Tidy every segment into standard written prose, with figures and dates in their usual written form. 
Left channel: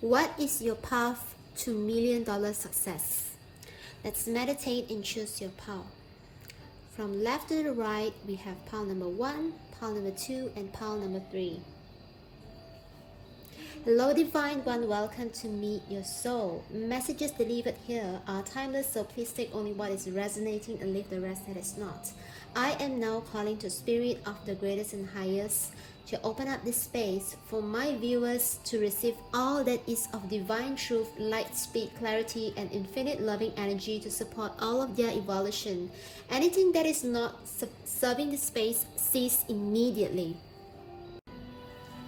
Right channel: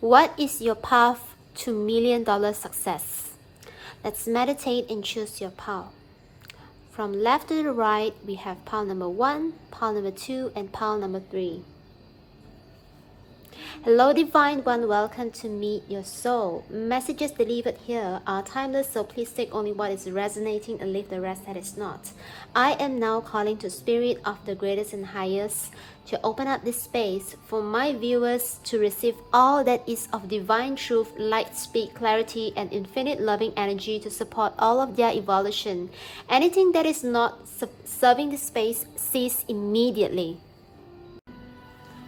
What is your path to $1,000,000 success? Let's meditate and choose your pile. From left to the right, we have pile number 1, pile number 2, and pile number 3. Hello Divine One, welcome to Meet Your Soul. Messages delivered here are timeless, so please take only what is resonating and leave the rest that is not. I am now calling to Spirit of the greatest and highest to open up this space for my viewers to receive all that is of divine truth, light, speed, clarity, and infinite loving energy to support all of their evolution. Anything that is not serving the space, cease immediately.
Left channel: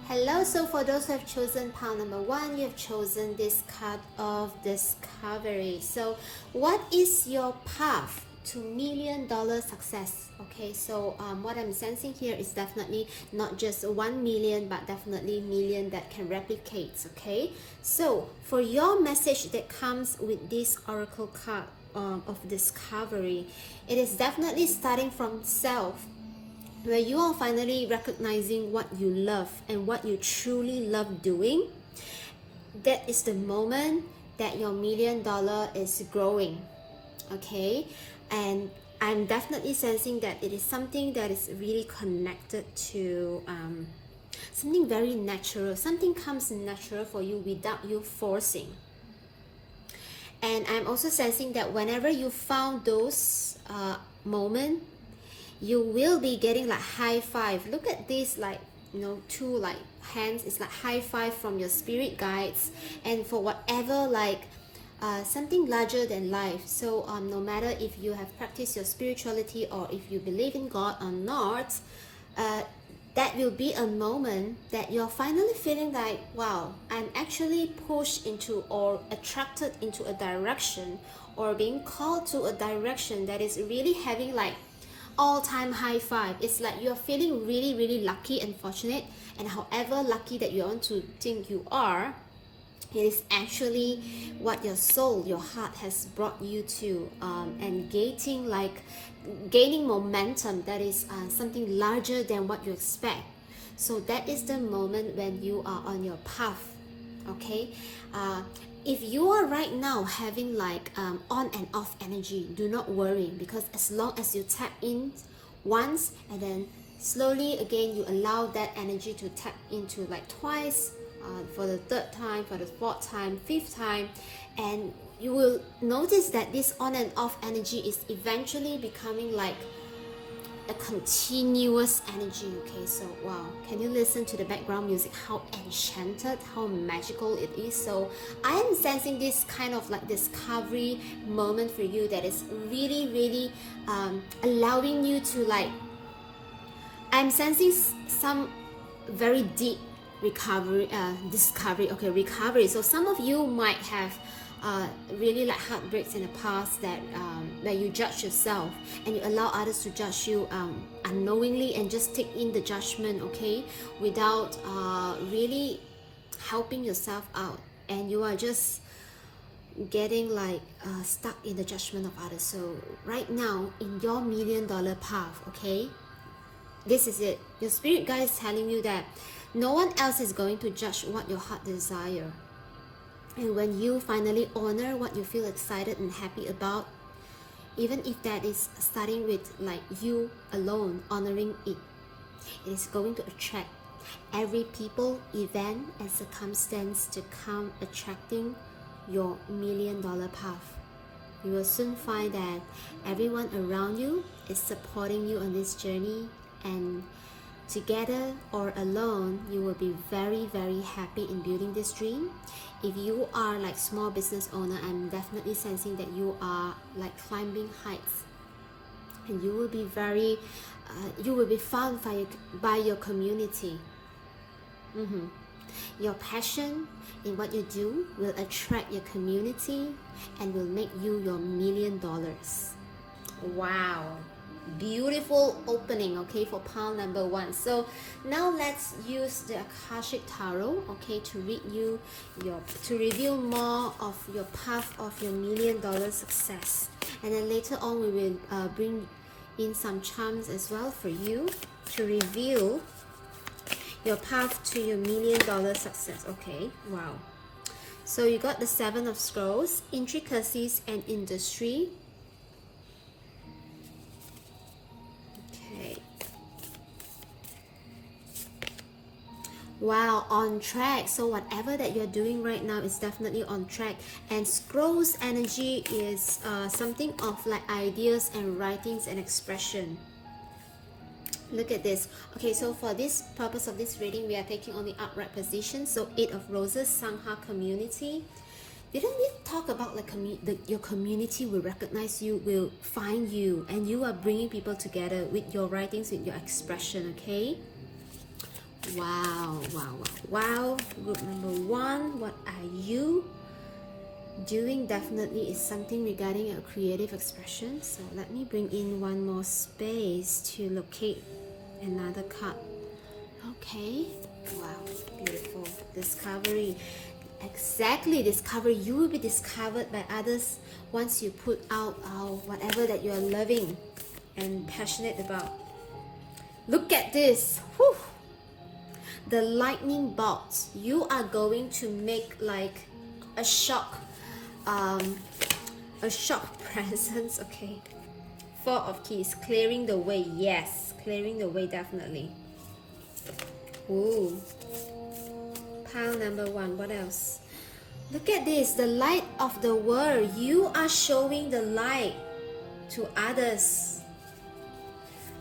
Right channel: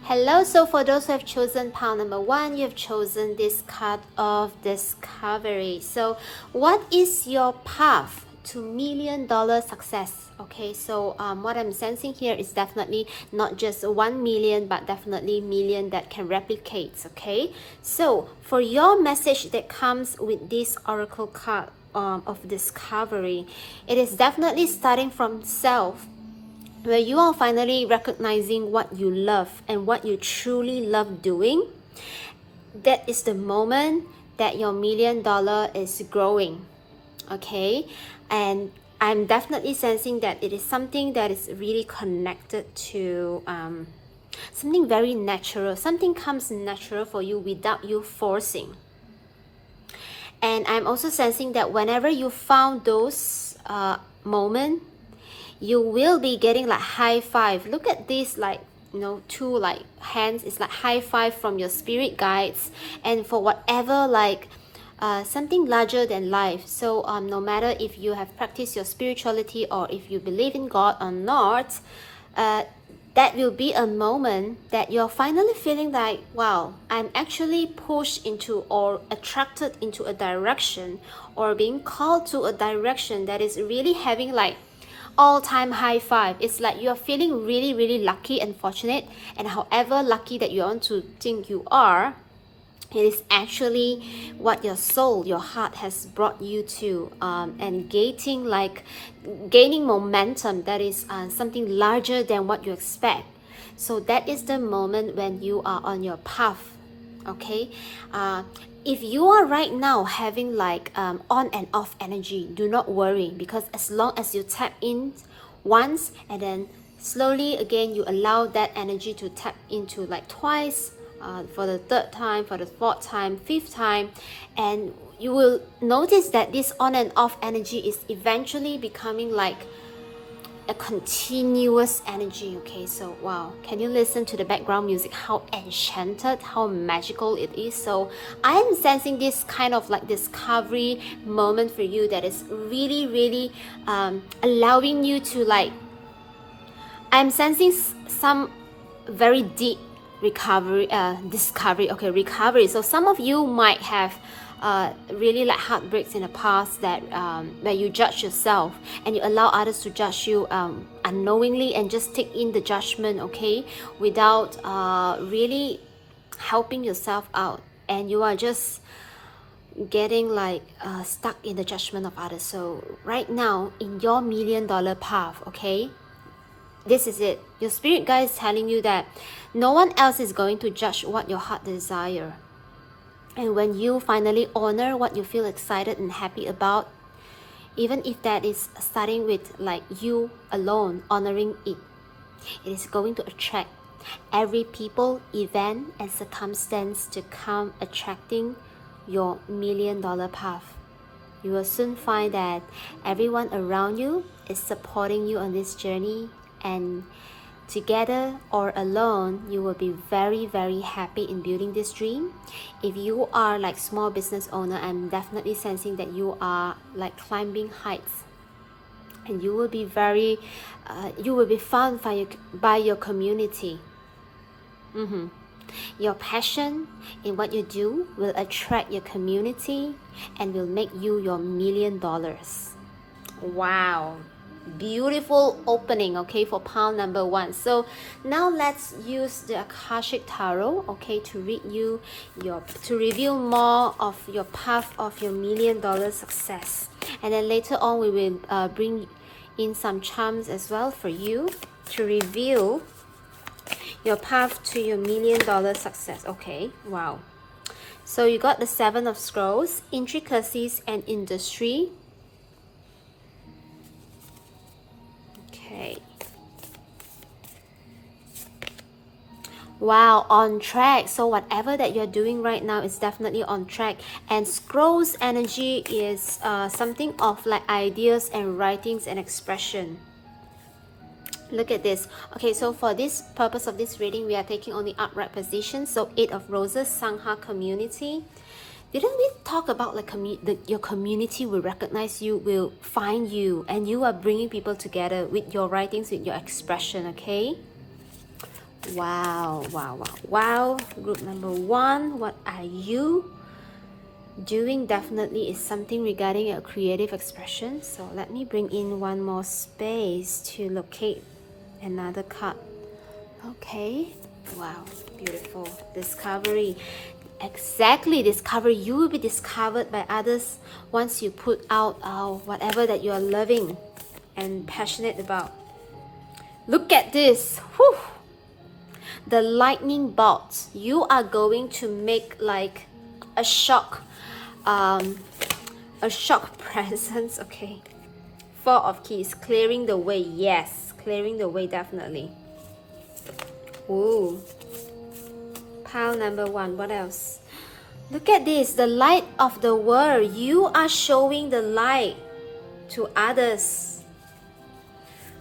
Hello, so for those who have chosen pile number 1, you have chosen this card of discovery. So what is your path to $1,000,000 success? Okay, so what I'm sensing here is definitely not just 1 million, but definitely million that can replicate. Okay, so for your message that comes with this oracle card of discovery, it is definitely starting from self, where you are finally recognizing what you love and what you truly love doing. That is the moment that your $1,000,000 is growing. Okay, and I'm definitely sensing that it is something that is really connected to something very natural. Something comes natural for you without you forcing. And I'm also sensing that whenever you found those moments, you will be getting like high five. Look at this, like, you know, two like hands. It's like high five from your spirit guides and for whatever, like something larger than life. So no matter if you have practiced your spirituality or if you believe in God or not, that will be a moment that you're finally feeling like, wow, I'm actually pushed into or attracted into a direction or being called to a direction that is really having like all-time high five. It's like you're feeling really, really lucky and fortunate, and however lucky that you want to think you are, it is actually what your soul, your heart has brought you to, and gaining momentum that is something larger than what you expect. So that is the moment when you are on your path. Okay, if you are right now having like on and off energy, do not worry, because as long as you tap in once and then slowly again you allow that energy to tap into like twice, for the third time, for the fourth time, fifth time, and you will notice that this on and off energy is eventually becoming like a continuous energy. Okay, so wow, can you listen to the background music, how enchanted, how magical it is? So I am sensing this kind of like discovery moment for you that is really, really allowing you to like, I'm sensing some very deep recovery. So some of you might have really like heartbreaks in the past that where you judge yourself and you allow others to judge you unknowingly and just take in the judgment, okay, without really helping yourself out, and you are just getting like stuck in the judgment of others. So right now in your $1,000,000 path, okay, this is it. Your spirit guide is telling you that no one else is going to judge what your heart desire. And when you finally honor what you feel excited and happy about, even if that is starting with like you alone honoring it, it is going to attract every people, event, and circumstance to come attracting your $1,000,000 path. You will soon find that everyone around you is supporting you on this journey, and together or alone, you will be very, very happy in building this dream. If you are like small business owner, I'm definitely sensing that you are like climbing heights, and you will be very you will be found by your community. Your passion in what you do will attract your community and will make you your $1,000,000. Wow, beautiful opening, okay, for pile number 1. So now let's use the Akashic Tarot, okay, to reveal more of your path of your $1,000,000 success. And then later on we will bring in some charms as well for you to reveal your path to your $1,000,000 success. Okay, wow. So you got the Seven of Scrolls, intricacies and industry. Okay. Wow, on track. So whatever that you're doing right now is definitely on track. And Scrolls energy is something of like ideas and writings and expression. Look at this. Okay, so for this purpose of this reading, we are taking on the upright position. So 8 of Roses, Sangha community. Didn't we talk about like your community will recognize you, will find you, and you are bringing people together with your writings, with your expression, okay? Wow, wow, wow, wow. Group number 1, what are you doing? Definitely is something regarding your creative expression. So let me bring in one more space to locate another card. Okay, wow, beautiful. Discovery. Exactly, discovery. You will be discovered by others once you put out whatever that you are loving and passionate about. Look at this. Whew. The lightning bolt. You are going to make like a shock presence. Okay, 4 of Keys, clearing the way. Yes, clearing the way, definitely. Ooh, pile number 1. What else? Look at this, the light of the world. You are showing the light to others.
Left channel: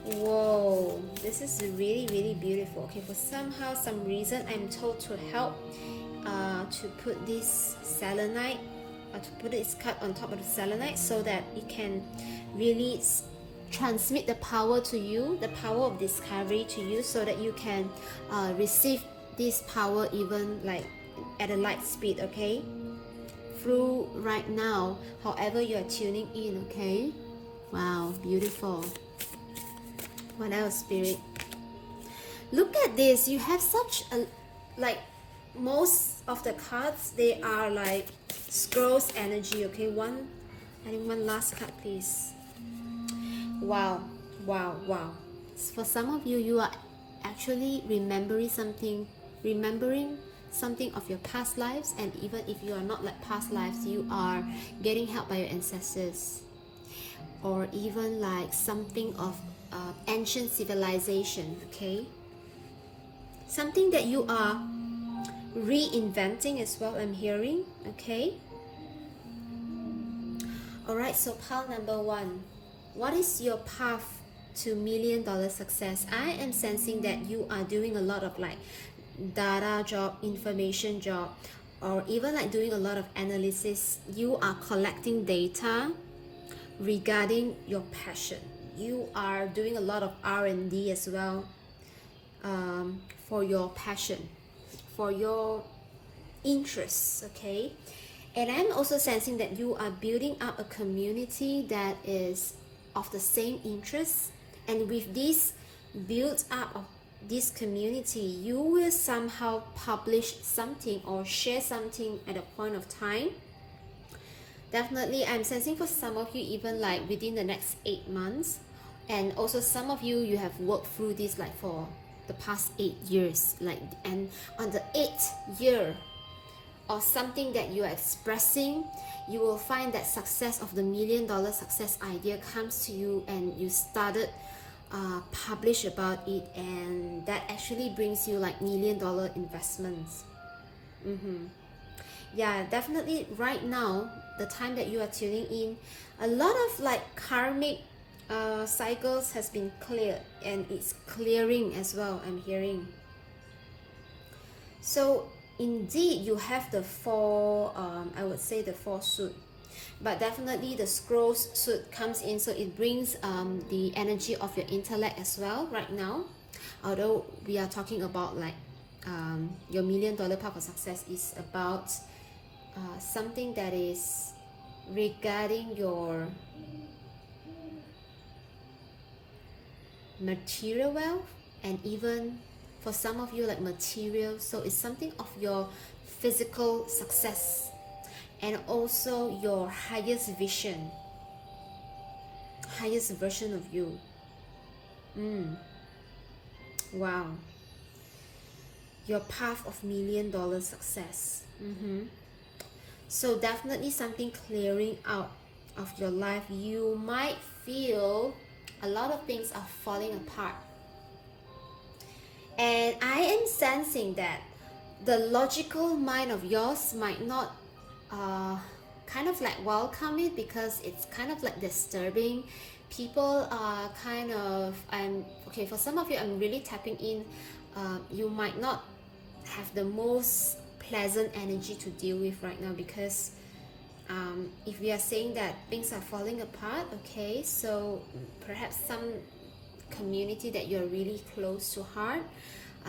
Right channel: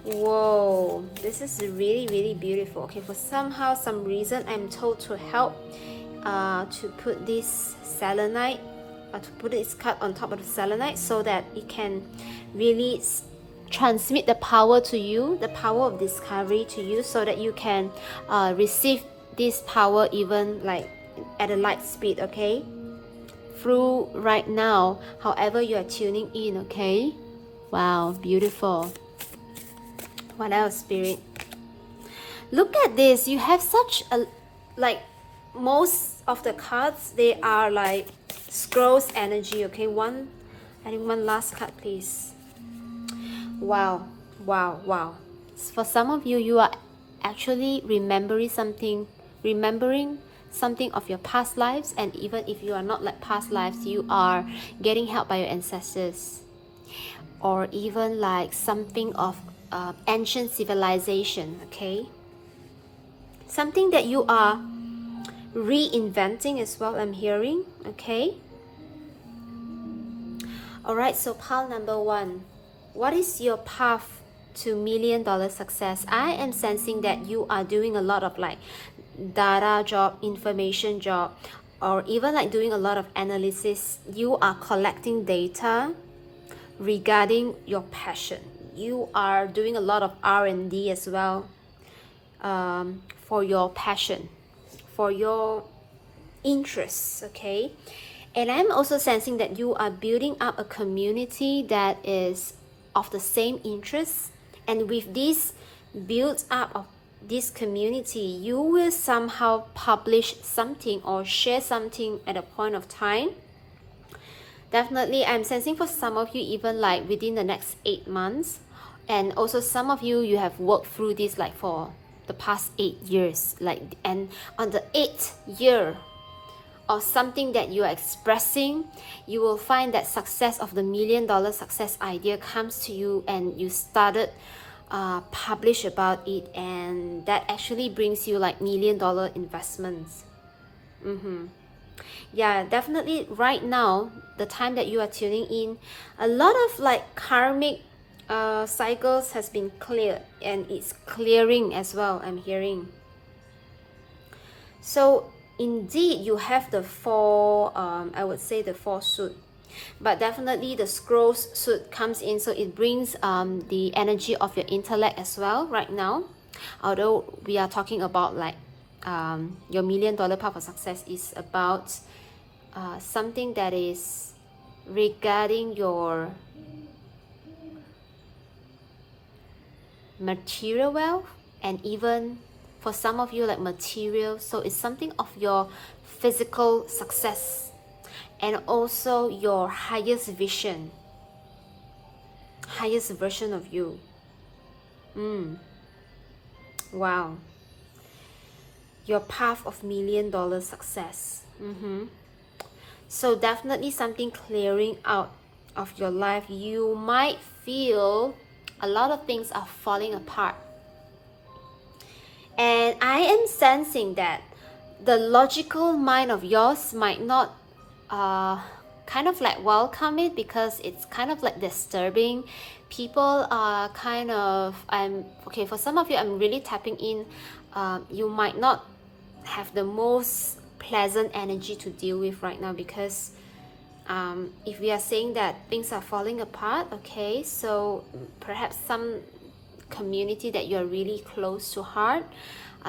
Whoa, this is really, really beautiful. Okay, for some reason, I'm told to help to put this selenite, to put this card on top of the selenite so that it can really transmit the power to you, the power of discovery to you, so that you can receive this power even like at a light speed, okay? Through right now, however you are tuning in, okay? Wow, beautiful. What else, Spirit? Look at this. You have such a, like, most of the cards, they are like Scrolls energy, okay? I think one last card, please. Wow, wow, wow. For some of you, you are actually remembering something of your past lives, and even if you are not like past lives, you are getting help by your ancestors, or even like something of ancient civilization, okay? Something that you are reinventing as well, I'm hearing, okay? All right, so pile number 1, what is your path to $1 million success? I am sensing that you are doing a lot of like data job, information job, or even like doing a lot of analysis. You are collecting data regarding your passion. You are doing a lot of R&D as well, for your passion, for your interests, okay? And I'm also sensing that you are building up a community that is of the same interests, and with this build up of this community, you will somehow publish something or share something at a point of time. Definitely, I'm sensing for some of you even like within the next 8 months, and also some of you have worked through this like for the past 8 years, like, and on the 8th year or something that you are expressing, you will find that success of the $1 million success idea comes to you, and you started publish about it, and that actually brings you like $1 million investments. Yeah, definitely right now, the time that you are tuning in, a lot of like karmic cycles has been cleared, and it's clearing as well, I'm hearing. So indeed, you have the 4, I would say the 4 suit, but definitely the Scrolls suit comes in, so it brings the energy of your intellect as well right now. Although we are talking about like your $1 million path of success is about something that is regarding your material wealth, and even for some of you like material, so it's something of your physical success, and also your highest vision, highest version of you. Wow, your path of $1 million success. So definitely something clearing out of your life. You might feel a lot of things are falling apart, and I am sensing that the logical mind of yours might not kind of like welcome it, because it's kind of like disturbing. People are kind of, I'm okay, for some of you, I'm really tapping in. You might not have the most pleasant energy to deal with right now, because if we are saying that things are falling apart, okay, so perhaps some community that you're really close to heart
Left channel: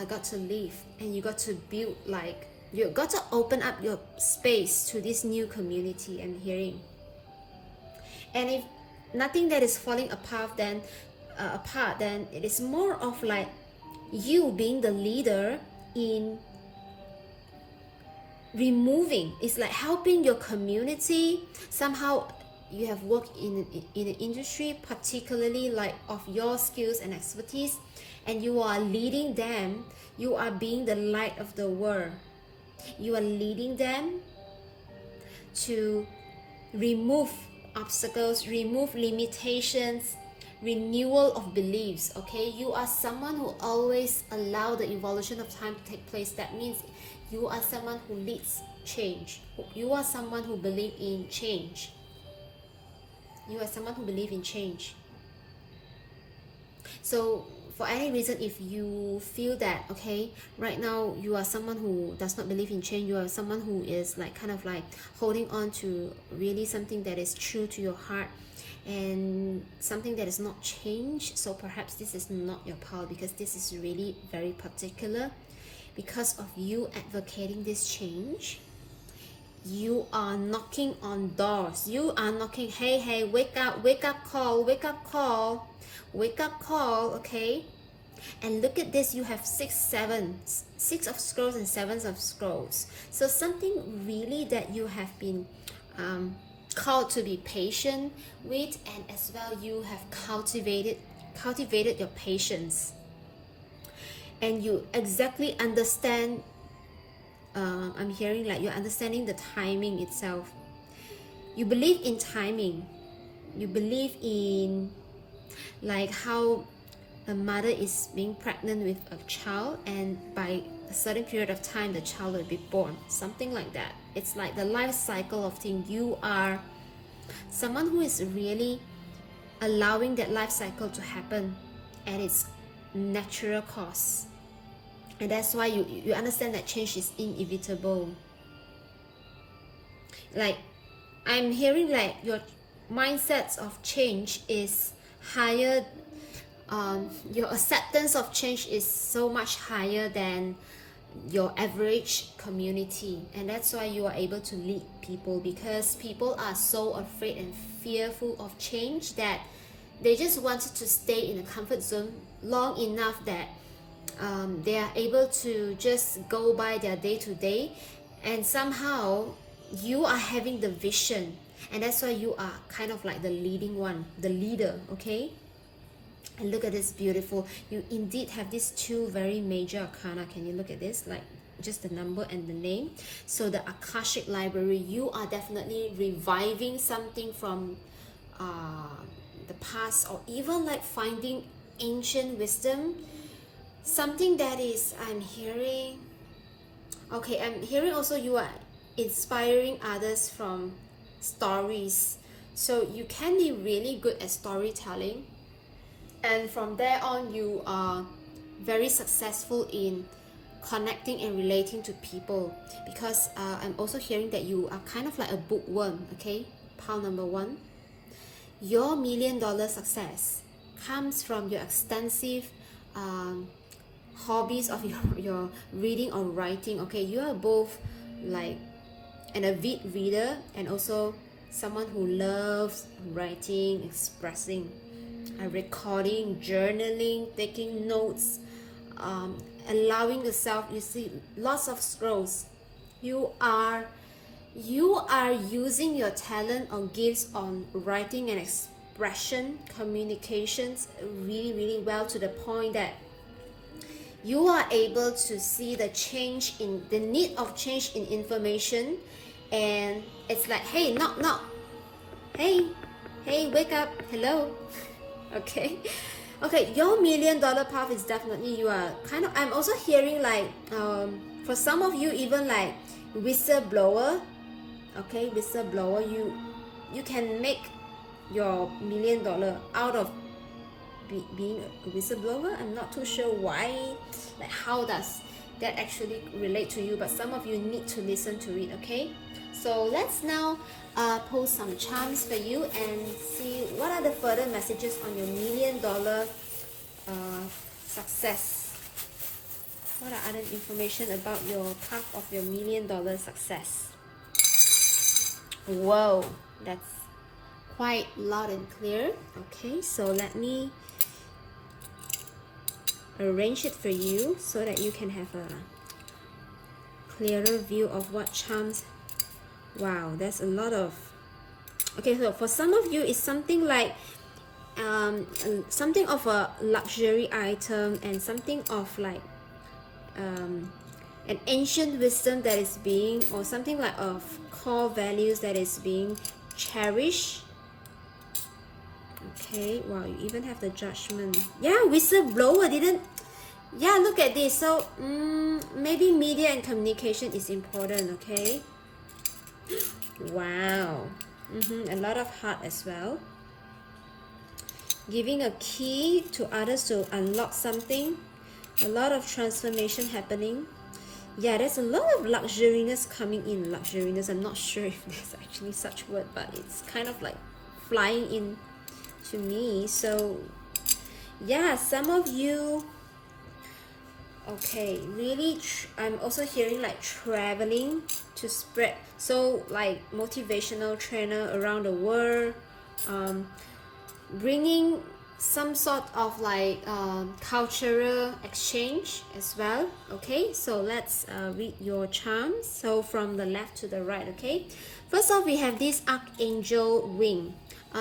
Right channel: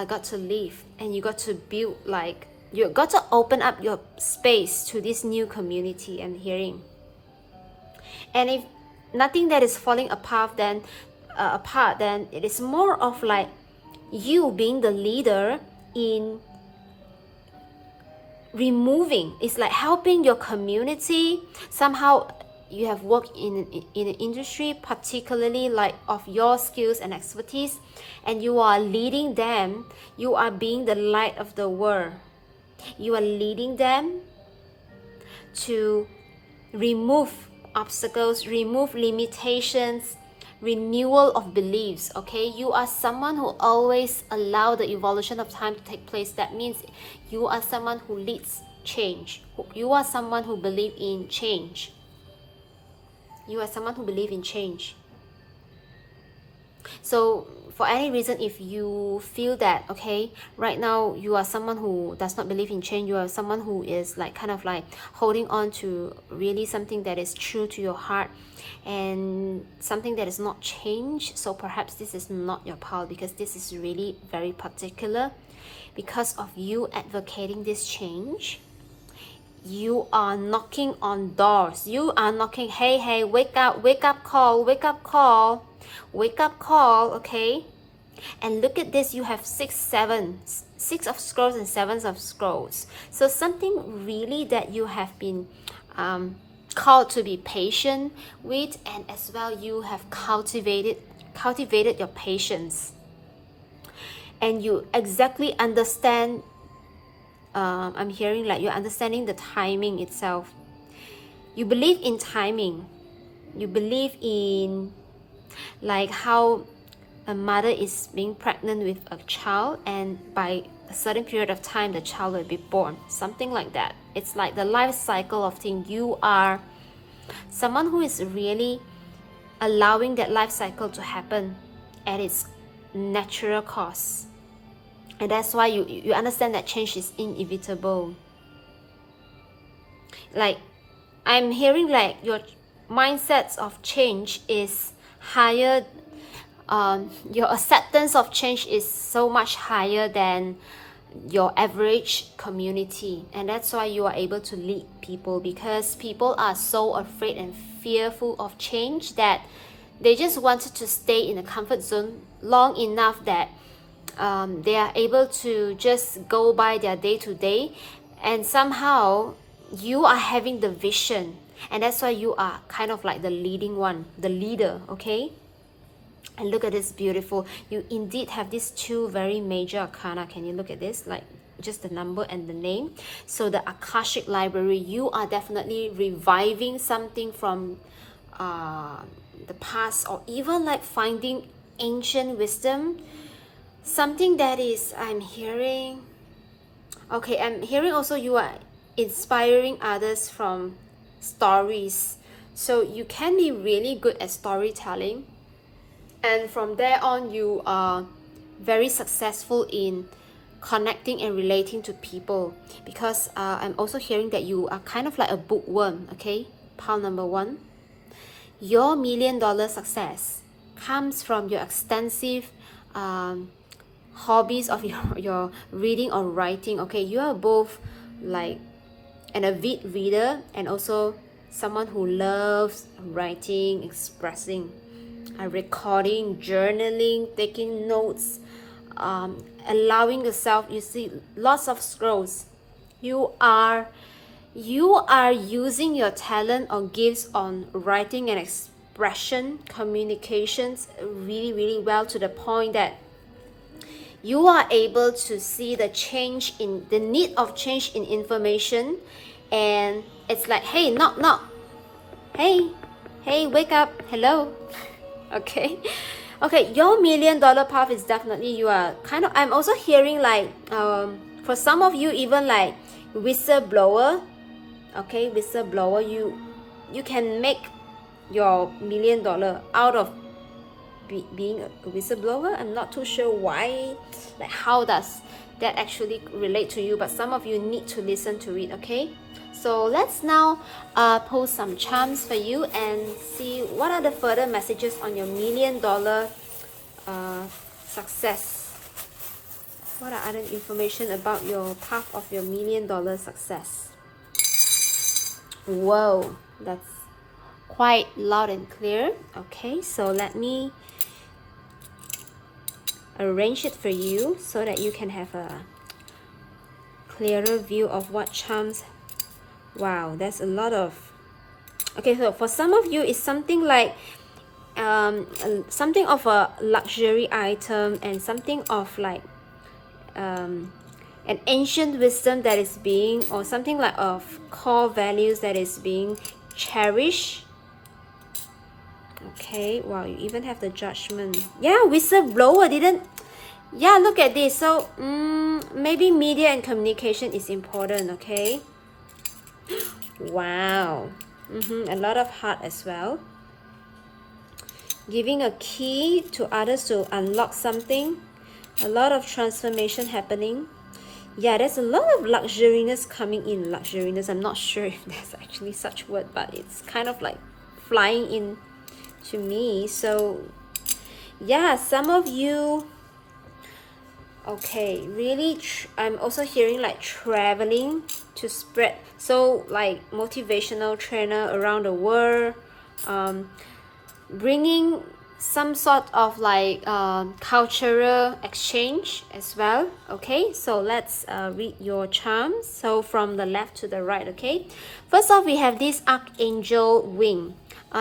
got to leave, and you got to build, like, you got to open up your space to this new community, I'm hearing. And if nothing that is falling apart, then it is more of like you being the leader in removing. It's like helping your community. Somehow you have worked in an industry particularly like of your skills and expertise, and you are leading them. You are being the light of the world. You are leading them to remove obstacles, remove limitations, renewal of beliefs. Okay, you are someone who always allow the evolution of time to take place. That means you are someone who leads change. You are someone who believes in change. You are someone who believes in change. So for any reason, if you feel that, okay, right now you are someone who does not believe in change, you are someone who is like kind of like holding on to really something that is true to your heart and something that is not changed, so perhaps this is not your path, because this is really very particular. Because of you advocating this change, you are knocking on doors. You are knocking, hey, wake up call, wake up call, okay? And look at this, you have six of scrolls and sevens of scrolls. So something really that you have been called to be patient with, and as well you have cultivated your patience, and you exactly understand. I'm hearing like you're understanding the timing itself. You believe in timing. You believe in like how a mother is being pregnant with a child, and by a certain period of time the child will be born, something like that. It's like the life cycle of things. You are someone who is really allowing that life cycle to happen at its natural course, and that's why you understand that change is inevitable. Like, I'm hearing like your mindsets of change is higher. Your acceptance of change is so much higher than your average community, and that's why you are able to lead people, because people are so afraid and fearful of change that they just wanted to stay in a comfort zone long enough that they are able to just go by their day to day. And somehow you are having the vision, and that's why you are kind of like the leading one, the leader, okay? And look at this, beautiful. You indeed have these two very major arcana. Can you look at this? Like just the number and the name. So the Akashic Library, you are definitely reviving something from the past, or even like finding ancient wisdom. Something that is, I'm hearing, okay, I'm hearing also you are inspiring others from stories. So you can be really good at storytelling, and from there on you are very successful in connecting and relating to people, because I'm also hearing that you are kind of like a bookworm, okay? Pile number one, your $1 million success comes from your extensive hobbies of your reading or writing, okay? You are both like an avid reader and also someone who loves writing, expressing, recording, journaling, taking notes, allowing yourself, you see lots of scrolls. You are using your talent or gifts on writing and expression, communications really well, to the point that you are able to see the change in the need of change in information, and it's like, hey, knock knock, hey, hey, wake up, hello. Okay, okay, your $1 million path is definitely, you are kind of, I'm also hearing like, for some of you, even like whistleblower. Okay, whistleblower, you can make your $1 million out of being a whistleblower. I'm not too sure why, like how does that actually relate to you, but some of you need to listen to it. Okay, so let's now post some charms for you and see what are the further messages on your $1 million success. What are other information about your path of your $1 million success? Whoa, that's quite loud and clear. Okay, so let me arrange it for you so that you can have a clearer view of what charms. Wow, there's a lot of, okay, so for some of you it's something like something of a luxury item, and something of like an ancient wisdom that is being, or something like of core values that is being cherished. Okay, wow, you even have the Judgment. Yeah, whistleblower didn't. Yeah, look at this. So maybe media and communication is important. Okay, wow. A lot of heart as well. Giving a key to others to unlock something. A lot of transformation happening. Yeah, there's a lot of luxuriness coming in. Luxuriness, I'm not sure if there's actually such word, but it's kind of like flying in to me. So yeah, some of you, okay, really I'm also hearing like traveling to spread, so like motivational trainer around the world, bringing some sort of like cultural exchange as well. Okay, so let's read your charms. So from the left to the right. Okay, first off, we have this archangel wing.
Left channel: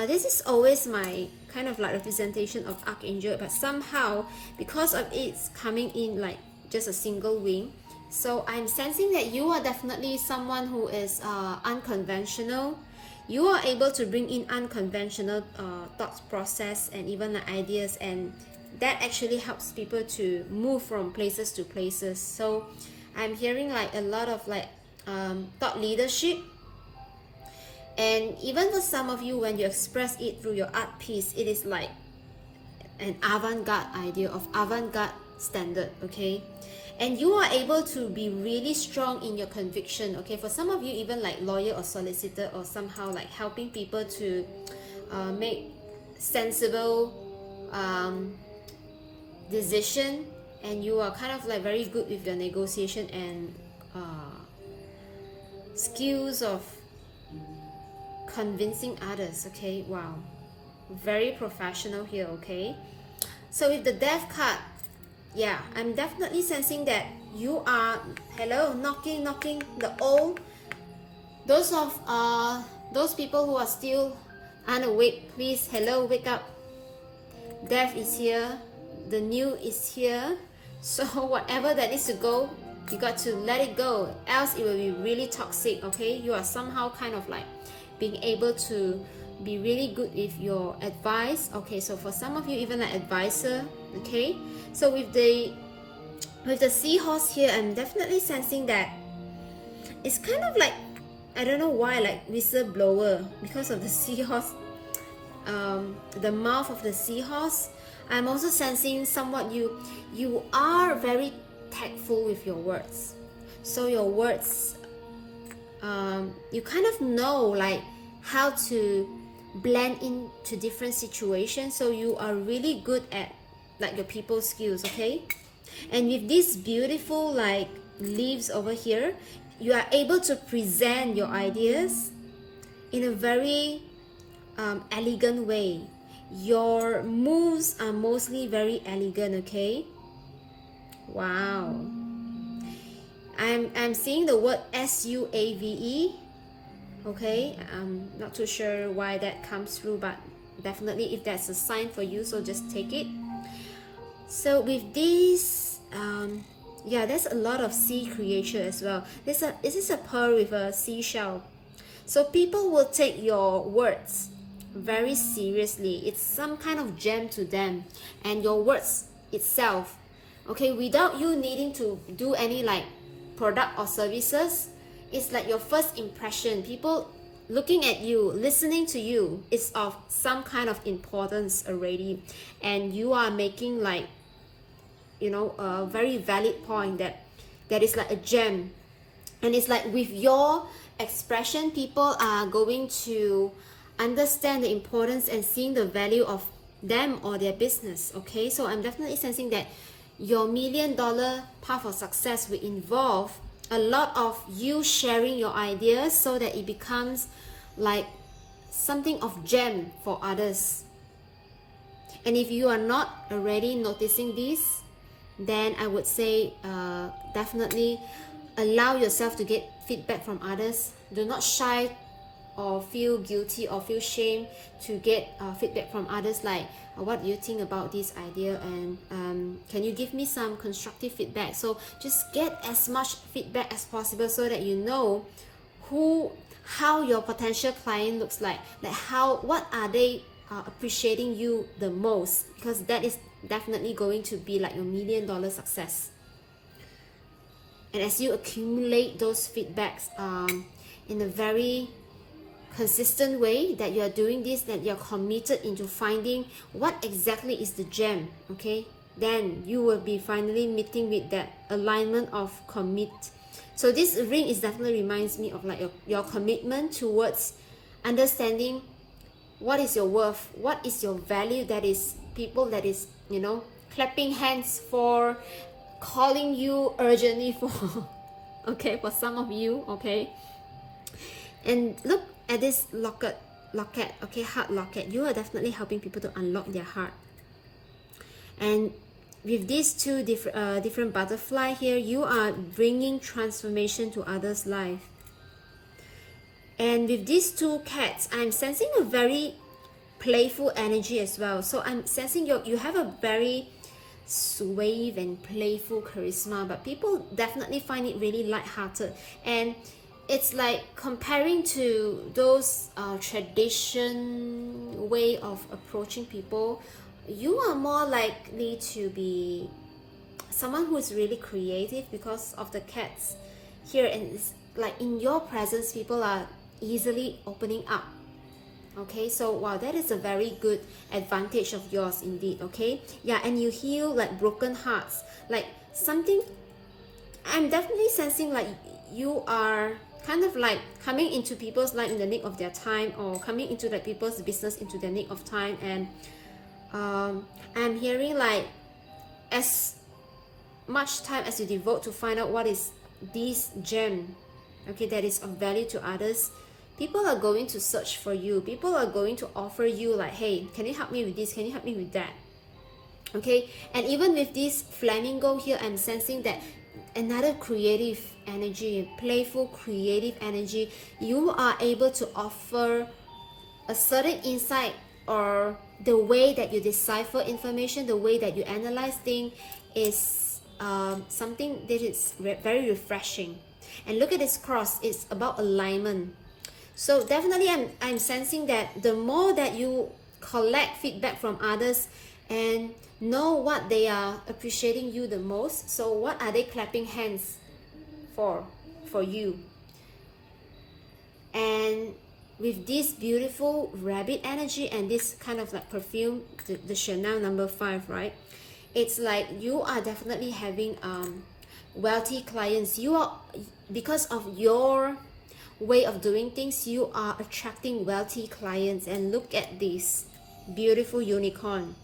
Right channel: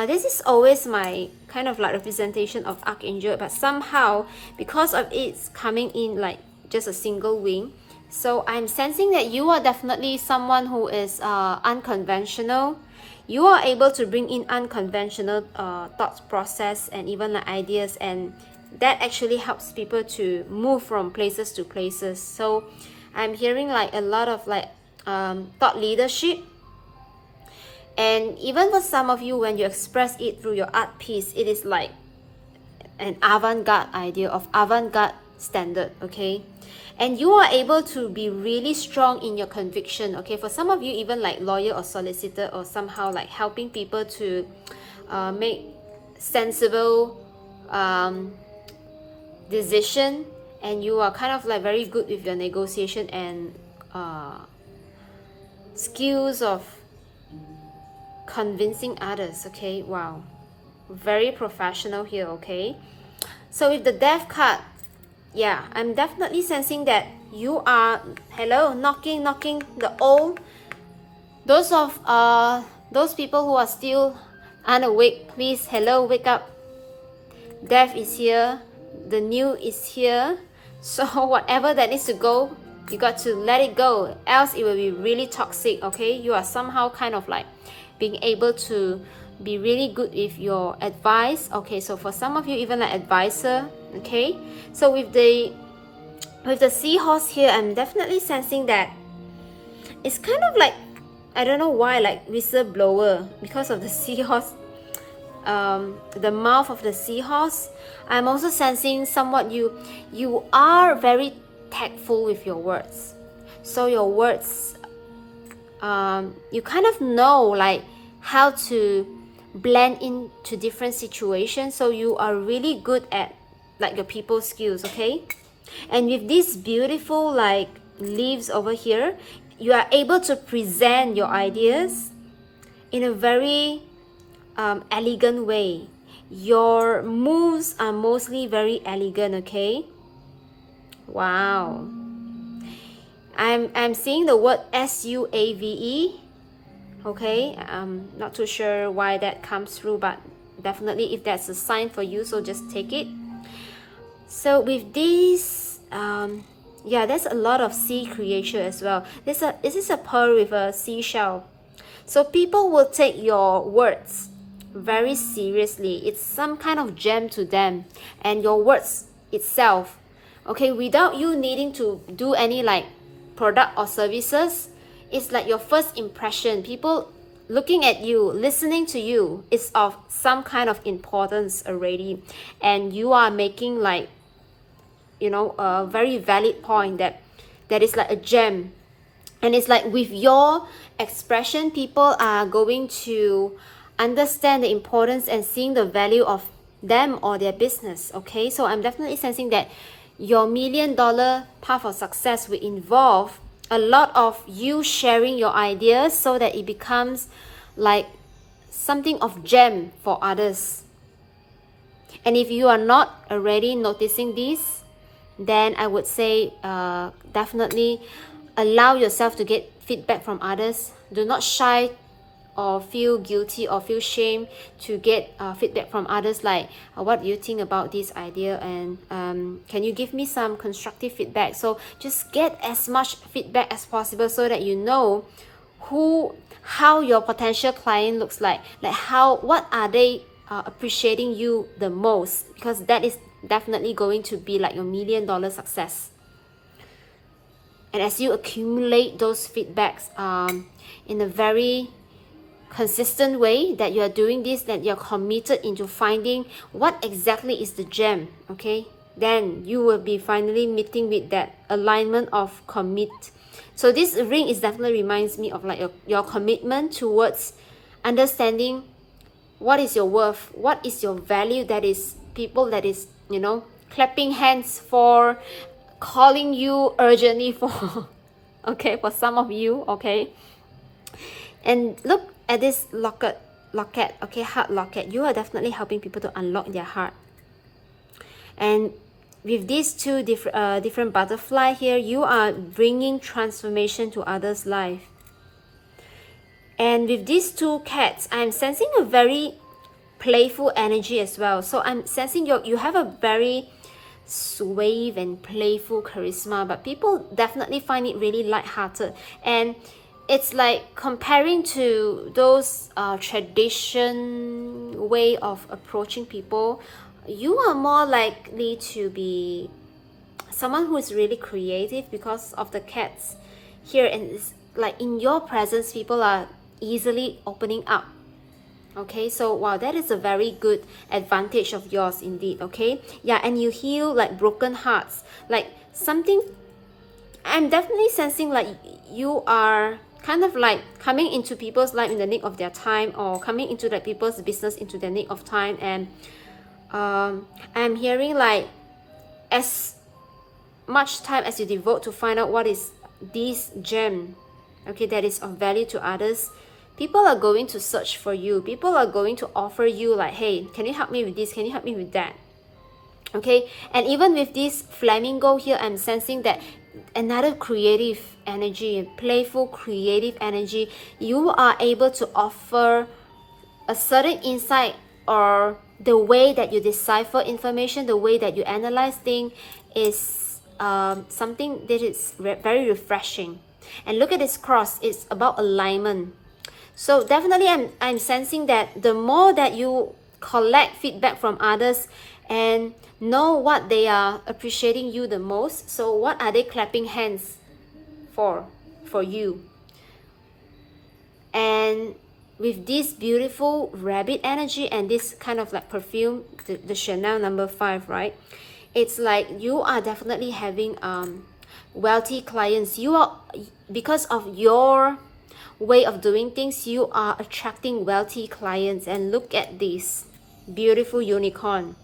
This is always my kind of like representation of archangel, but somehow because of it's coming in like just a single wing, so I'm sensing that you are definitely someone who is unconventional. You are able to bring in unconventional thought process and even like ideas, and that actually helps people to move from places to places. So I'm hearing like a lot of like thought leadership. And even for some of you, when you express it through your art piece, it is like an avant-garde idea of avant-garde standard. Okay, and you are able to be really strong in your conviction. Okay, for some of you, even like lawyer or solicitor, or somehow like helping people to make sensible decision, and you are kind of like very good with your negotiation and skills of convincing others. Okay, wow, very professional here. Okay, so with the Death card, yeah, I'm definitely sensing that you are, hello, knocking the old, those people who are still unawake, please, hello, wake up. Death is here, the new is here. So whatever that needs to go, you got to let it go, else it will be really toxic. Okay, you are somehow kind of like being able to be really good with your advice. Okay, so for some of you, even like advisor. Okay, so with the seahorse here, I'm definitely sensing that it's kind of like, I don't know why, like whistleblower, because of the seahorse, the mouth of the seahorse. I'm also sensing somewhat you are very tactful with your words. So your words, you kind of know like how to blend into different situations. So you are really good at like your people skills. Okay, and with these beautiful like leaves over here, you are able to present your ideas in a very elegant way. Your moves are mostly very elegant. Okay, wow, I'm seeing the word SUAVE. Okay, I'm not too sure why that comes through, but definitely if that's a sign for you, so just take it. So with this Yeah, there's a lot of sea creature as well. This is a pearl with a seashell. So people will take your words very seriously. It's some kind of gem to them, and your words itself, okay, without you needing to do any like product or services, it's like your first impression. People looking at you, listening to you is of some kind of importance already, and you are making like, you know, a very valid point that is like a gem. And it's like with your expression, people are going to understand the importance and seeing the value of them or their business. Okay, so I'm definitely sensing that your $1,000,000 path of success will involve a lot of you sharing your ideas so that it becomes like something of gem for others. And if you are not already noticing this, then I would say definitely allow yourself to get feedback from others. Do not shy or feel guilty or feel shame to get feedback from others, like what do you think about this idea, and can you give me some constructive feedback. So just get as much feedback as possible so that you know how your potential client looks like what are they appreciating you the most, because that is definitely going to be like your $1,000,000 success. And as you accumulate those feedbacks in a very consistent way, that you are doing this, that you're committed into finding what exactly is the gem, okay, then you will be finally meeting with that alignment of commit. So this ring is definitely reminds me of like your commitment towards understanding what is your worth, what is your value, that is people that is, you know, clapping hands for, calling you urgently for okay, for some of you, okay. And look at this locket, okay, heart locket. You are definitely helping people to unlock their heart. And with these two different butterfly here, you are bringing transformation to others' life. And with these two cats, I'm sensing a very playful energy as well. So I'm sensing you have a very suave and playful charisma, but people definitely find it really lighthearted. And it's like comparing to those tradition way of approaching people, you are more likely to be someone who is really creative because of the cats here. And it's like in your presence, people are easily opening up. Okay, so wow, that is a very good advantage of yours indeed. Okay, yeah, and you heal like broken hearts, like something. I'm definitely sensing like you are kind of like coming into people's life in the nick of their time, or coming into like people's business into the nick of time. And I'm hearing like as much time as you devote to find out what is this gem, okay, that is of value to others, people are going to search for you. People are going to offer you like, hey, can you help me with this, can you help me with that, okay. And even with this flamingo here, I'm sensing that another creative energy, playful creative energy. You are able to offer a certain insight, or the way that you decipher information, the way that you analyze things is something that is very refreshing. And look at this cross, it's about alignment. So definitely I'm sensing that the more that you collect feedback from others and know what they are appreciating you the most, so what are they clapping hands for you. And with this beautiful rabbit energy and this kind of like perfume, the Chanel number 5, right, it's like you are definitely having wealthy clients. You are, because of your way of doing things, you are attracting wealthy clients. And look at this beautiful unicorn,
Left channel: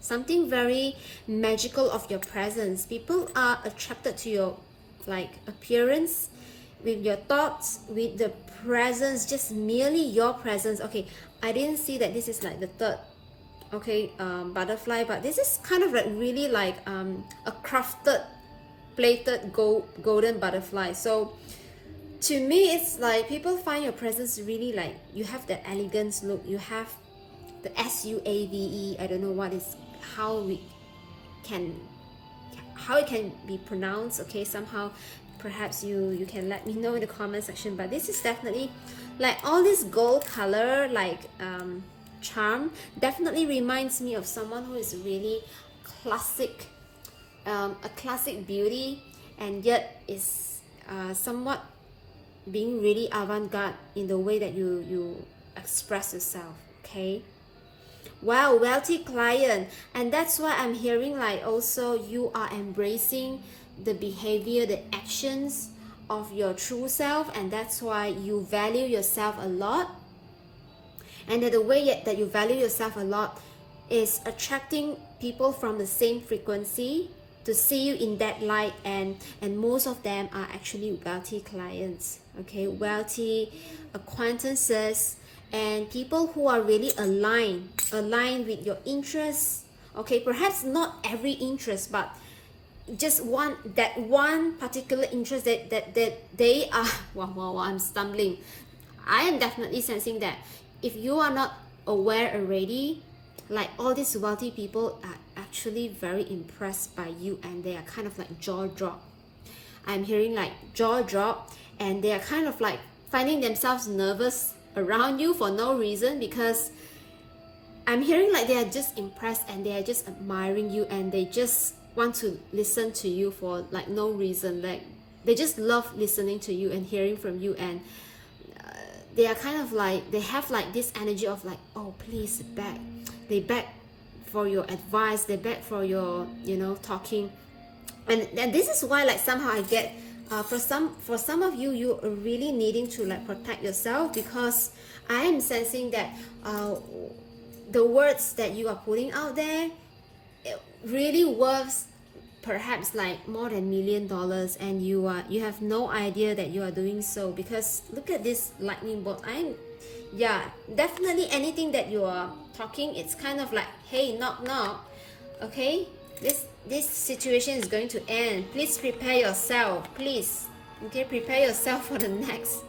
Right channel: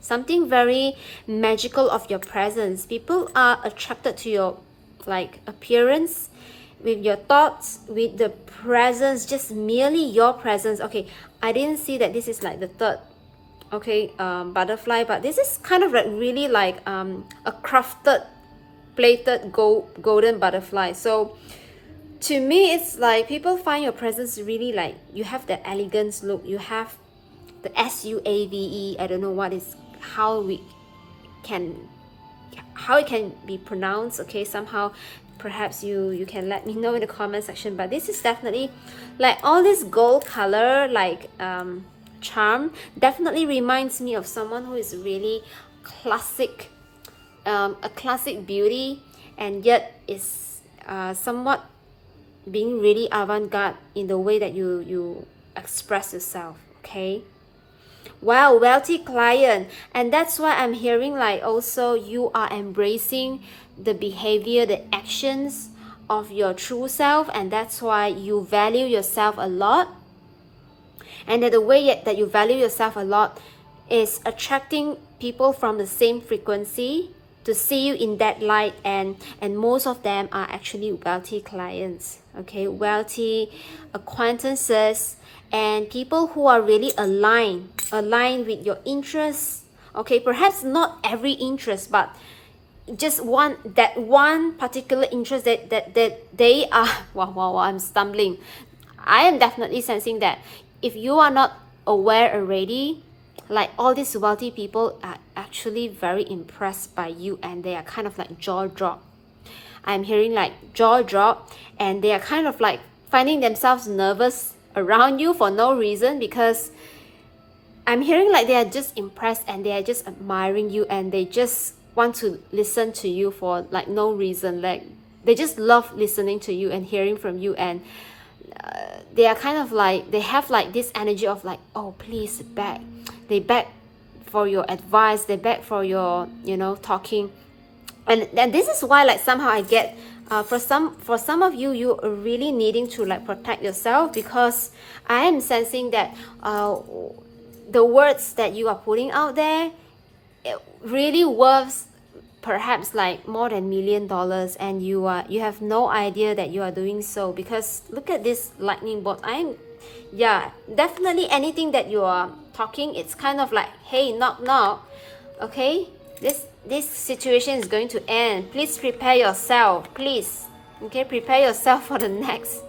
something very magical of your presence. People are attracted to your like appearance, with your thoughts, with the presence, just merely your presence. Okay, I didn't see that this is like the third, okay, butterfly, but this is kind of like really like a crafted plated golden butterfly. So to me, it's like people find your presence really like you have the elegance look, you have the SUAVE. I don't know what is, how we can, how it can be pronounced, okay? Somehow perhaps you can let me know in the comment section. But this is definitely like all this gold color, like charm, definitely reminds me of someone who is really classic, a classic beauty, and yet is somewhat being really avant-garde in the way that you express yourself, okay? Wow, wealthy client. And that's why I'm hearing like also you are embracing the behavior, the actions of your true self, and that's why you value yourself a lot. And that the way that you value yourself a lot is attracting people from the same frequency to see you in that light, and most of them are actually wealthy clients, okay? Wealthy acquaintances and people who are really aligned with your interests, okay? Perhaps not every interest, but just one particular interest that they are wow, I'm stumbling. I am definitely sensing that if you are not aware already, like all these wealthy people are actually very impressed by you, and they are kind of like jaw drop. I'm hearing like jaw drop, and they are kind of like finding themselves nervous around you for no reason, because I'm hearing like they are just impressed and they are just admiring you, and they just want to listen to you for like no reason. Like they just love listening to you and hearing from you, and they are kind of like, they have like this energy of like, oh please beg. They beg for your advice, they beg for your, you know, talking. And this is why like somehow I get for some of you, you are really needing to like protect yourself, because I am sensing that the words that you are putting out there, it really worth perhaps like more than $1 million, and you have no idea that you are doing so. Because look at this lightning bolt. Yeah, definitely anything that you are talking, it's kind of like, hey, knock knock, okay? This situation is going to end. Please prepare yourself, please. Okay, prepare yourself for the next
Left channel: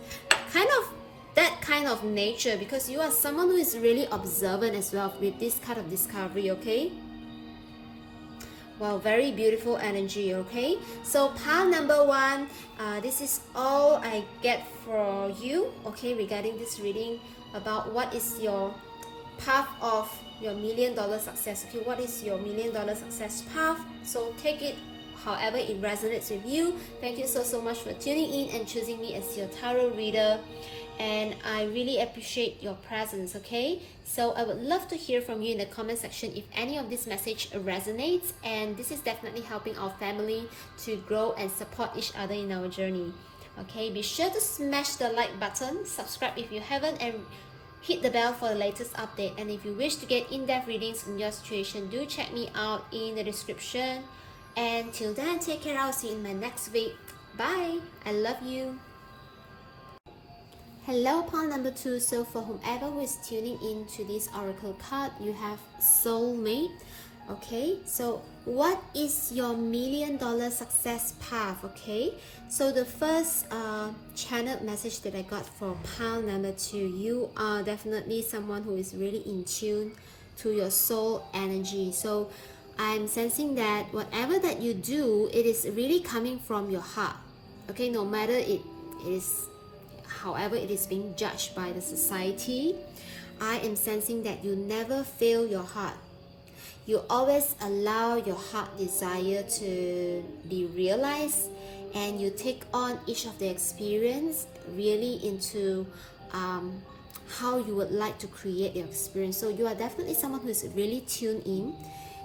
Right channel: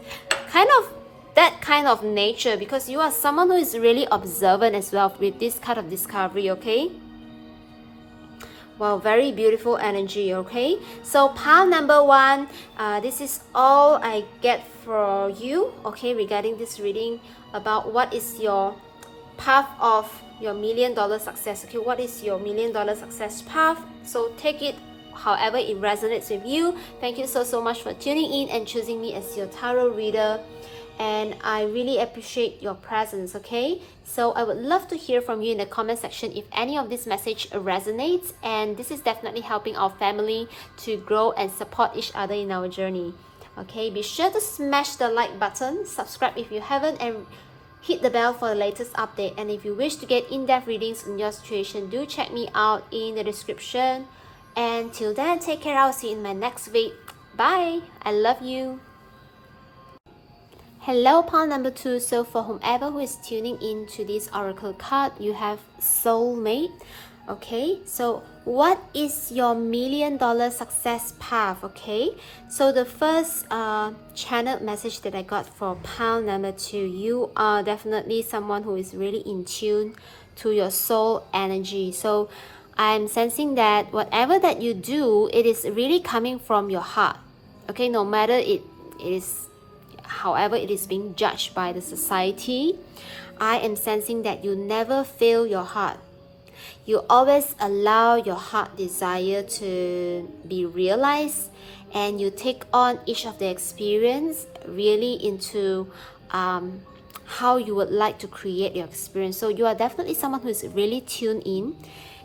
kind of that kind of nature, because you are someone who is really observant as well with this kind of discovery, okay? Wow, very beautiful energy, okay? So pile number one, this is all I get for you, okay, regarding this reading about what is your path of your $1 million success, okay? What is your $1 million success path? So take it however it resonates with you. Thank you so much for tuning in and choosing me as your tarot reader, and I really appreciate your presence, okay? So I would love to hear from you in the comment section if any of this message resonates, and this is definitely helping our family to grow and support each other in our journey, okay? Be sure to smash the like button, subscribe if you haven't, and hit the bell for the latest update. And if you wish to get in-depth readings on your situation, do check me out in the description. And till then, take care. I'll see you in my next video. Bye. I love you. Hello, pile number two. So for whomever who is tuning in to this oracle card, you have soulmate, okay? So what is your $1 million success path, okay? So the first channeled message that I got for pile number two, you are definitely someone who is really in tune to your soul energy. So I'm sensing that whatever that you do, it is really coming from your heart, okay? No matter it is however it is being judged by the society, I am sensing that you never fail your heart. You always allow your heart desire to be realized, and you take on each of the experience really into how you would like to create your experience. So you are definitely someone who is really tuned in.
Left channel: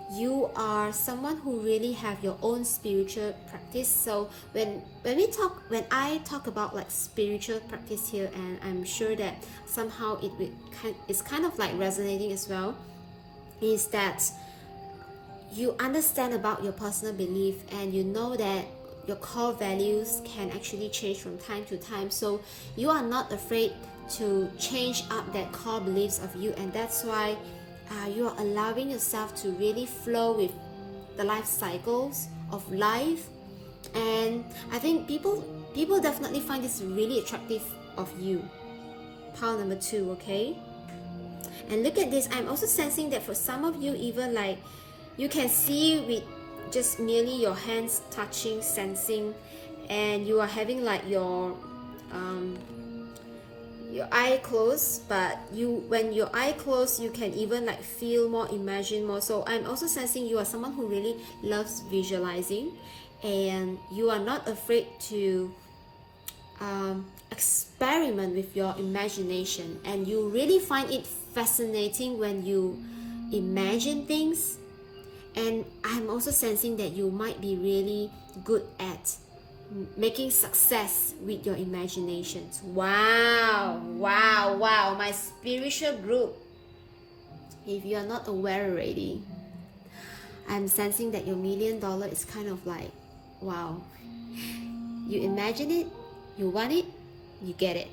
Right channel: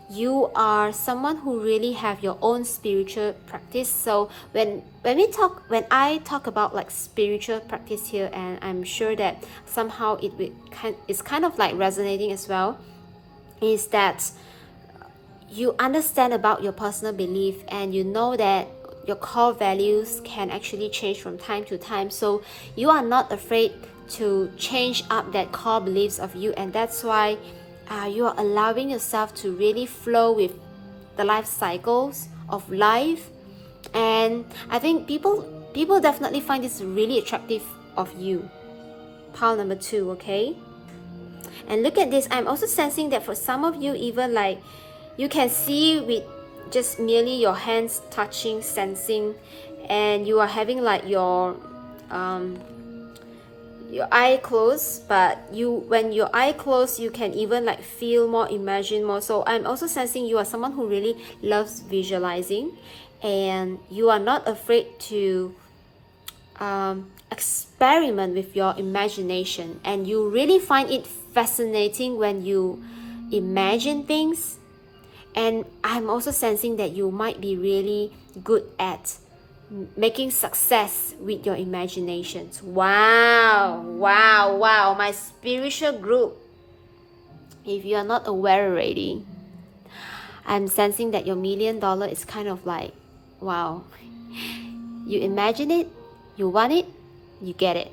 You are someone who really have your own spiritual practice. So when I talk about like spiritual practice here, and I'm sure that somehow it's kind of like resonating as well, is that you understand about your personal belief, and you know that your core values can actually change from time to time. So you are not afraid to change up that core beliefs of you, and that's why you are allowing yourself to really flow with the life cycles of life. And I think people definitely find this really attractive of you, pile number two, okay? And look at this, I'm also sensing that for some of you, even like you can see with just merely your hands touching, sensing, and you are having like your eye closed, but when your eye closed, you can even like feel more, imagine more. So I'm also sensing you are someone who really loves visualizing, and you are not afraid to experiment with your imagination, and you really find it fascinating when you imagine things. And I'm also sensing that you might be really good at making success with your imaginations. Wow, wow, wow. My spiritual group, if you are not aware already, I'm sensing that your $1 million is kind of like, wow. You imagine it, you want it, you get it.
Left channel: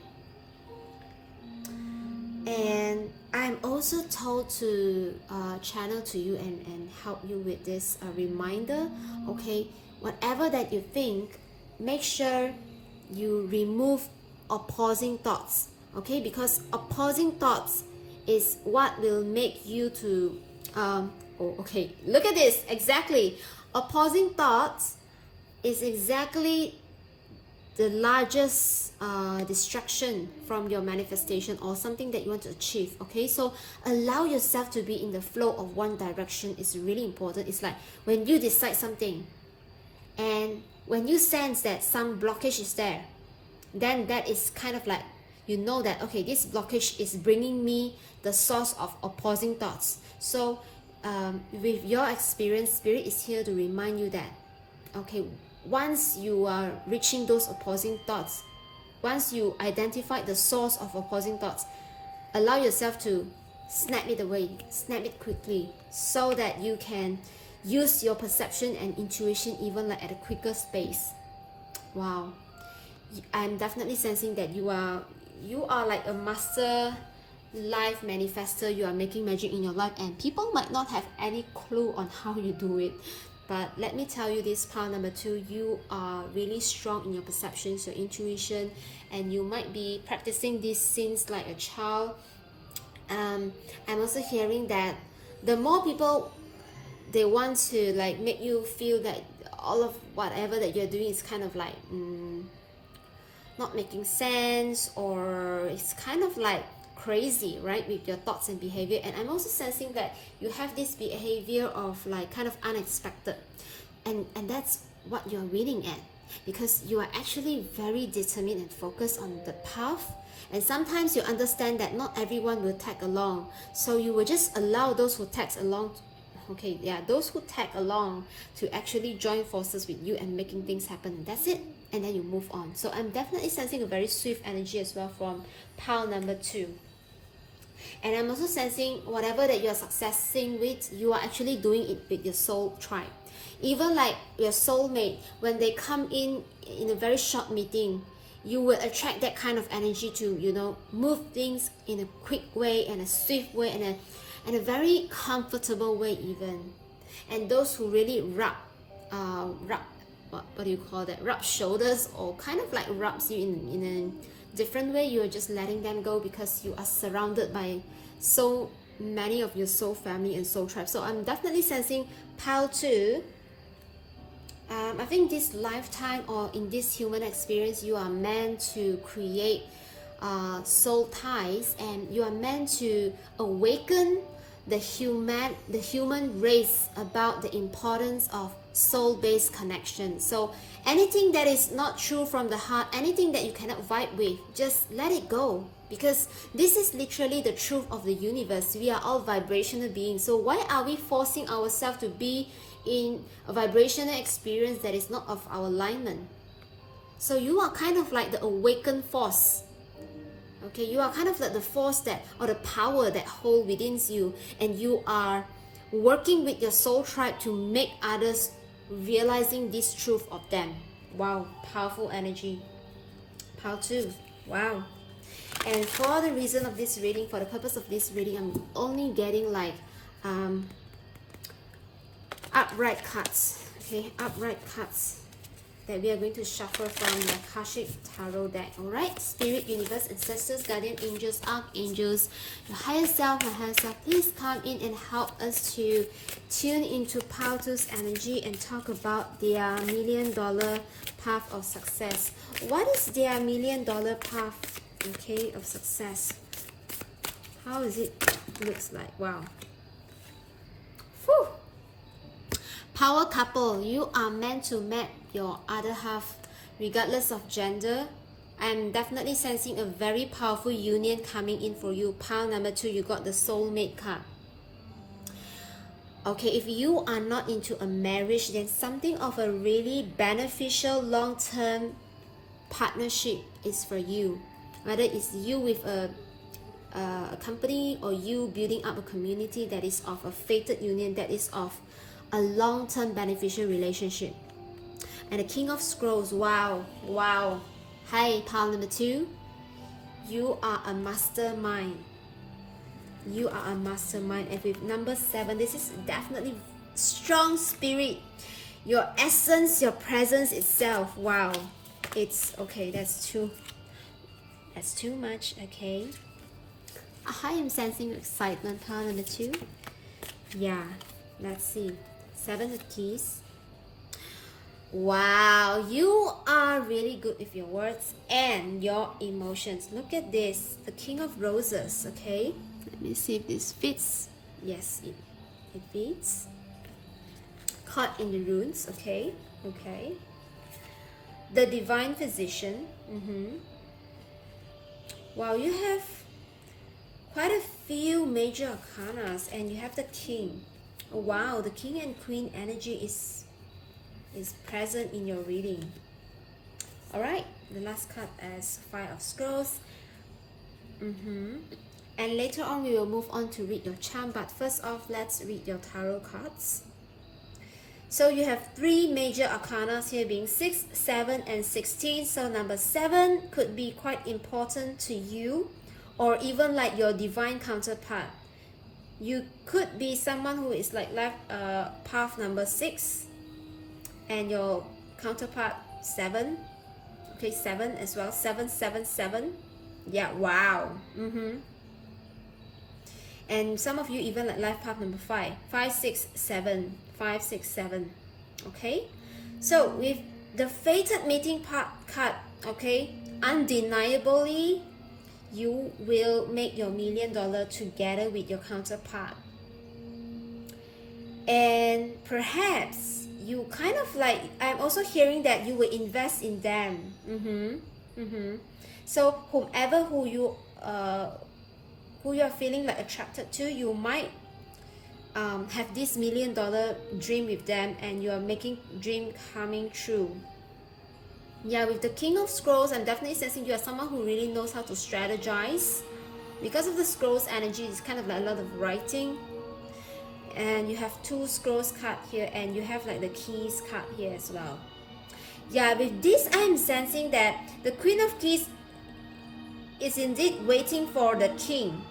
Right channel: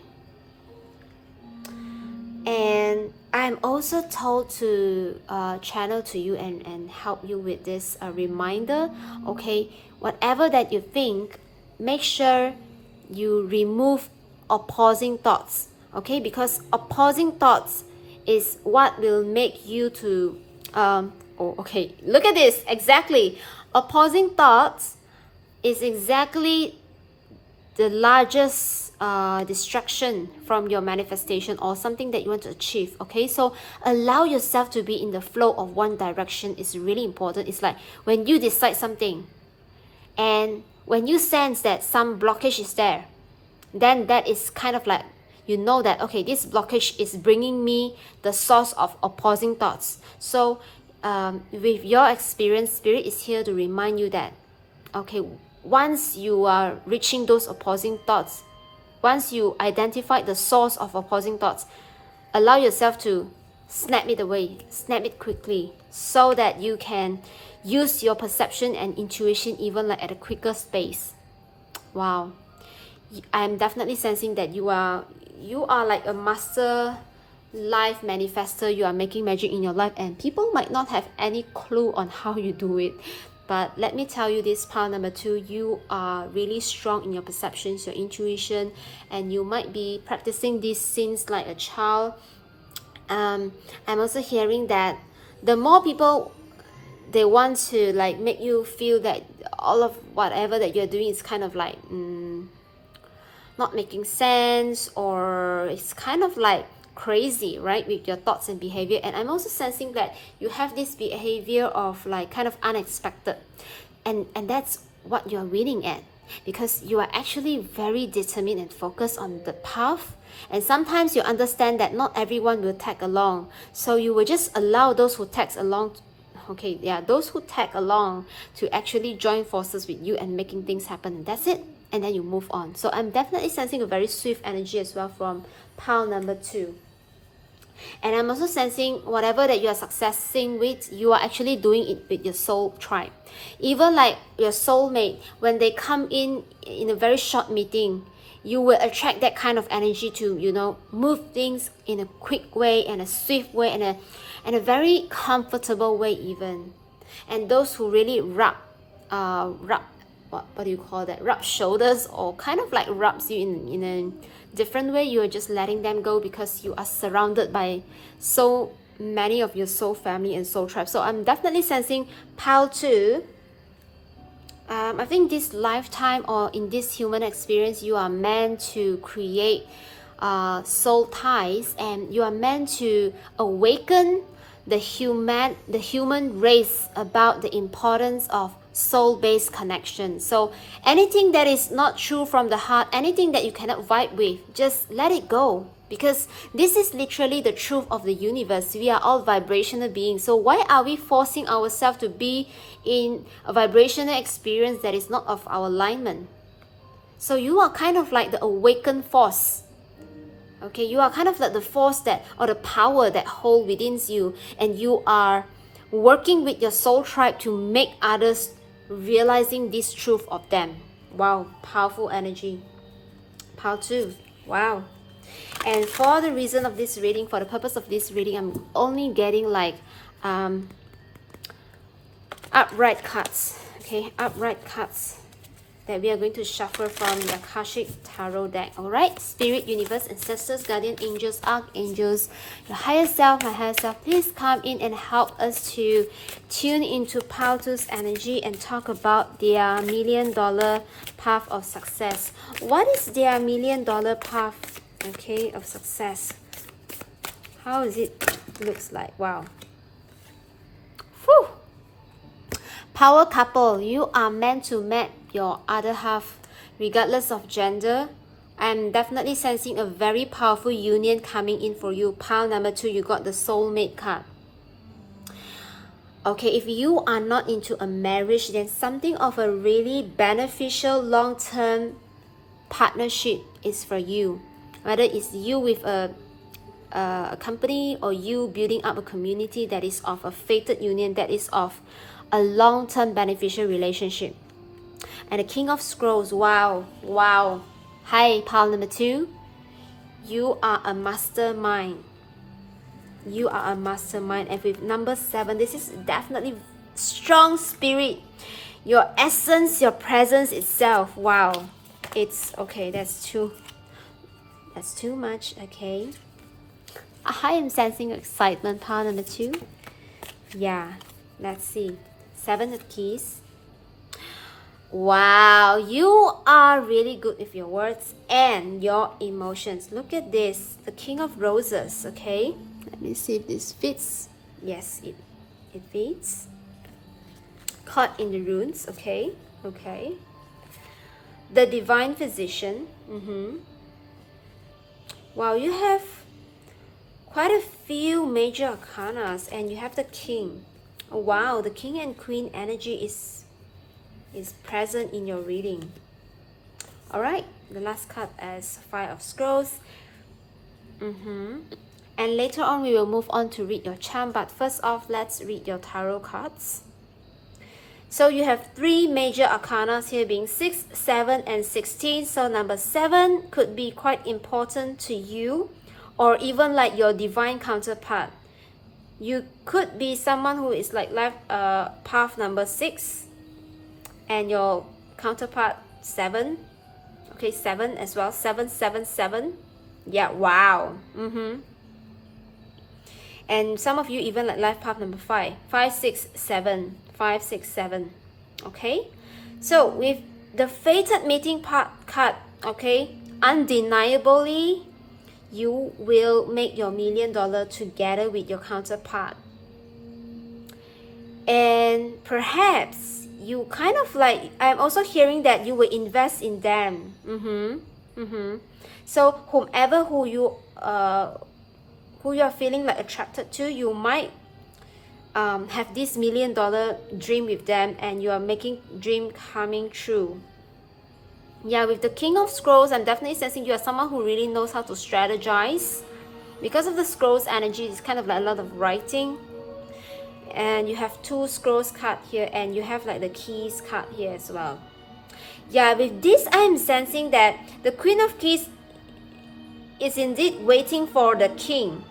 And I'm also told to channel to you and help you with this reminder. Okay, whatever that you think, make sure you remove opposing thoughts. Okay, because opposing thoughts is what will make you to oh, okay, look at this. Exactly, opposing thoughts is exactly the largest distraction from your manifestation or something that you want to achieve. Okay, so allow yourself to be in the flow of one direction is really important. It's like when you decide something and when you sense that some blockage is there, then that is kind of like, you know that, okay, this blockage is bringing me the source of opposing thoughts. So with your experience, Spirit is here to remind you that, okay, once you are reaching those opposing thoughts, once you identify the source of opposing thoughts, allow yourself to snap it away, snap it quickly, so that you can use your perception and intuition even like at a quicker space. Wow, I'm definitely sensing that you are like a master life manifester. You are making magic in your life, and people might not have any clue on how you do it. But let me tell you this, pile number 2, you are really strong in your perceptions, your intuition, and you might be practicing this since like a child. I'm also hearing that the more people they want to like make you feel that all of whatever that you're doing is kind of like not making sense, or it's kind of like crazy, right, with your thoughts and behavior. And I'm also sensing that you have this behavior of like kind of unexpected, and that's what you're winning at, because you are actually very determined and focused on the path. And sometimes you understand that not everyone will tag along, so you will just allow those who tag along, okay, yeah, those who tag along to actually join forces with you and making things happen, and that's it. And then you move on. So I'm definitely sensing a very swift energy as well from pile number 2. And I'm also sensing whatever that you are successing with, you are actually doing it with your soul tribe. Even like your soulmate, when they come in a very short meeting, you will attract that kind of energy to, you know, move things in a quick way and a swift way and a very comfortable way even. And those who really rub what do you call that, rub shoulders, or kind of like rubs you in a different way, you're just letting them go because you are surrounded by so many of your soul family and soul tribe. So I'm definitely sensing pile 2. I think this lifetime or in this human experience, you are meant to create soul ties, and you are meant to awaken the human race about the importance of soul-based connection. So anything that is not true from the heart, anything that you cannot vibe with, just let it go, because this is literally the truth of the universe. We are all vibrational beings, so why are we forcing ourselves to be in a vibrational experience that is not of our alignment? So you are kind of like the awakened force. Okay, you are kind of like the force that, or the power that hold within you, and you are working with your soul tribe to make others realizing this truth of them. Wow, powerful energy. Pile 2. Wow. And for the reason of this reading, for the purpose of this reading, I'm only getting like upright cards. Okay, upright cards. that we are going to shuffle from the Akashic Tarot deck. Alright, Spirit, Universe, Ancestors, Guardian Angels, Archangels, your higher self, my higher self, please come in and help us to tune into Paltu's energy and talk about their $1,000,000 path of success. What is their $1,000,000 path, okay, of success? How is it looks like? Wow. Whew. Power couple, you are meant to match your other half regardless of gender. I'm definitely sensing a very powerful union coming in for you. Pile number 2, you got the soulmate card. Okay, if you are not into a marriage, then something of a really beneficial long-term partnership is for you. Whether it's you with a company or you building up a community that is of a fated union, that is of a long-term beneficial relationship. And the King of Scrolls, wow, wow. Hi, pile number 2. You are a mastermind. You are a mastermind. And with number 7, this is definitely strong spirit. Your essence, your presence itself. Wow. It's okay, that's too much, okay. I am sensing excitement, pile number 2. Yeah, let's see. 7 of Keys. Wow, you are really good with your words and your emotions. Look at this, the King of Roses, okay? Let me see if this fits. Yes, it fits. Caught in the runes, okay? Okay. The Divine Physician. Wow, you have quite a few major arcanas and you have the King. Oh, wow, the King and Queen energy is present in your reading. Alright, the last card is 5 of Scrolls. And later on we will move on to read your charm, but first off, let's read your tarot cards. So you have 3 major arcanas here, being 6, 7 and 16. So number 7 could be quite important to you, or even like your divine counterpart. You could be someone who is like life path number 6 and your counterpart 7. Okay, 7 as well. 7, 7, 7. Yeah, wow. And some of you even like life path number 5. 5, 6, 7. 5, 6, 7. Okay, so with the fated meeting part card, okay, undeniably you will make your $1,000,000 together with your counterpart. And perhaps you kind of like, I'm also hearing that you will invest in them. So whomever who you are feeling like attracted to, you might have this $1,000,000 dream with them, and you are making dream coming true. Yeah, with the King of Scrolls, I'm definitely sensing you are someone who really knows how to strategize. Because of the Scrolls energy, it's kind of like a lot of writing. And you have 2 Scrolls card here, and you have like the Keys card here as well. Yeah, with this, I'm sensing that the Queen of Keys is indeed waiting for the King.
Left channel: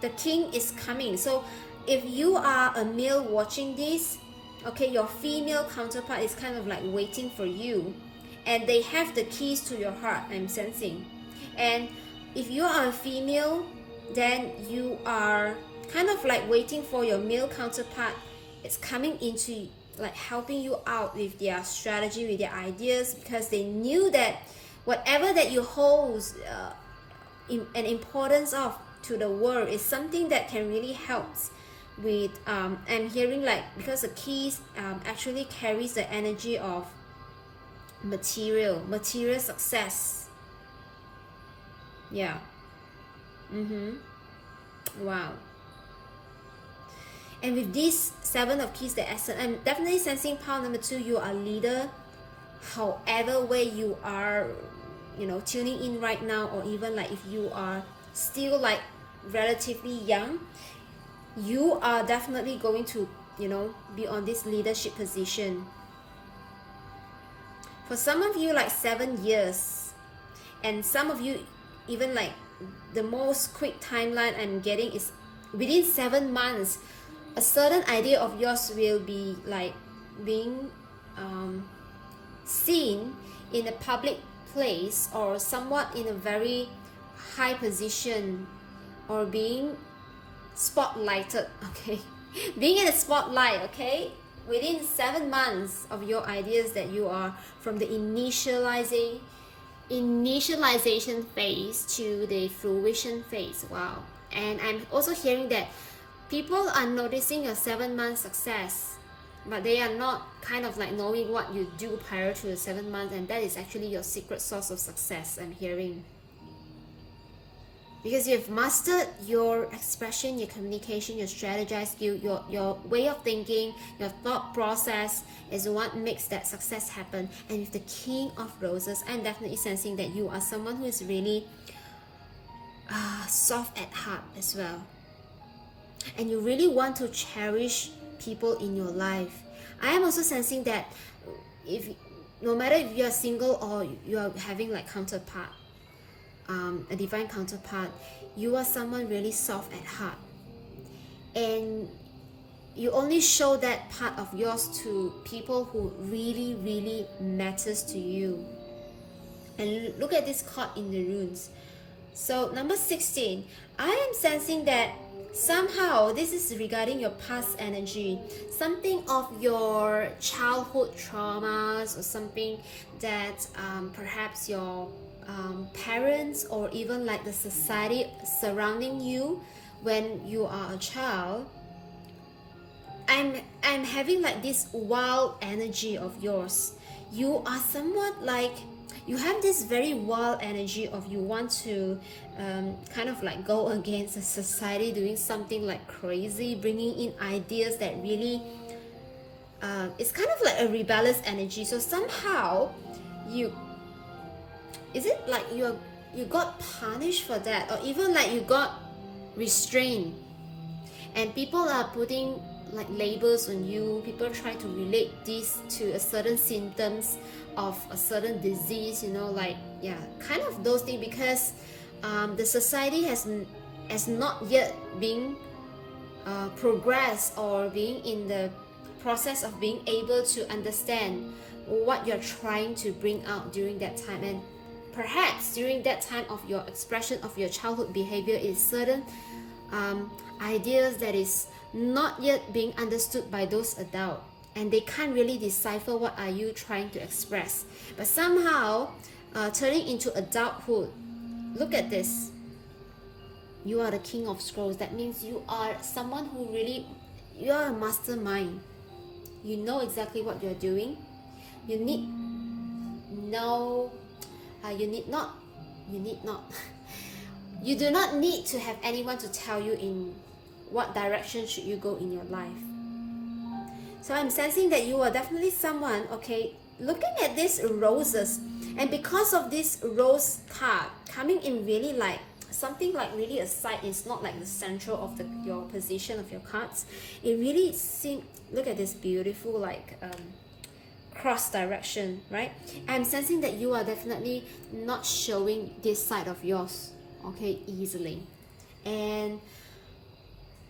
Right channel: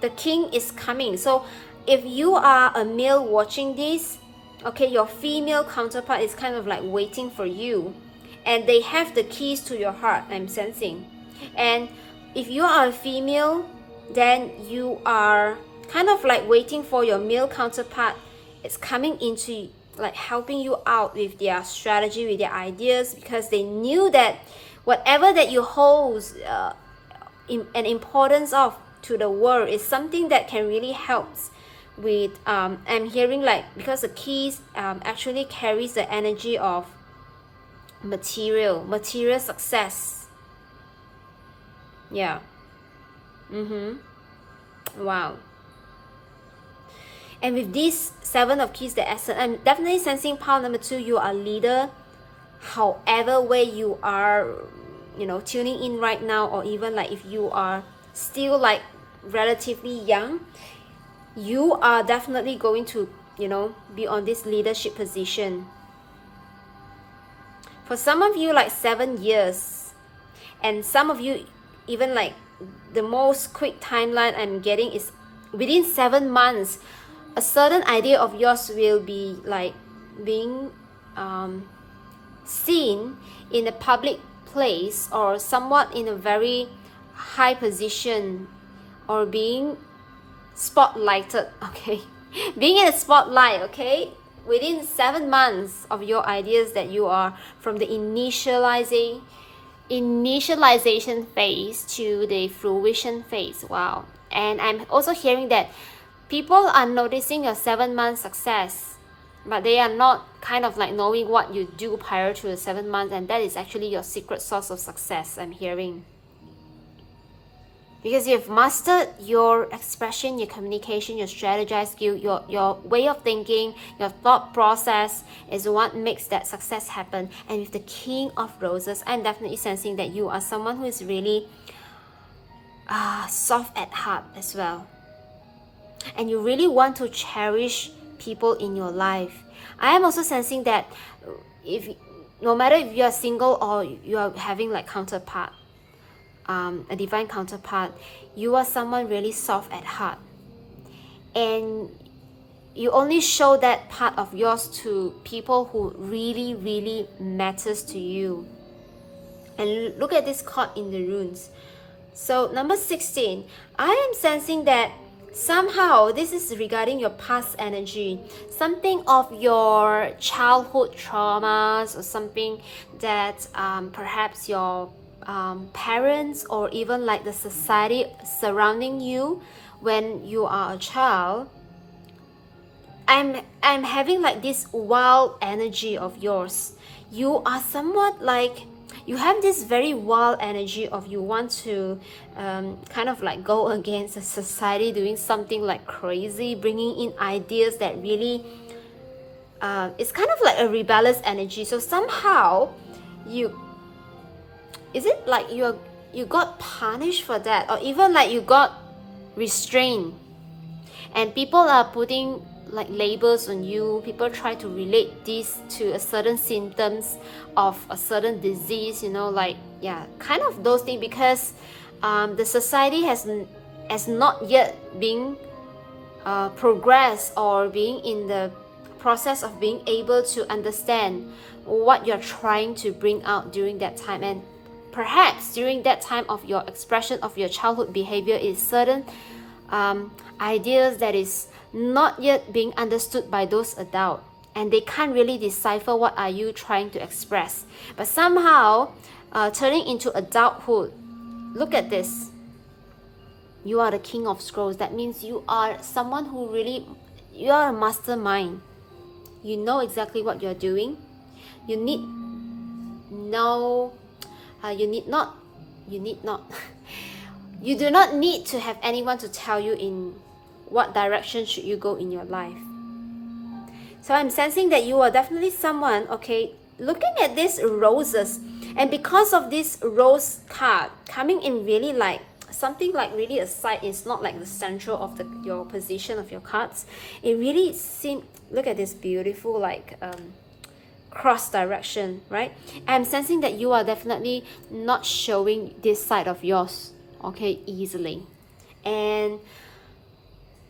The King is coming. So if you are a male watching this, okay, your female counterpart is kind of like waiting for you. And they have the keys to your heart, I'm sensing. And if you are a female, then you are kind of like waiting for your male counterpart. It's coming into like helping you out with their strategy, with their ideas, because they knew that whatever that you hold an importance of to the world is something that can really help with I'm hearing like, because the keys actually carries the energy of material success. Yeah. Wow. And with this 7 of Keys, the essence, I'm definitely sensing pile number 2, you are a leader. However way you are, you know, tuning in right now, or even like if you are still like relatively young, you are definitely going to, you know, be on this leadership position. For some of you, like 7 years, and some of you even like the most quick timeline I'm getting is within 7 months, a certain idea of yours will be like being seen in a public place or somewhat in a very high position, or being spotlighted, okay? Being in a spotlight, okay? Within 7 months of your ideas that you are from the initialization phase to the fruition phase. Wow. And I'm also hearing that people are noticing your 7 month success, but they are not kind of like knowing what you do prior to the 7 months, and that is actually your secret source of success, I'm hearing. Because you've mastered your expression, your communication, your strategize skill, your way of thinking, your thought process is what makes that success happen. And with the King of Roses, I'm definitely sensing that you are someone who is really soft at heart as well. And you really want to cherish people in your life. I am also sensing that no matter if you are single or you are having like counterpart, a divine counterpart, you are someone really soft at heart, and you only show that part of yours to people who really, really matters to you. And look at this card in the runes. So number 16, I am sensing that somehow this is regarding your past energy, something of your childhood traumas, or something that perhaps your parents or even like the society surrounding you when you are a child. I'm having like this wild energy of yours. You are somewhat like, you have this very wild energy of you want to kind of like go against the society, doing something like crazy, bringing in ideas that really it's kind of like a rebellious energy. So somehow is it like you got punished for that, or even like you got restrained, and people are putting like labels on you? People try to relate this to a certain symptoms of a certain disease, you know, like, yeah, kind of those things, because the society has not yet been progressed or being in the process of being able to understand what you're trying to bring out during that time. And perhaps during that time of your expression of your childhood behavior is certain ideas that is not yet being understood by those adults, and they can't really decipher what are you trying to express. But somehow turning into adulthood, look at this, you are the King of Scrolls. That means you are someone who really, you are a mastermind. You know exactly what you're doing. You need not you do not need to have anyone to tell you in what direction should you go in your life. So I'm sensing that you are definitely someone, okay, looking at these roses, and because of this rose card coming in really like something like really a side, is not like the central of your position of your cards. It really seems, look at this beautiful like cross direction, right? I'm sensing that you are definitely not showing this side of yours, okay, easily. And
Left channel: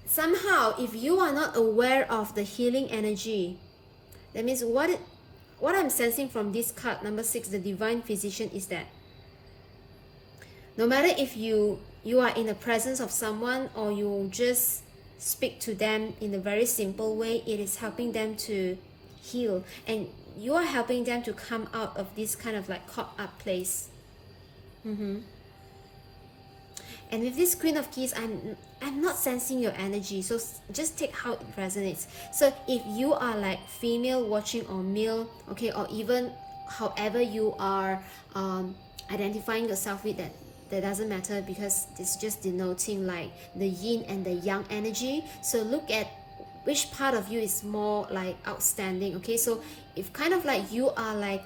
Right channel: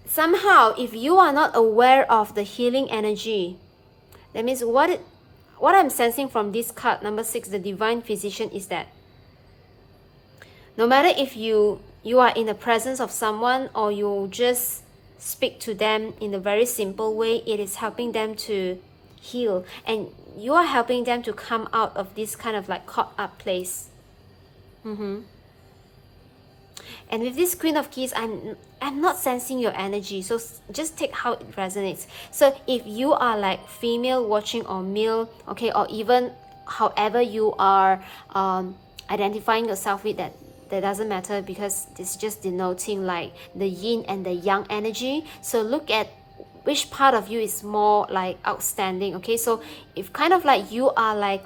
somehow if you are not aware of the healing energy, that means what I'm sensing from this card number 6, the divine physician, is that no matter if you are in the presence of someone or you just speak to them in a very simple way, it is helping them to heal, and you are helping them to come out of this kind of like caught up place. And with this Queen of Keys, I'm not sensing your energy, so just take how it resonates. So if you are like female watching or male, okay, or even however you are identifying yourself with, that doesn't matter, because it's just denoting like the yin and the yang energy. So look at which part of you is more like outstanding, okay? So if kind of like you are like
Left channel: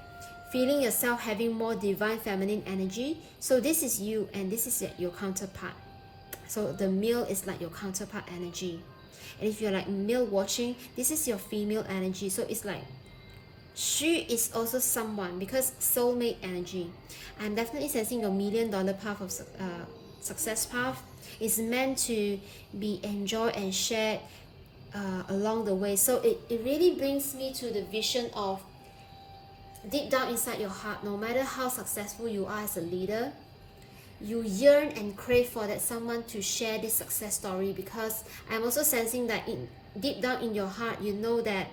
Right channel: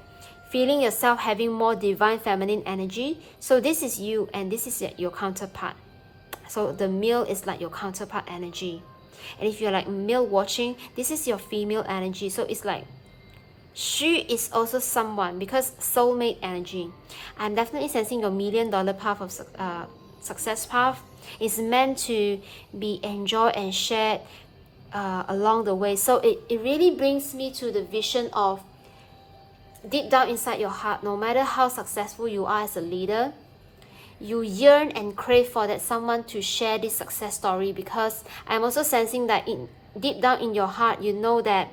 feeling yourself having more divine feminine energy, so this is you and this is your counterpart. So the male is like your counterpart energy. And if you're like male watching, this is your female energy. So it's like she is also someone, because soulmate energy. I'm definitely sensing your $1 million path of success path is meant to be enjoyed and shared along the way. So it really brings me to the vision of deep down inside your heart, no matter how successful you are as a leader, you yearn and crave for that someone to share this success story, because I'm also sensing that deep down in your heart, you know that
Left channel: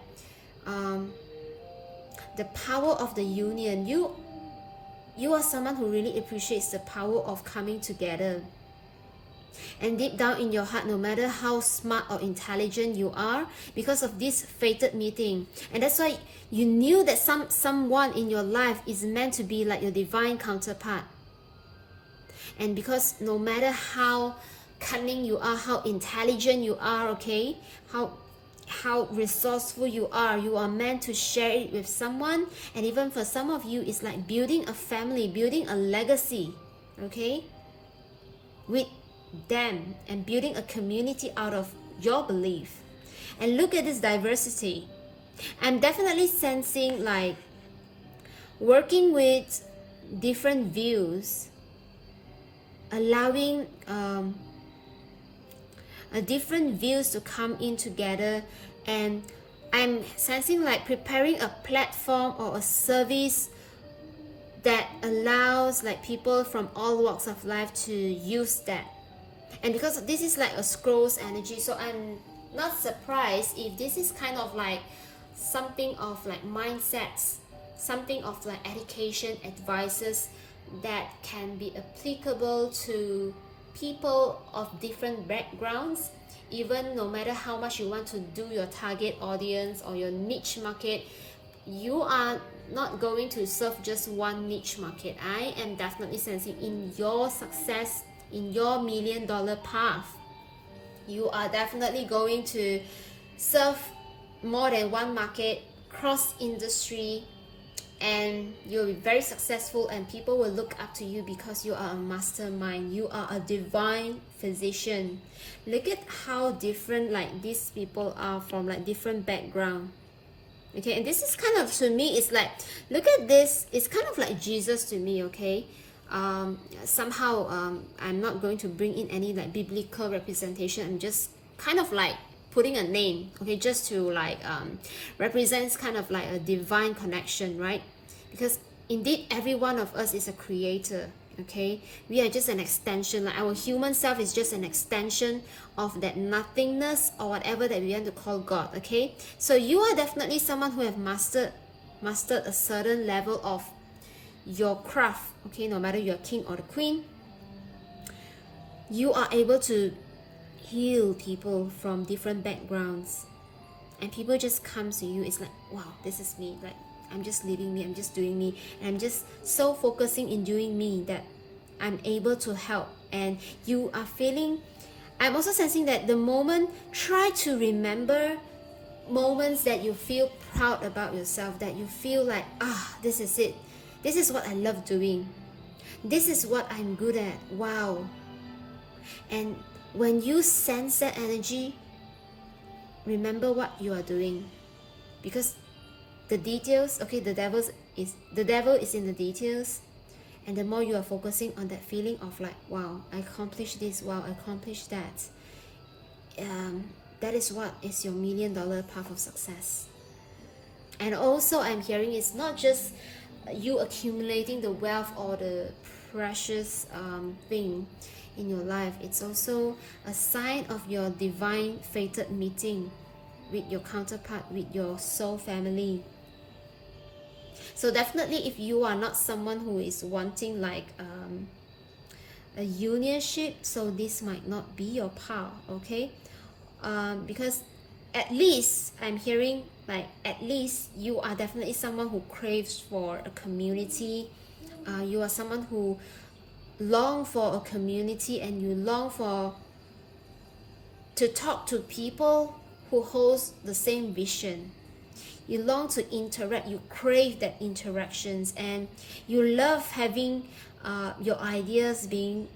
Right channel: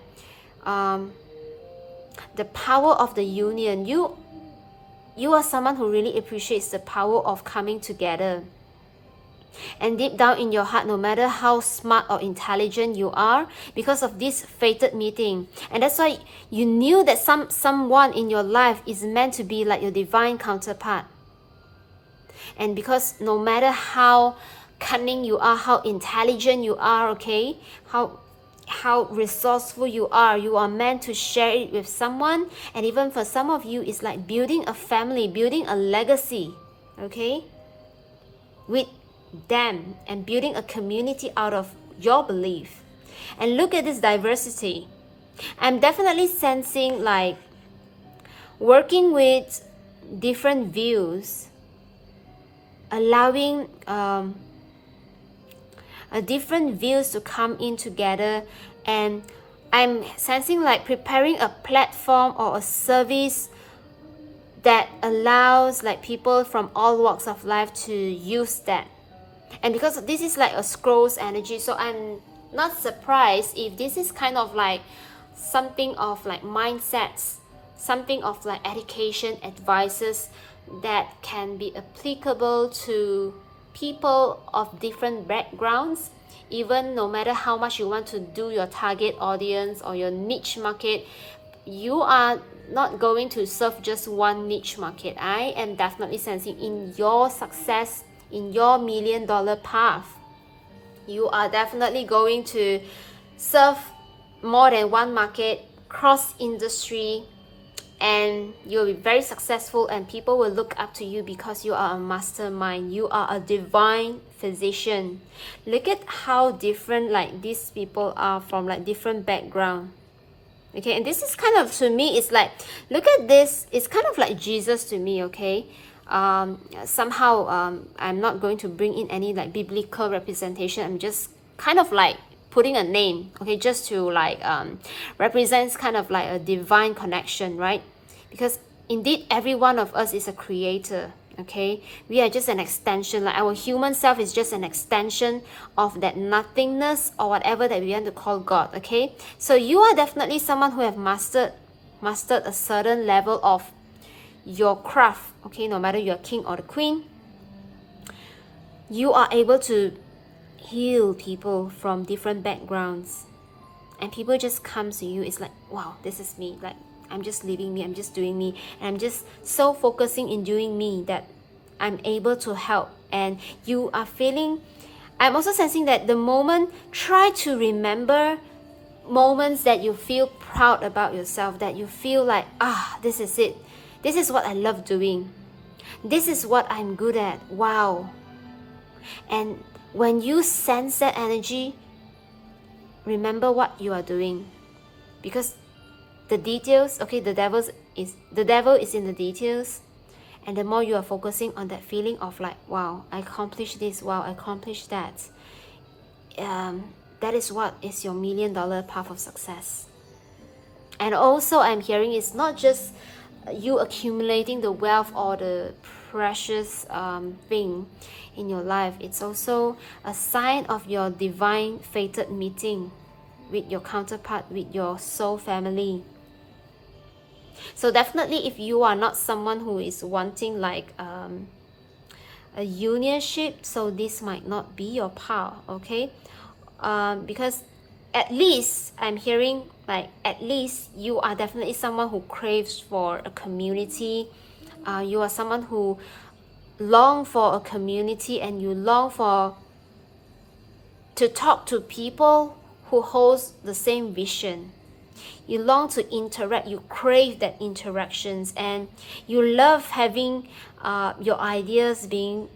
the power of the union. You are someone who really appreciates the power of coming together. And deep down in your heart, no matter how smart or intelligent you are, because of this fated meeting, and that's why you knew that someone in your life is meant to be like your divine counterpart. And because no matter how cunning you are, how intelligent you are, okay, how resourceful you are meant to share it with someone. And even for some of you, it's like building a family, building a legacy, okay, with them, and building a community out of your belief. And look at this diversity. I'm definitely sensing like working with different views, allowing different views to come in together. And I'm sensing like preparing a platform or a service that allows like people from all walks of life to use that. And because this is like a scrolls energy, so I'm not surprised if this is kind of like something of like mindsets, something of like education advices that can be applicable to people of different backgrounds. Even no matter how much you want to do your target audience or your niche market, you are not going to serve just one niche market. I am definitely sensing in your success, in your $1 million path, you are definitely going to serve more than one market, cross industry, and you'll be very successful, and people will look up to you because you are a mastermind. You are a divine physician. Look at how different like these people are from like different background. Okay, and this is kind of, to me, it's like, look at this, it's kind of like Jesus to me, okay? Somehow I'm not going to bring in any like biblical representation. I'm just kind of like putting a name, okay, just to like represents kind of like a divine connection, right? Because indeed every one of us is a creator, okay? We are just an extension, like our human self is just an extension of that nothingness or whatever that we want to call God, okay? So you are definitely someone who have mastered a certain level of your craft, okay? No matter you're king or the queen, you are able to heal people from different backgrounds, and people just come to you. It's like, wow, this is me, like I'm just living me, I'm just doing me, and I'm just so focusing in doing me that I'm able to help. And you are feeling, I'm also sensing that the moment, try to remember moments that you feel proud about yourself, that you feel like, this is it, this is what I love doing, this is what I'm good at, wow. And when you sense that energy, remember what you are doing, because the details, okay, the devil is in the details. And the more you are focusing on that feeling of like, wow, I accomplished this, wow, I accomplished that, that is what is your $1 million path of success. And also I'm hearing it's not just you accumulating the wealth or the precious thing in your life. It's also a sign of your divine fated meeting with your counterpart, with your soul family. So definitely, if you are not someone who is wanting like a unionship, so this might not be your path, okay? Because at least I'm hearing like, at least you are definitely someone who craves for a community. You are someone who long for a community, and you long for to talk to people who holds the same vision. You long to interact, you crave that interactions, and you love having your ideas being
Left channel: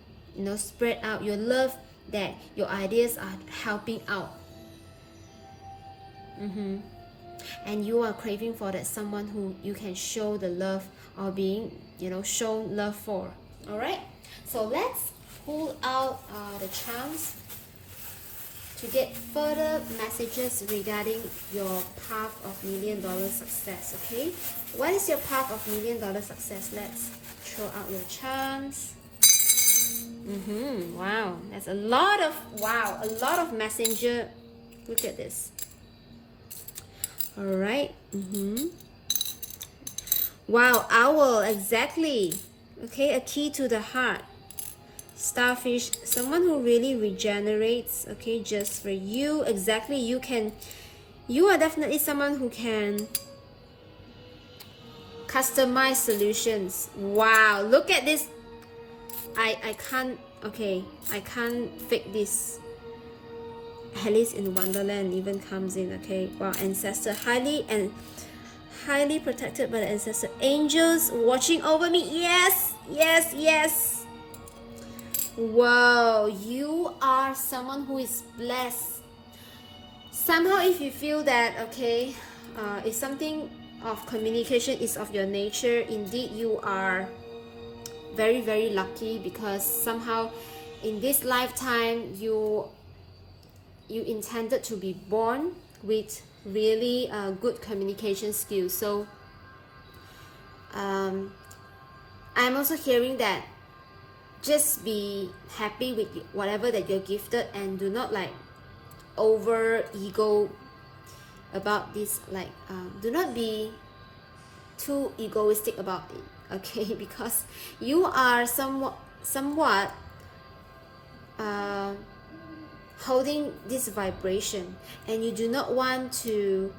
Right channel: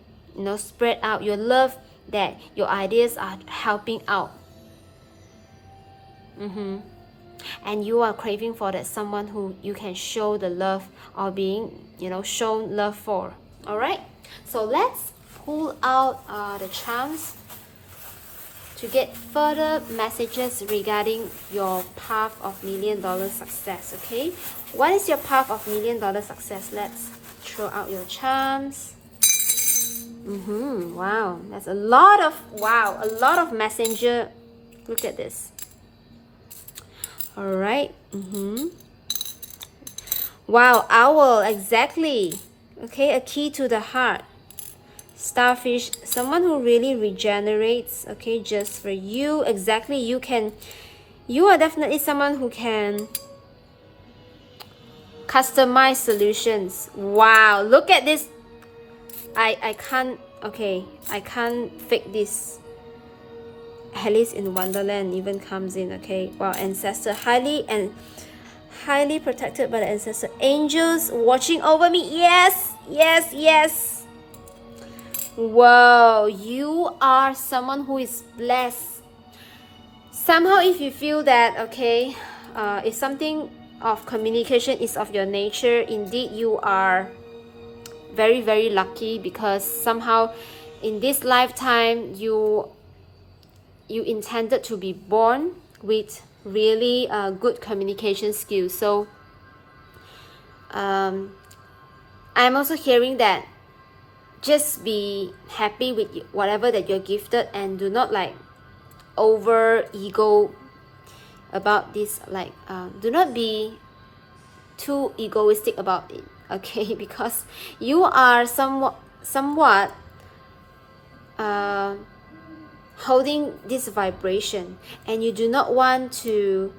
spread out. You love that your ideas are helping out. And you are craving for that someone who you can show the love or being shown love for. All right, so let's pull out the charms to get further messages regarding your path of $1 million success. Okay, what is your path of $1 million success? Let's throw out your charms. Wow, that's a lot of messenger. Look at this. All right. Wow, owl, exactly. Okay, a key to the heart. Starfish, someone who really regenerates. Okay, just for you. Exactly, you are definitely someone who can customize solutions. Wow, look at this. I can't, okay, I can't fake this. Alice in Wonderland even comes in. Okay, wow, ancestor, highly protected by the ancestor. Angels watching over me. Yes, yes, yes. Whoa, you are someone who is blessed. Somehow, if you feel that, okay, if something of communication is of your nature, indeed you are very, very lucky, because somehow in this lifetime you intended to be born with really good communication skills. So I'm also hearing that just be happy with whatever that you're gifted, and do not like over ego about this, like do not be too egoistic about it, okay? Because you are somewhat holding this vibration, and you do not want to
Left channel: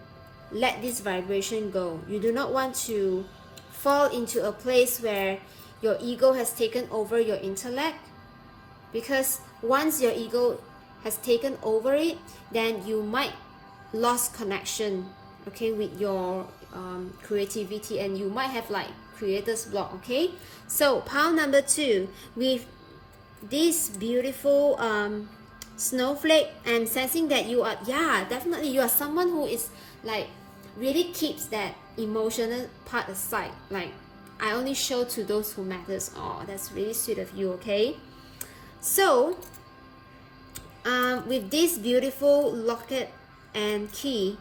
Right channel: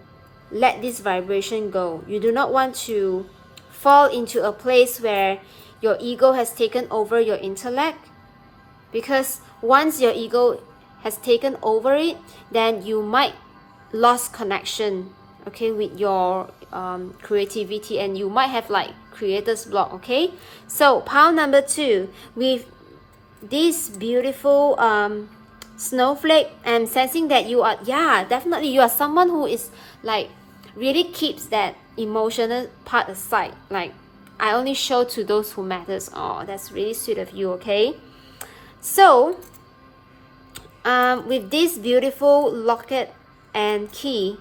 let this vibration go. You do not want to fall into a place where your ego has taken over your intellect, because once your ego has taken over it, then you might lose connection, okay, with your creativity, and you might have like creator's block. Okay, so pile number 2 with this beautiful snowflake. I'm sensing that you are, yeah, definitely you are someone who is like really keeps that emotional part aside. Like, I only show to those who matters. Oh, that's really sweet of you. Okay, so with this beautiful locket and key,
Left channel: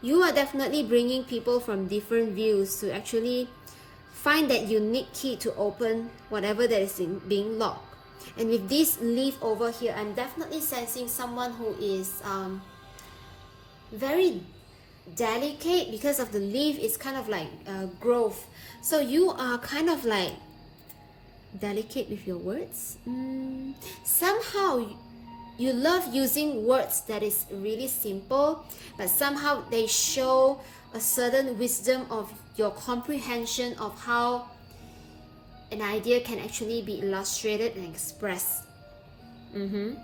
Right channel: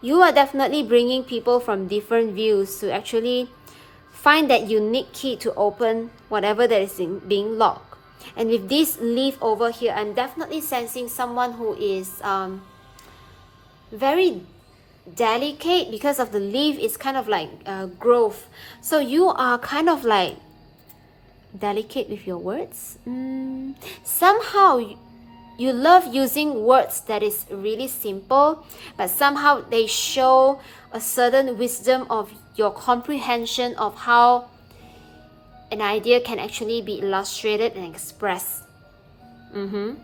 you are definitely bringing people from different views to actually find that unique key to open whatever that is being locked. And with this leaf over here, I'm definitely sensing someone who is very delicate, because of the leaf is kind of like growth. So you are kind of like delicate with your words. Somehow you love using words that is really simple, but somehow they show a certain wisdom of your comprehension of how an idea can actually be illustrated and expressed. And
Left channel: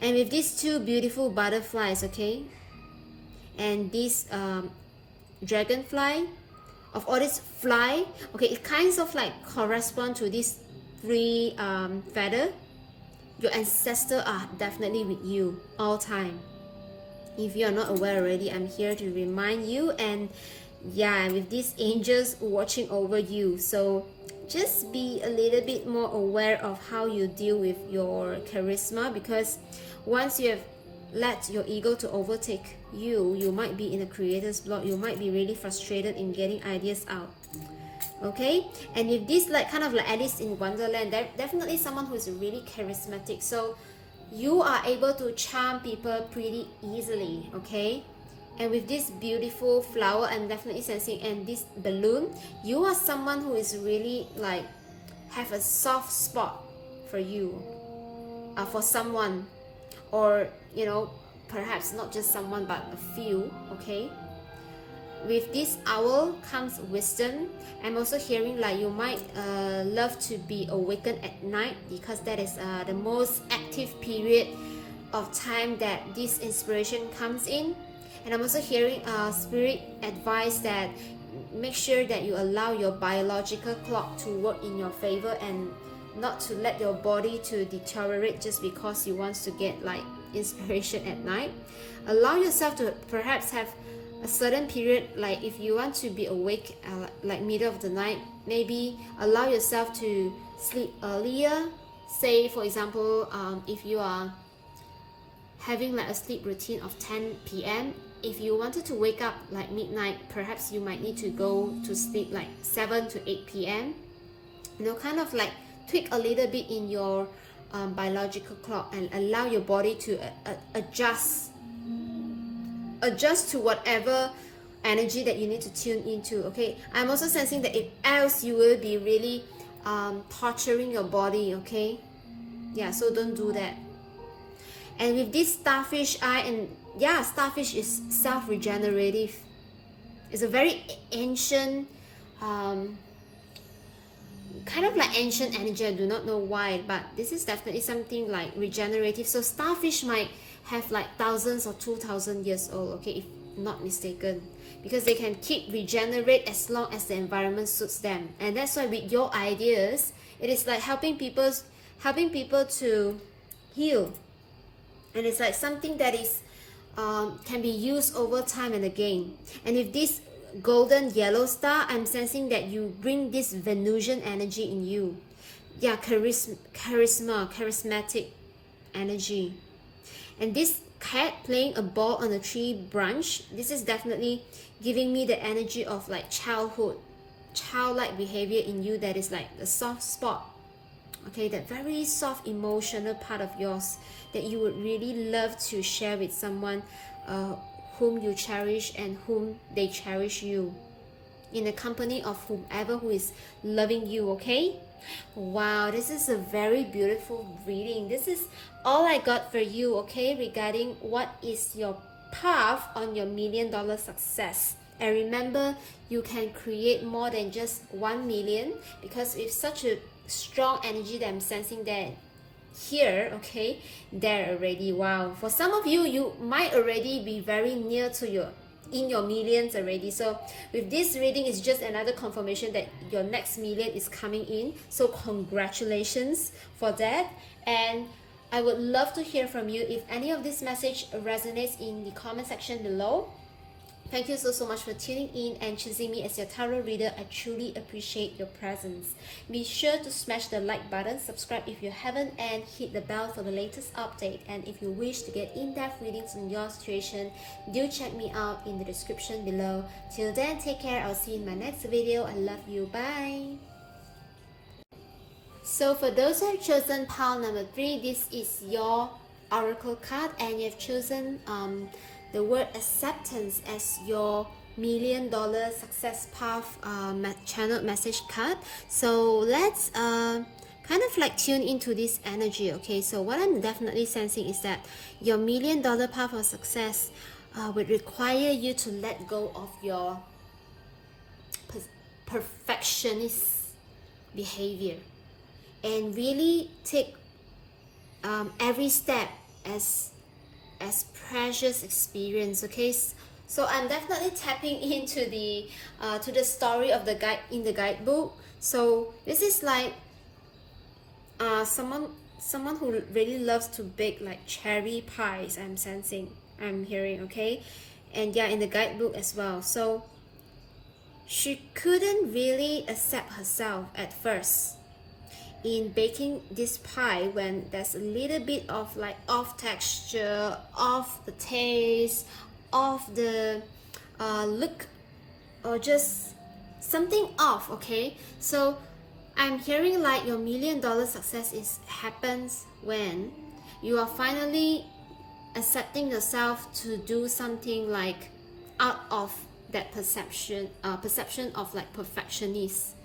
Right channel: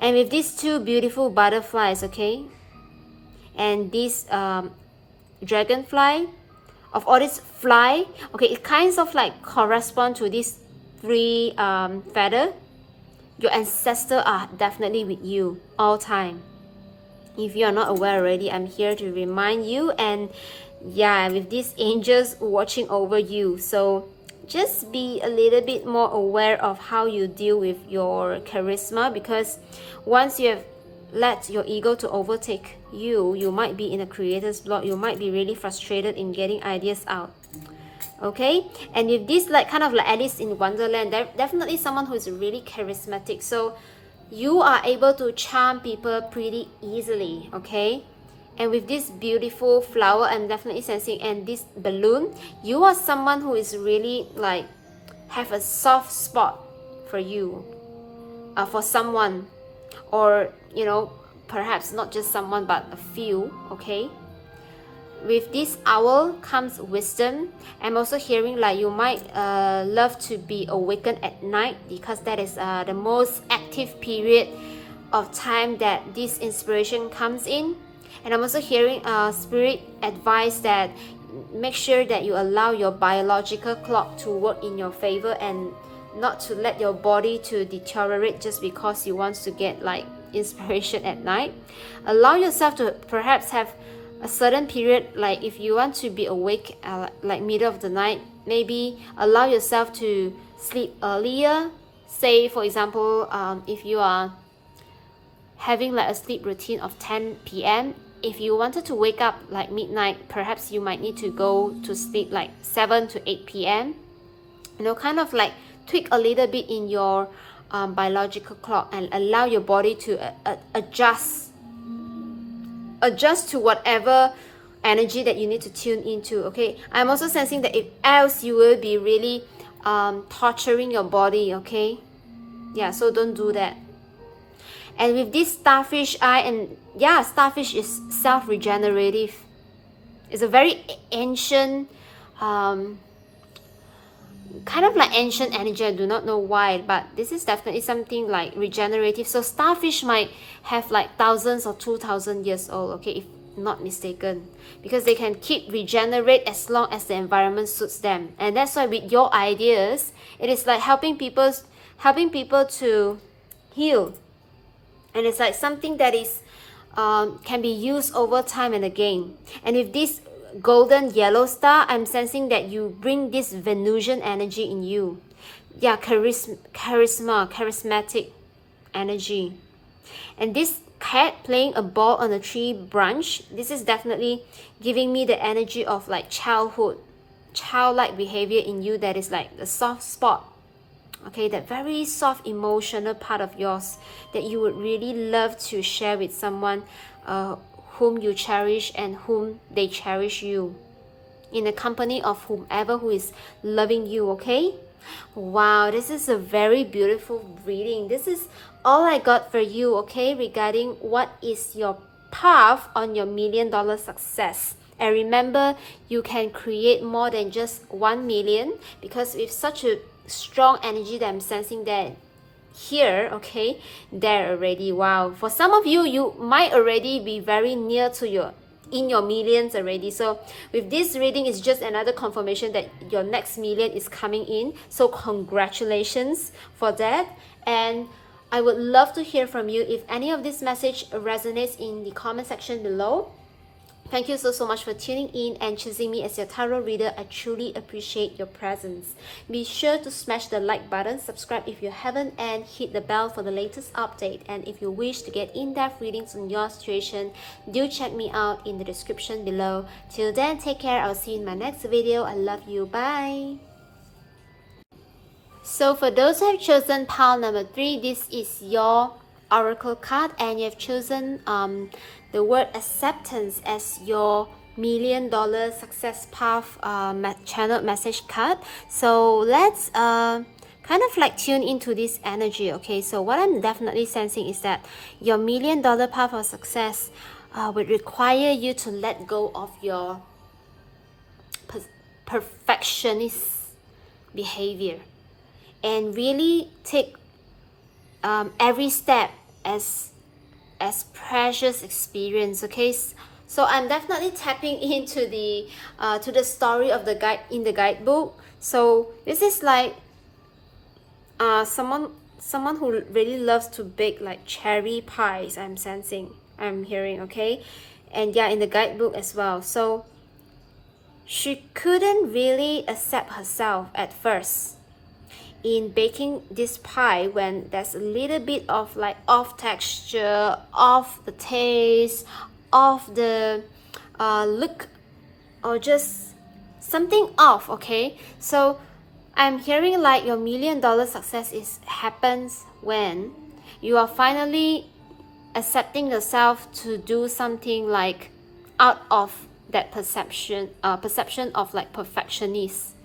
with these 2 beautiful butterflies, okay, and this dragonfly, of all this fly, okay, it kind of like correspond to these 3 feather. Your ancestors are definitely with you all time. If you are not aware already, I'm here to remind you. And yeah, with these angels watching over you, so just be a little bit more aware of how you deal with your charisma, because once you have let your ego to overtake you, you might be in a creator's block. You might be really frustrated in getting ideas out. Okay, and with this like kind of like Alice in Wonderland, definitely someone who is really charismatic. So you are able to charm people pretty easily. Okay, and with this beautiful flower, I'm definitely sensing, and this balloon, you are someone who is really like have a soft spot for you, for someone, or you know, perhaps not just someone but a few. Okay, with this owl comes wisdom. I'm also hearing like you might love to be awakened at night, because that is the most active period of time that this inspiration comes in. And I'm also hearing spirit advice that make sure that you allow your biological clock to work in your favor, and not to let your body to deteriorate just because you want to get like inspiration at night. Allow yourself to perhaps have a certain period, like if you want to be awake like middle of the night, maybe allow yourself to sleep earlier. Say for example, if you are having like a sleep routine of 10 p.m. If you wanted to wake up like midnight, perhaps you might need to go to sleep like 7 to 8 p.m. You know, kind of like tweak a little bit in your biological clock and allow your body to adjust to whatever energy that you need to tune into. Okay, I'm also sensing that if else you will be really torturing your body. Okay, yeah, so don't do that. And with this starfish eye, and yeah, starfish is self-regenerative. It's a very ancient kind of like ancient energy. I do not know why, but this is definitely something like regenerative. So starfish might have like thousands or 2,000 years old, okay, if not mistaken, because they can keep regenerate as long as the environment suits them. And that's why with your ideas, it is like helping people to heal. And it's like something that is can be used over time and again. And with this golden yellow star, I'm sensing that you bring this Venusian energy in you. Yeah, charismatic energy. And this cat playing a ball on a tree branch, this is definitely giving me the energy of like childlike behavior in you, that is like the soft spot. Okay, that very soft emotional part of yours that you would really love to share with someone whom you cherish and whom they cherish you, in the company of whomever who is loving you. Okay, wow, this is a very beautiful reading. This is all I got for you, okay, regarding what is your path on your $1 million success. And remember, you can create more than just 1 million, because with such a strong energy that I'm sensing that here, okay, there already. Wow, for some of you, you might already be very near to your millions already. So with this reading, it's just another confirmation that your next million is coming in. So congratulations for that. And I would love to hear from you. If any of this message resonates, in the comment section below. Thank you so much for tuning in and choosing me as your tarot reader. I truly appreciate your presence. Be sure to smash the like button, subscribe if you haven't, and hit the bell for the latest update. And if you wish to get in-depth readings on your situation, do check me out in the description below. Till then, take care. I'll see you in my next video. I love you. Bye. So for those who have chosen pile number 3, this is your oracle card, and you have chosen the word acceptance as your $1 million success path channeled message card. So let's kind of like tune into this energy. Okay, so what I'm definitely sensing is that your $1 million path of success would require you to let go of your perfectionist behavior and really take every step as precious experience. Okay, so I'm definitely tapping into the to the story of the guide in the guidebook. So this is like someone who really loves to bake like cherry pies. I'm hearing. Okay, and yeah, in the guidebook as well. So she couldn't really accept herself at first in baking this pie when there's a little bit of like off texture, off the taste, off the look, or just something off. Okay, so I'm hearing like your $1 million success happens when you are finally accepting yourself to do something like out of that perception of like perfectionist.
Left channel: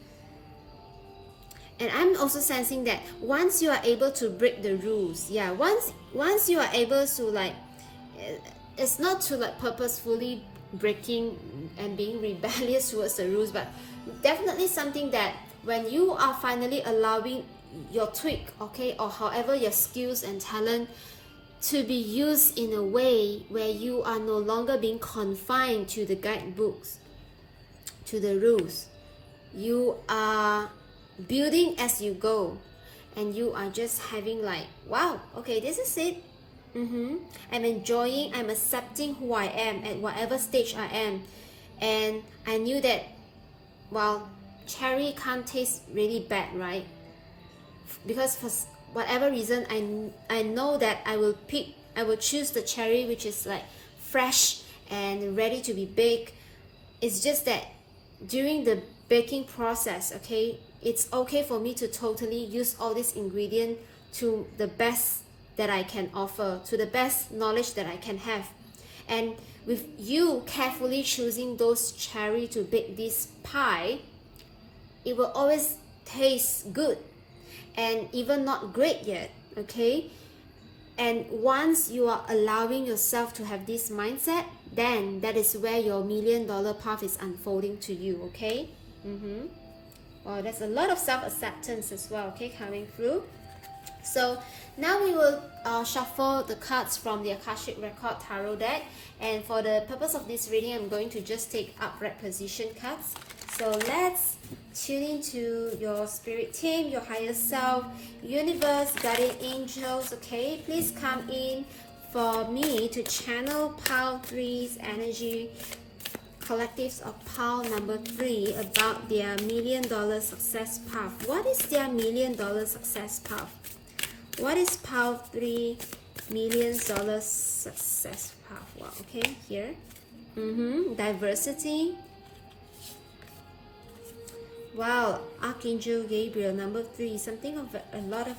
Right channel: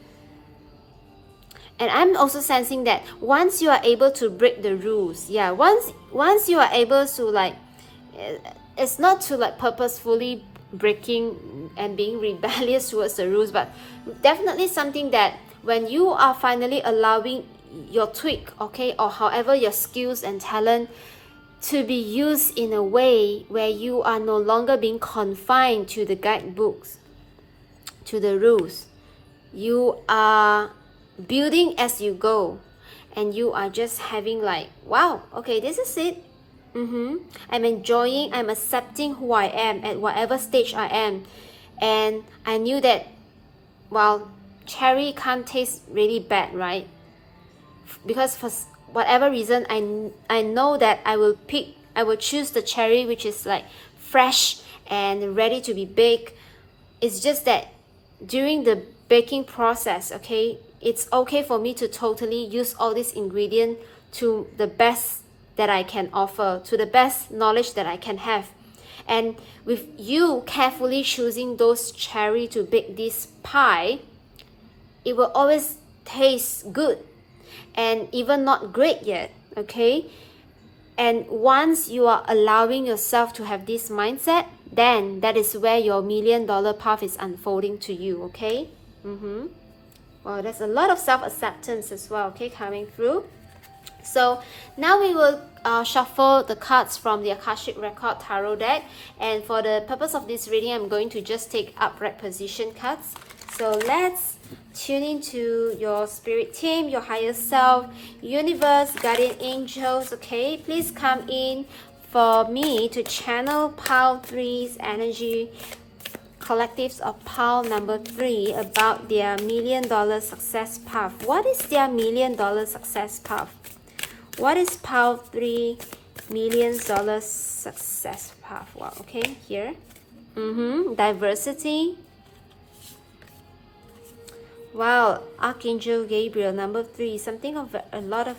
And I'm also sensing that once you are able to break the rules, yeah, once you are able to like, it's not to like purposefully breaking and being rebellious towards the rules, but definitely something that when you are finally allowing your tweak, okay, or however your skills and talent to be used in a way where you are no longer being confined to the guidebooks, to the rules, you are building as you go, and you are just having like, wow, okay, this is it. I'm enjoying, I'm accepting who I am at whatever stage I am. And I knew that, well, cherry can't taste really bad, right? Because for whatever reason, I know that I will pick I will choose the cherry which is like fresh and ready to be baked. It's just that during the baking process, okay, it's okay for me to totally use all these ingredients to the best that I can offer, to the best knowledge that I can have. And with you carefully choosing those cherry to bake this pie, it will always taste good and even not great yet, okay? And once you are allowing yourself to have this mindset, then that is where your $1 million path is unfolding to you, okay? Well, there's a lot of self-acceptance as well, okay, coming through. So now we will shuffle the cards from the Akashic Record Tarot deck, and for the purpose of this reading, I'm going to just take upright position cards. So let's tune into your spirit team, your higher self, universe, guardian angels, okay? Please come in for me to channel Pile 3's energy, collectives of Pile number 3, about their $1 million success path. What is their $1 million success path? What is Pile 3 $1 million success path? Wow, okay, here. Diversity. Wow, Archangel Gabriel, number 3, something of a lot of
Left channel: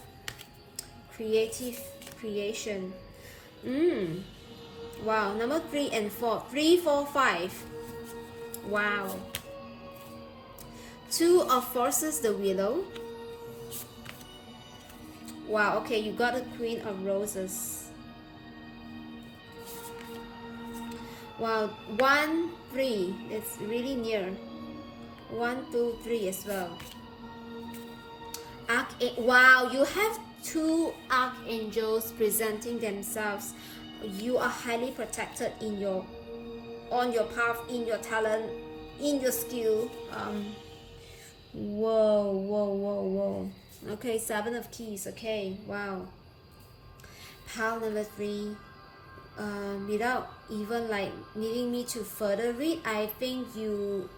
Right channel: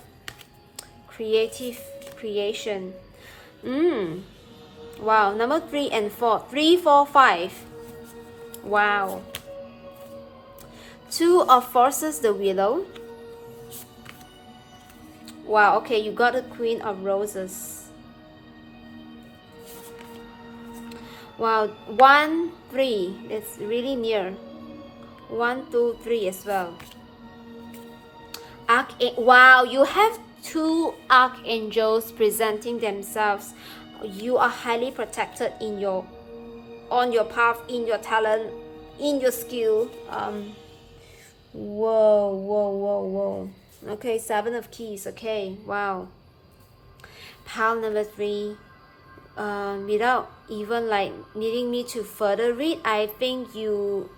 creative creation. Wow, number 3 and 4, 3, 4, 5. Wow. 2 of Forces, the Willow. Wow, okay, you got the Queen of Roses. Wow, 1, 3, it's really near. 1, 2, 3 as well. Wow, you have 2 archangels presenting themselves. You are highly protected in your, on your path, in your talent, in your skill. Whoa. Okay, 7 of Keys. Okay, wow. Pile number 3. Without even like needing me to further read, I think you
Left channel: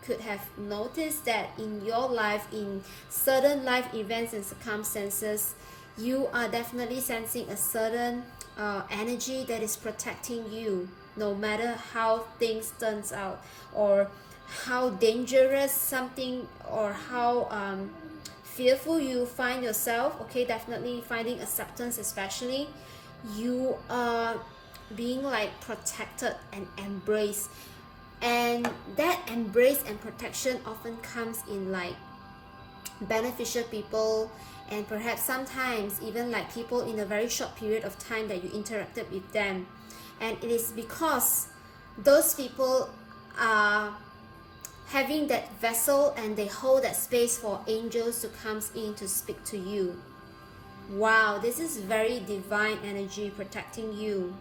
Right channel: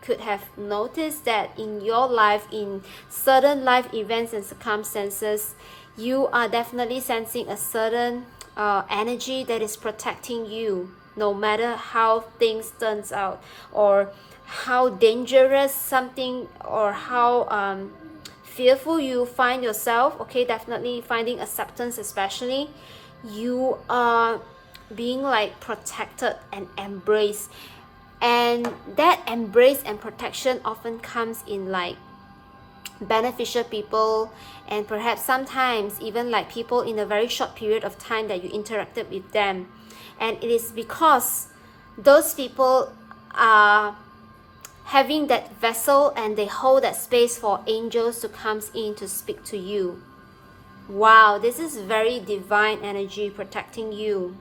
could have noticed that in your life, in certain life events and circumstances, you are definitely sensing a certain energy that is protecting you, no matter how things turns out, or how dangerous something, or how fearful you find yourself. Okay, definitely finding acceptance, especially, you are being like protected and embraced. And that embrace and protection often comes in like beneficial people, and perhaps sometimes even like people in a very short period of time that you interacted with them. And it is because those people are having that vessel and they hold that space for angels to come in to speak to you. Wow, this is very divine energy protecting you.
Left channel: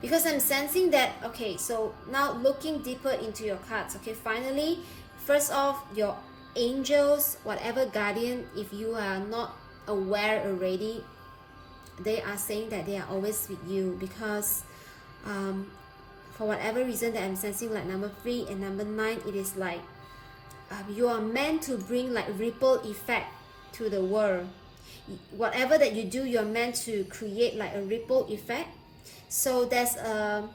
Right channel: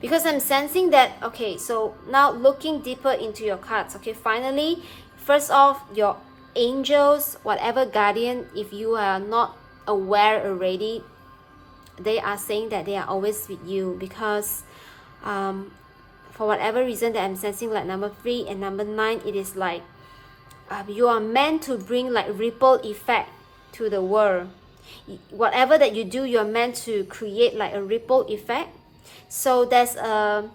Because I'm sensing that, okay, so now looking deeper into your cards, okay, finally, first off, your angels, whatever guardian, if you are not aware already, they are saying that they are always with you, because for whatever reason that I'm sensing, like number 3 and number 9, it is like you are meant to bring like ripple effect to the world. Whatever that you do, you're meant to create like a ripple effect. So there's an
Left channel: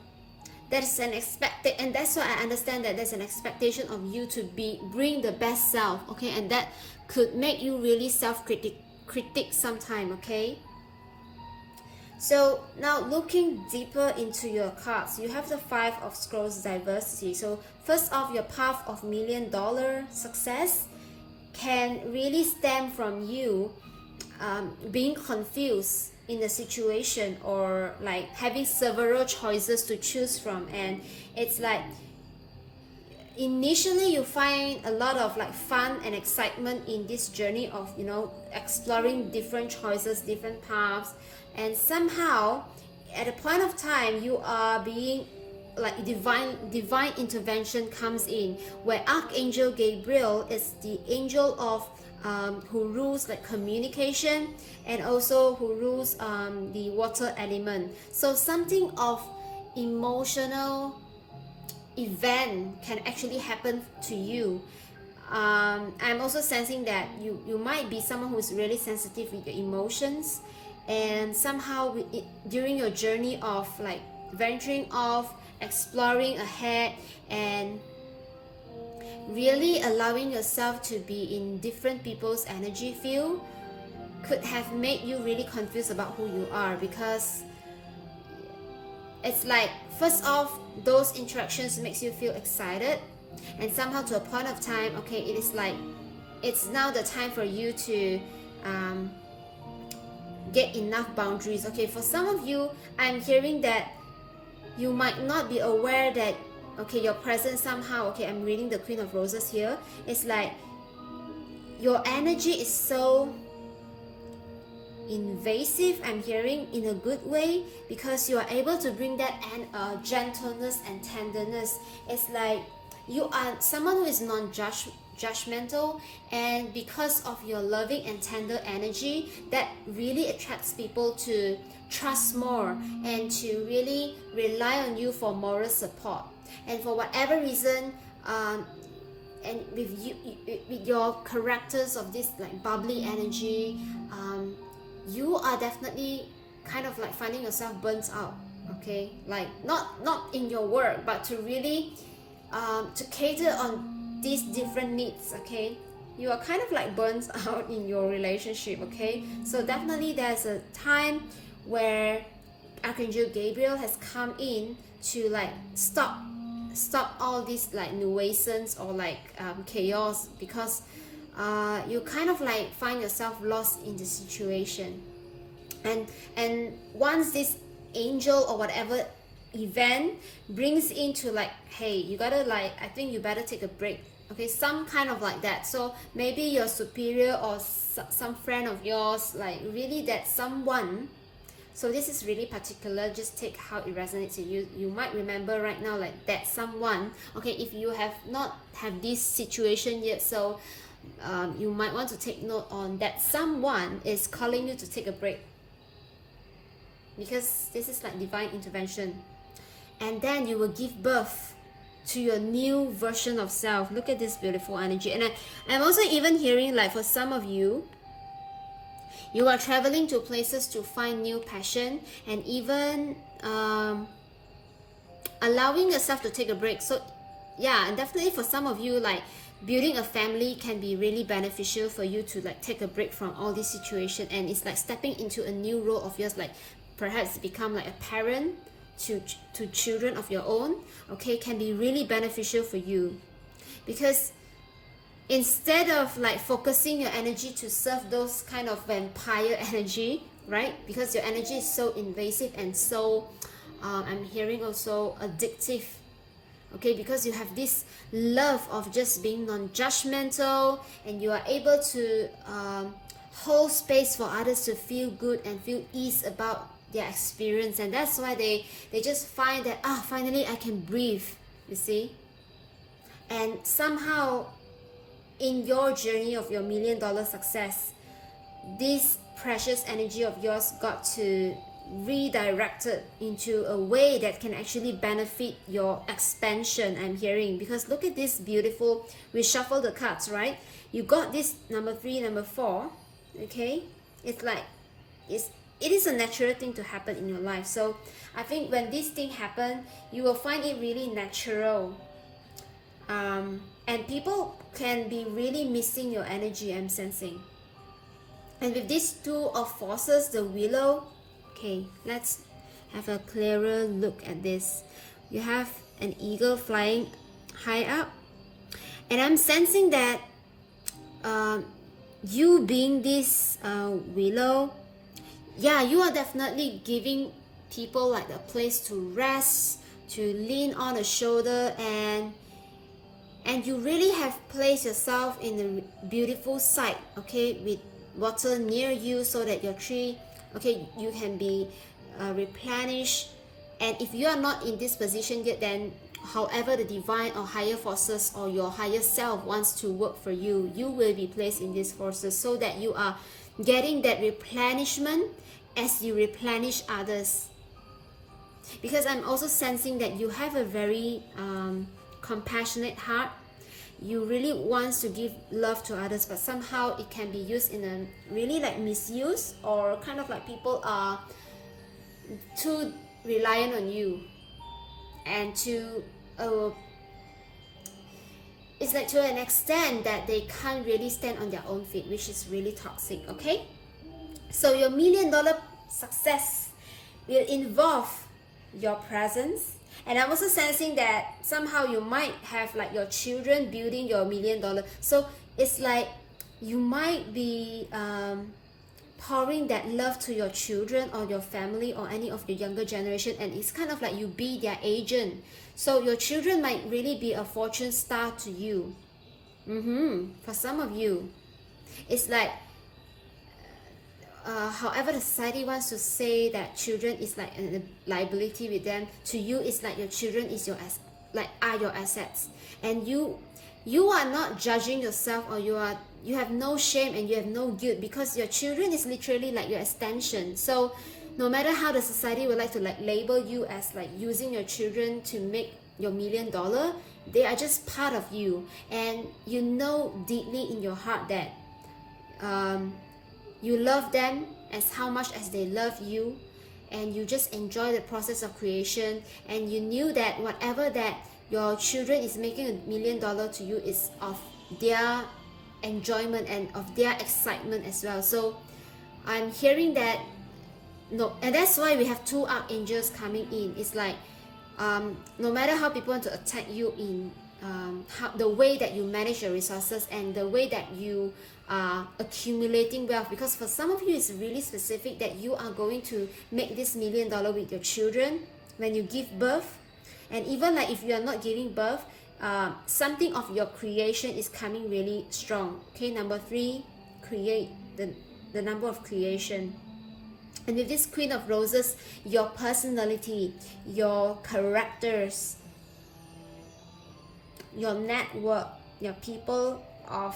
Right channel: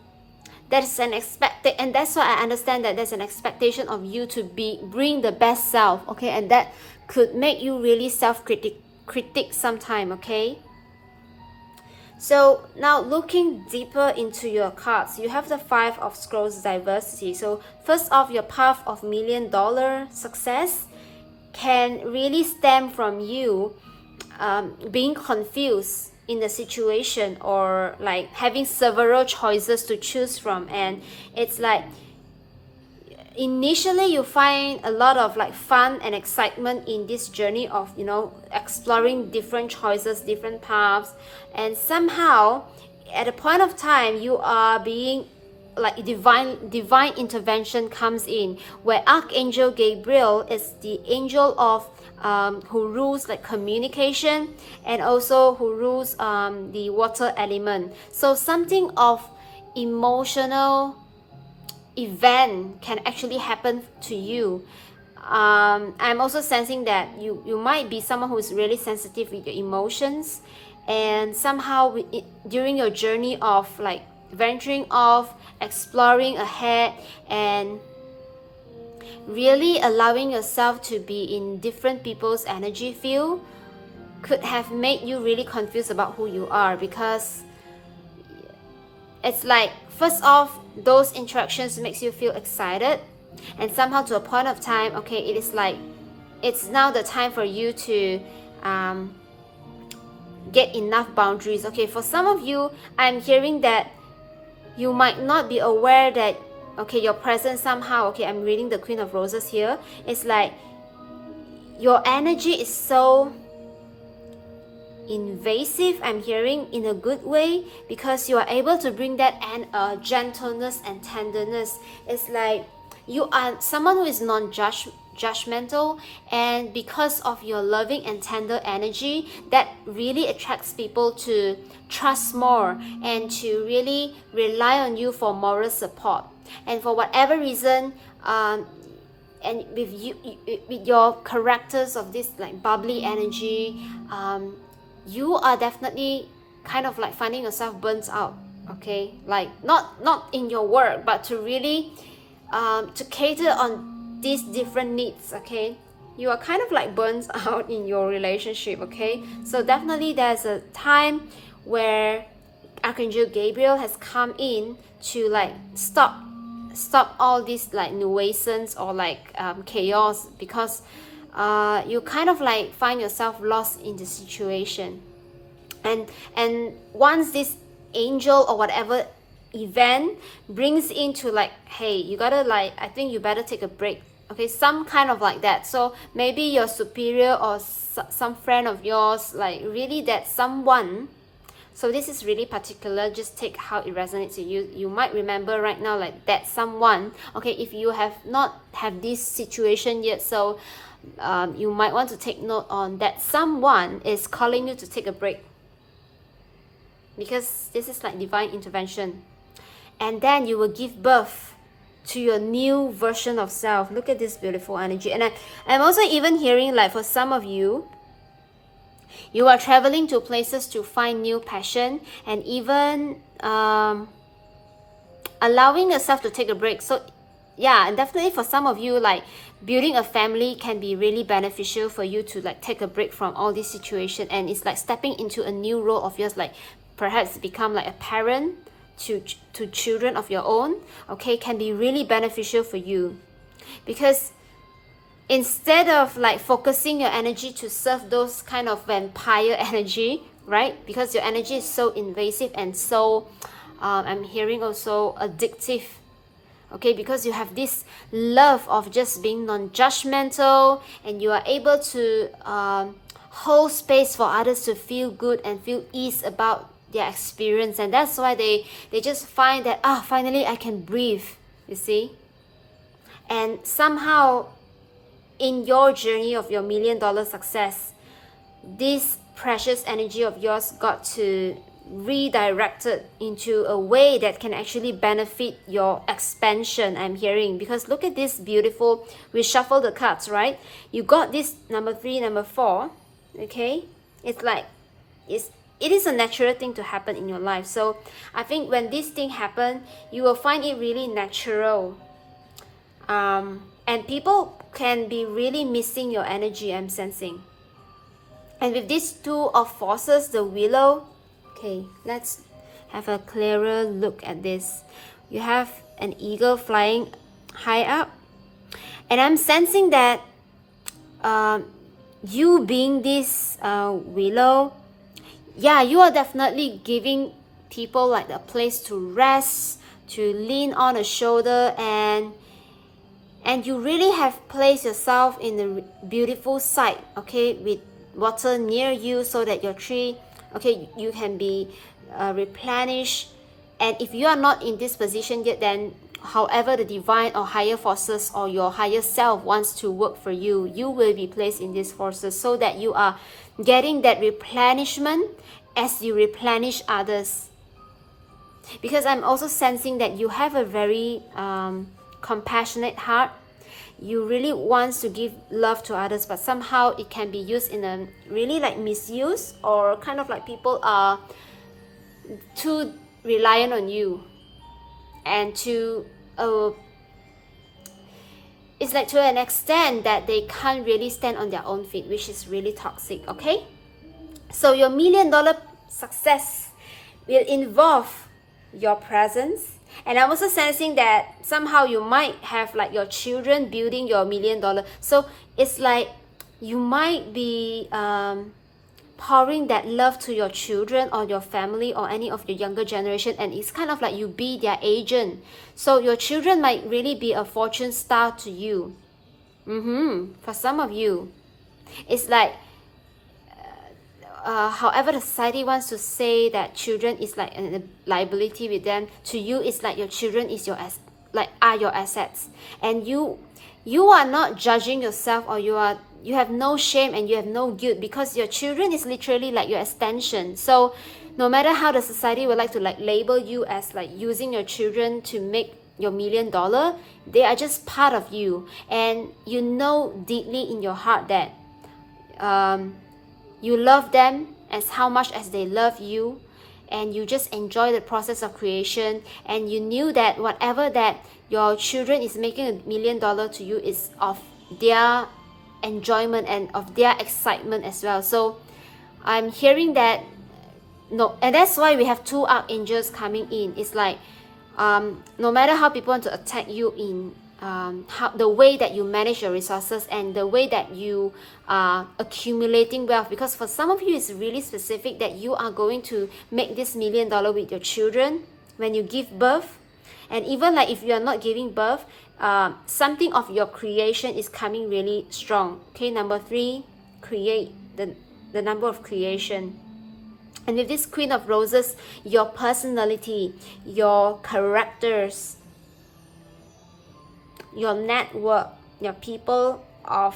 expected, and that's why I understand that there's an expectation of you to bring the best self, okay, and that could make you really critic sometime, okay. So now looking deeper into your cards, you have the 5 of Scrolls, diversity. So first off, your path of $1 million success can really stem from you being confused in the situation, or like having several choices to choose from. And it's like initially you find a lot of like fun and excitement in this journey of, you know, exploring different choices, different paths, and somehow at a point of time you are being like divine intervention comes in, where Archangel Gabriel is the angel of who rules like communication, and also who rules the water element. So something of emotional event can actually happen to you. I'm also sensing that you might be someone who is really sensitive with your emotions, and somehow during your journey of like venturing off, exploring ahead, and really allowing yourself to be in different people's energy field could have made you really confused about who you are, because it's like, first off, those interactions makes you feel excited, and somehow to a point of time, okay, it is like it's now the time for you to get enough boundaries. Okay, for some of you, I'm hearing that you might not be aware that, okay, your presence somehow, okay, I'm reading the Queen of Roses here, it's like your energy is so invasive, I'm hearing, in a good way, because you are able to bring that and gentleness and tenderness. It's like you are someone who is non-judgmental, and because of your loving and tender energy, that really attracts people to trust more and to really rely on you for moral support. And for whatever reason, and with you, with your characters of this like bubbly energy, you are definitely kind of like finding yourself burnt out. Okay, like not in your work, but to really to cater on these different needs. Okay, you are kind of like burnt out in your relationship. Okay, so definitely there's a time where Archangel Gabriel has come in to like stop all these like nuisance or like chaos, because you kind of like find yourself lost in the situation. And once this angel or whatever event brings into like, hey, you gotta like, I think you better take a break. Okay, some kind of like that. So maybe your superior or some friend of yours, like really that someone. So this is really particular, just take how it resonates with you. You might remember right now like that someone. Okay, if you have not have this situation yet, so you might want to take note on that someone is calling you to take a break, because this is like divine intervention. And then you will give birth to your new version of self. Look at this beautiful energy. And I'm also even hearing like for some of you, you are traveling to places to find new passion, and even allowing yourself to take a break. So yeah, and definitely for some of you, like building a family can be really beneficial for you to like take a break from all this situation, and it's like stepping into a new role of yours, like perhaps become like a parent to children of your own. Okay, can be really beneficial for you, because instead of like focusing your energy to serve those kind of vampire energy, right? Because your energy is so invasive and so I'm hearing also addictive. Okay, because you have this love of just being non-judgmental, and you are able to hold space for others to feel good and feel ease about their experience. And that's why they just find that finally I can breathe, you see. And somehow in your journey of your $1 million success, this precious energy of yours got to redirected into a way that can actually benefit your expansion, I'm hearing. Because look at this beautiful, we shuffle the cards, right? You got this number 3, number 4. Okay, it's like it is a natural thing to happen in your life. So I think when this thing happen, you will find it really natural, and people can be really missing your energy, I'm sensing. And with these 2 of forces, the willow, okay, let's have a clearer look at this. You have an eagle flying high up, and I'm sensing that you being this willow, yeah, you are definitely giving people like a place to rest, to lean on a shoulder, and you really have placed yourself in a beautiful site, okay, with water near you, so that your tree, okay, you can be replenished. And if you are not in this position yet, then however the divine or higher forces or your higher self wants to work for you, you will be placed in these forces, so that you are getting that replenishment as you replenish others. Because I'm also sensing that you have a very compassionate heart. you really want to give love to others, but somehow it can be used in a really like misuse, or kind of like people are too reliant on you, and to it's like to an extent that they can't really stand on their own feet, which is really toxic. Okay, so your $1 million success will involve your presence. And I'm also sensing that somehow you might have like your children building your $1 million. So it's like you might be pouring that love to your children or your family or any of your younger generation, and it's kind of like you be their agent. So your children might really be a fortune star to you. For some of you, it's like however the society wants to say that children is like a liability with them, to you it's like your children is your are your assets. And you are not judging yourself, or you have no shame and you have no guilt, because your children is literally like your extension. So no matter how the society would like to like label you as like using your children to make your $1 million, they are just part of you. And you know deeply in your heart that you love them as how much as they love you, and you just enjoy the process of creation. And you knew that whatever that your children is making $1 million to you is of their enjoyment and of their excitement as well. So I'm hearing that no, and that's why we have two archangels coming in. It's like no matter how people want to attack you in how the way that you manage your resources and the way that you are accumulating wealth, because for some of you it's really specific that you are going to make this $1 million with your children when you give birth. And even like if you are not giving birth, something of your creation is coming really strong. Okay, number 3, create, the number of creation. And with this Queen of Roses, your personality, your characters, your network, your people of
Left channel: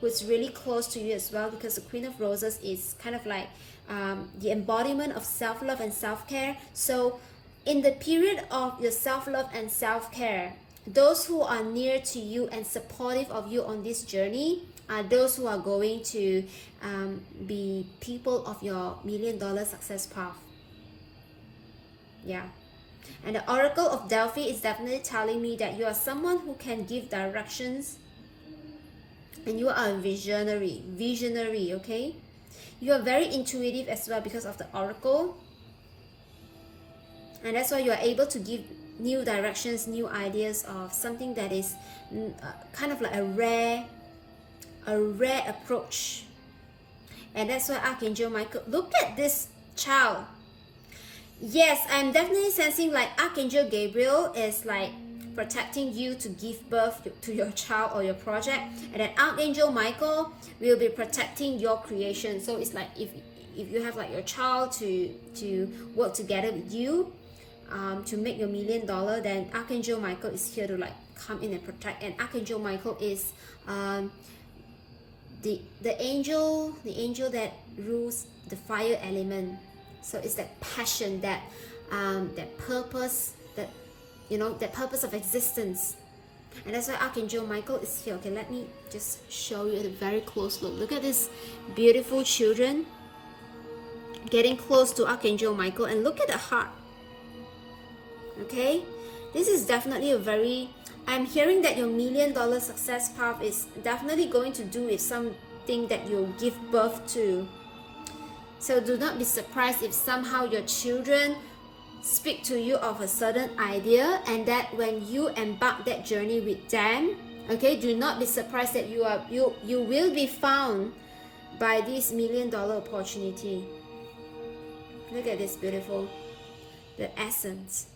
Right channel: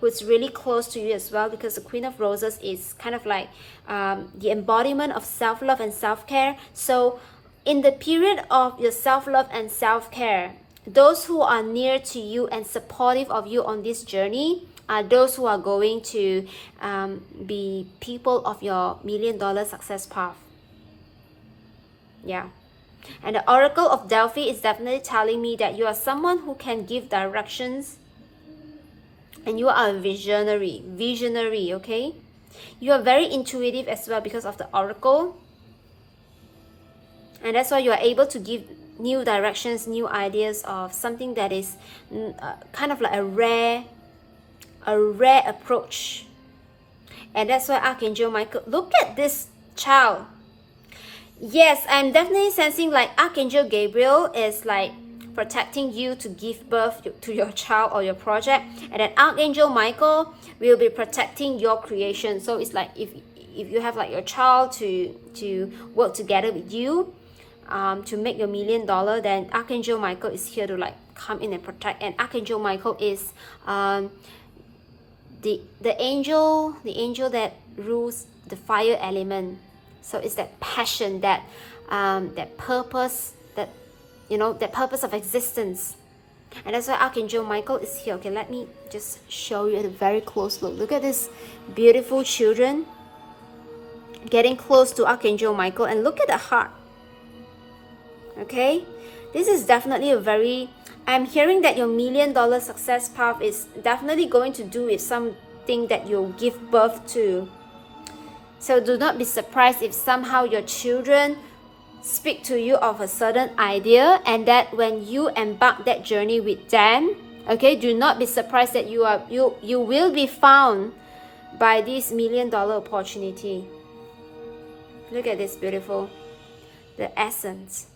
who's really close to you as well, because the Queen of Roses is kind of like the embodiment of self-love and self-care. So in the period of your self-love and self-care, those who are near to you and supportive of you on this journey are those who are going to be people of your $1 million success path. Yeah. And the Oracle of Delphi is definitely telling me that you are someone who can give directions, and you are a visionary, okay? You are very intuitive as well because of the Oracle. And that's why you are able to give new directions, new ideas of something that is kind of like a rare approach. And that's why Archangel Michael, look at this child. Yes, I'm definitely sensing like Archangel Gabriel is like protecting you to give birth to your child or your project, and then Archangel Michael will be protecting your creation. So it's like if you have like your child to work together with you to make your $1 million, then Archangel Michael is here to like come in and protect. And Archangel Michael is the angel that rules the fire element. So it's that passion, that purpose, that that purpose of existence. And that's why Archangel Michael is here. Okay, let me just show you a very close look. Look at this beautiful children getting close to Archangel Michael, and look at the heart. Okay, this is definitely a very, I'm hearing that your $1 million success path is definitely going to do with something that you'll give birth to. So do not be surprised if somehow your children speak to you of a certain idea, and that when you embark that journey with them, okay, do not be surprised that you will be found by this $1 million opportunity. Look at this beautiful, the essence,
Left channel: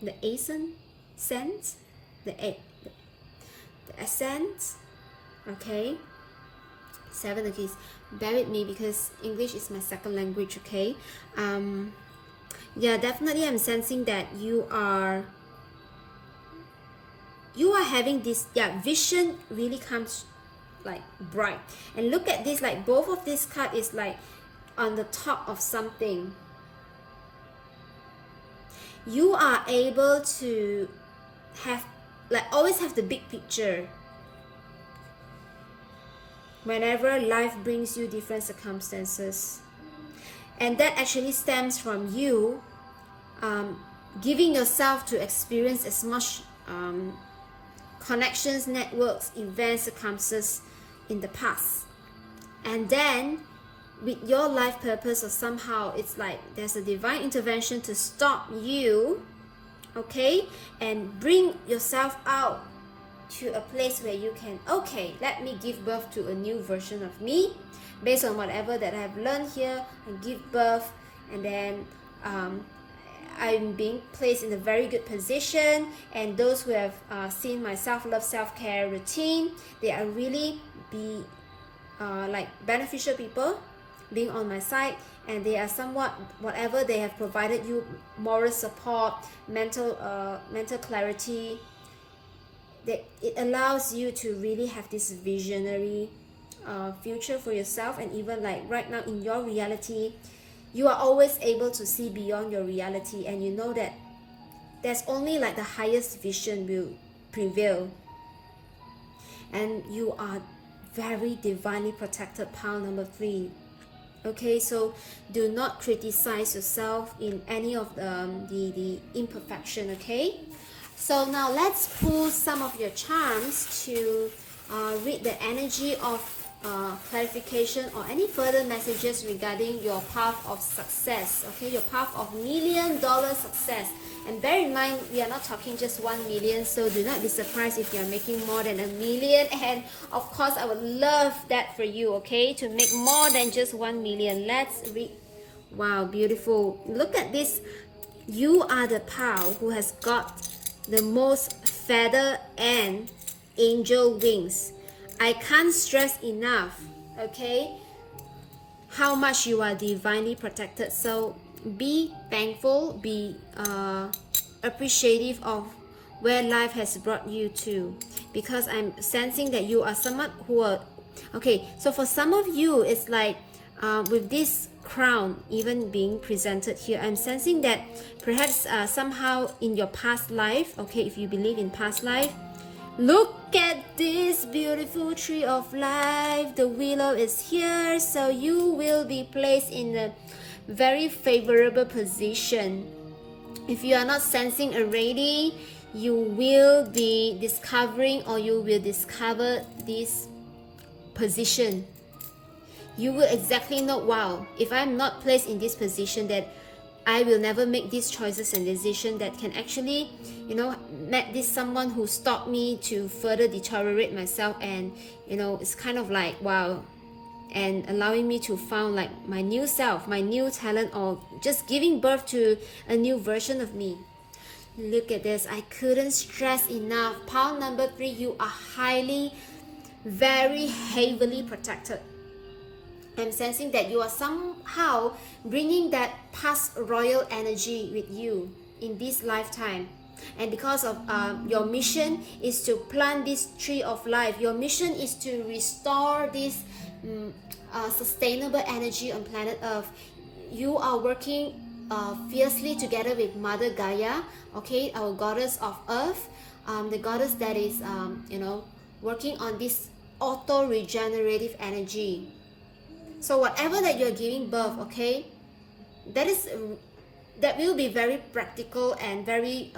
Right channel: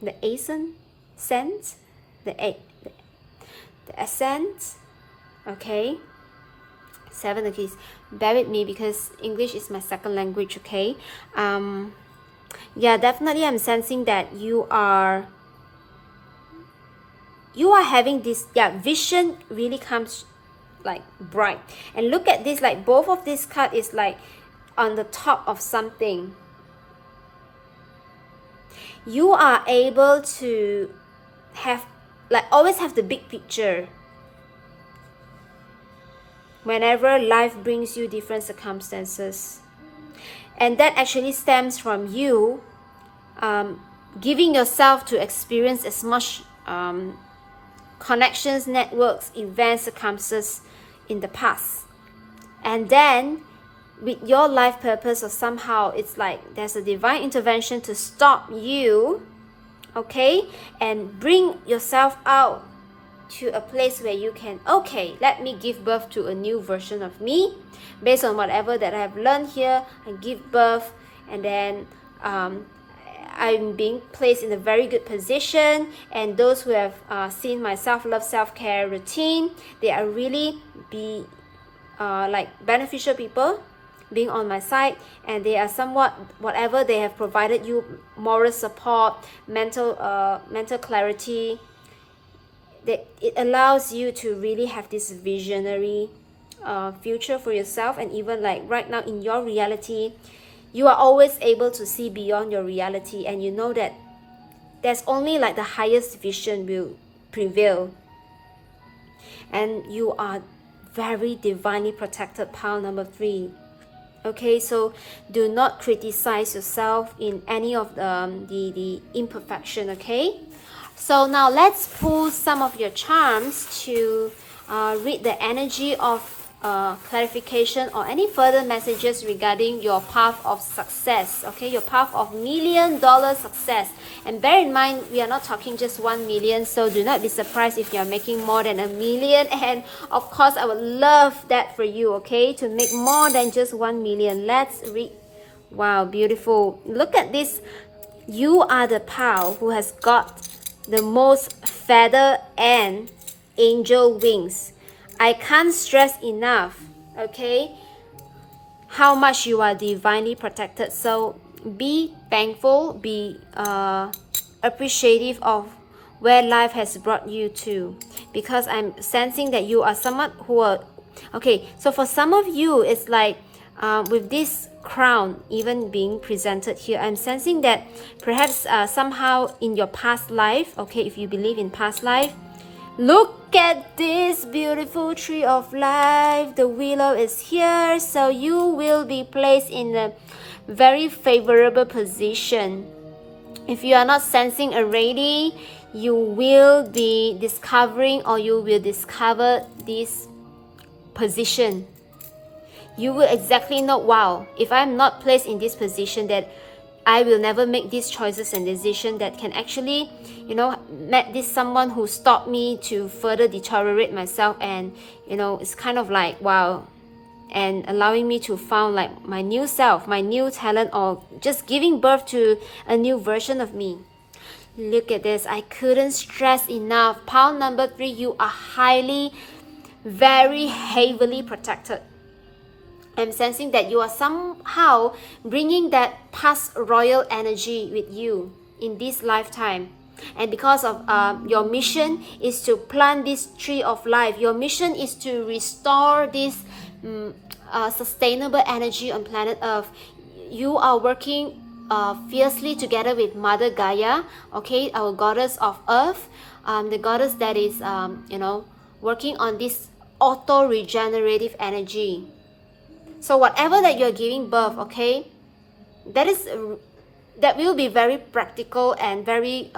the essence, the essence. Okay, 7 of keys. Bear with me because English is my second language. Okay, yeah, definitely I'm sensing that you are having this, vision really comes like bright. And look at this, like both of this card is like on the top of something. You are able to have like always have the big picture whenever life brings you different circumstances. And that actually stems from you giving yourself to experience as much connections, networks, events, circumstances in the past. And then with your life purpose, or somehow it's like there's a divine intervention to stop you, okay, and bring yourself out to a place where you can, okay, let me give birth to a new version of me based on whatever that I have learned here, and give birth. And then I'm being placed in a very good position, and those who have seen my self-love, self-care routine, they are really like beneficial people being on my side, and they are somewhat whatever they have provided you, moral support, mental clarity, that it allows you to really have this visionary future for yourself. And even like right now in your reality, you are always able to see beyond your reality, and you know that there's only like the highest vision will prevail, and you are very divinely protected. Pile number 3. Okay, so do not criticize yourself in any of the imperfection. Okay, so now let's pull some of your charms to read the energy of clarification or any further messages regarding your path of success. Okay, your path of $1 million success. And bear in mind, we are not talking just 1 million, so do not be surprised if you are making more than $1 million. And of course, I would love that for you, okay, to make more than just 1 million. Let's read. Wow, beautiful. Look at this. You are the pal who has got the most feather and angel wings. I can't stress enough, okay, how much you are divinely protected. So be thankful, be appreciative of where life has brought you to, because I'm sensing that you are someone who are, okay, so for some of you, it's like with this crown even being presented here, I'm sensing that perhaps somehow in your past life, okay, if you believe in past life, look at this beautiful tree of life. The willow is here, so you will be placed in a very favorable position. If you are not sensing already, you will be discovering, or you will discover this position. You will exactly know, wow, if I'm not placed in this position, that I will never make these choices and decisions that can actually, met this someone who stopped me to further deteriorate myself. And it's kind of like, wow, and allowing me to found like my new self, my new talent, or just giving birth to a new version of me. Look at this. I couldn't stress enough. Pile number 3, you are highly, very heavily protected. I'm sensing that you are somehow bringing that past royal energy with you in this lifetime. And because of your mission is to plant this tree of life, your mission is to restore this sustainable energy on planet Earth. You are working fiercely together with Mother Gaia, okay, our goddess of Earth, the goddess that is, working on this auto-regenerative energy. So whatever that you're giving birth, okay, that will be very practical and very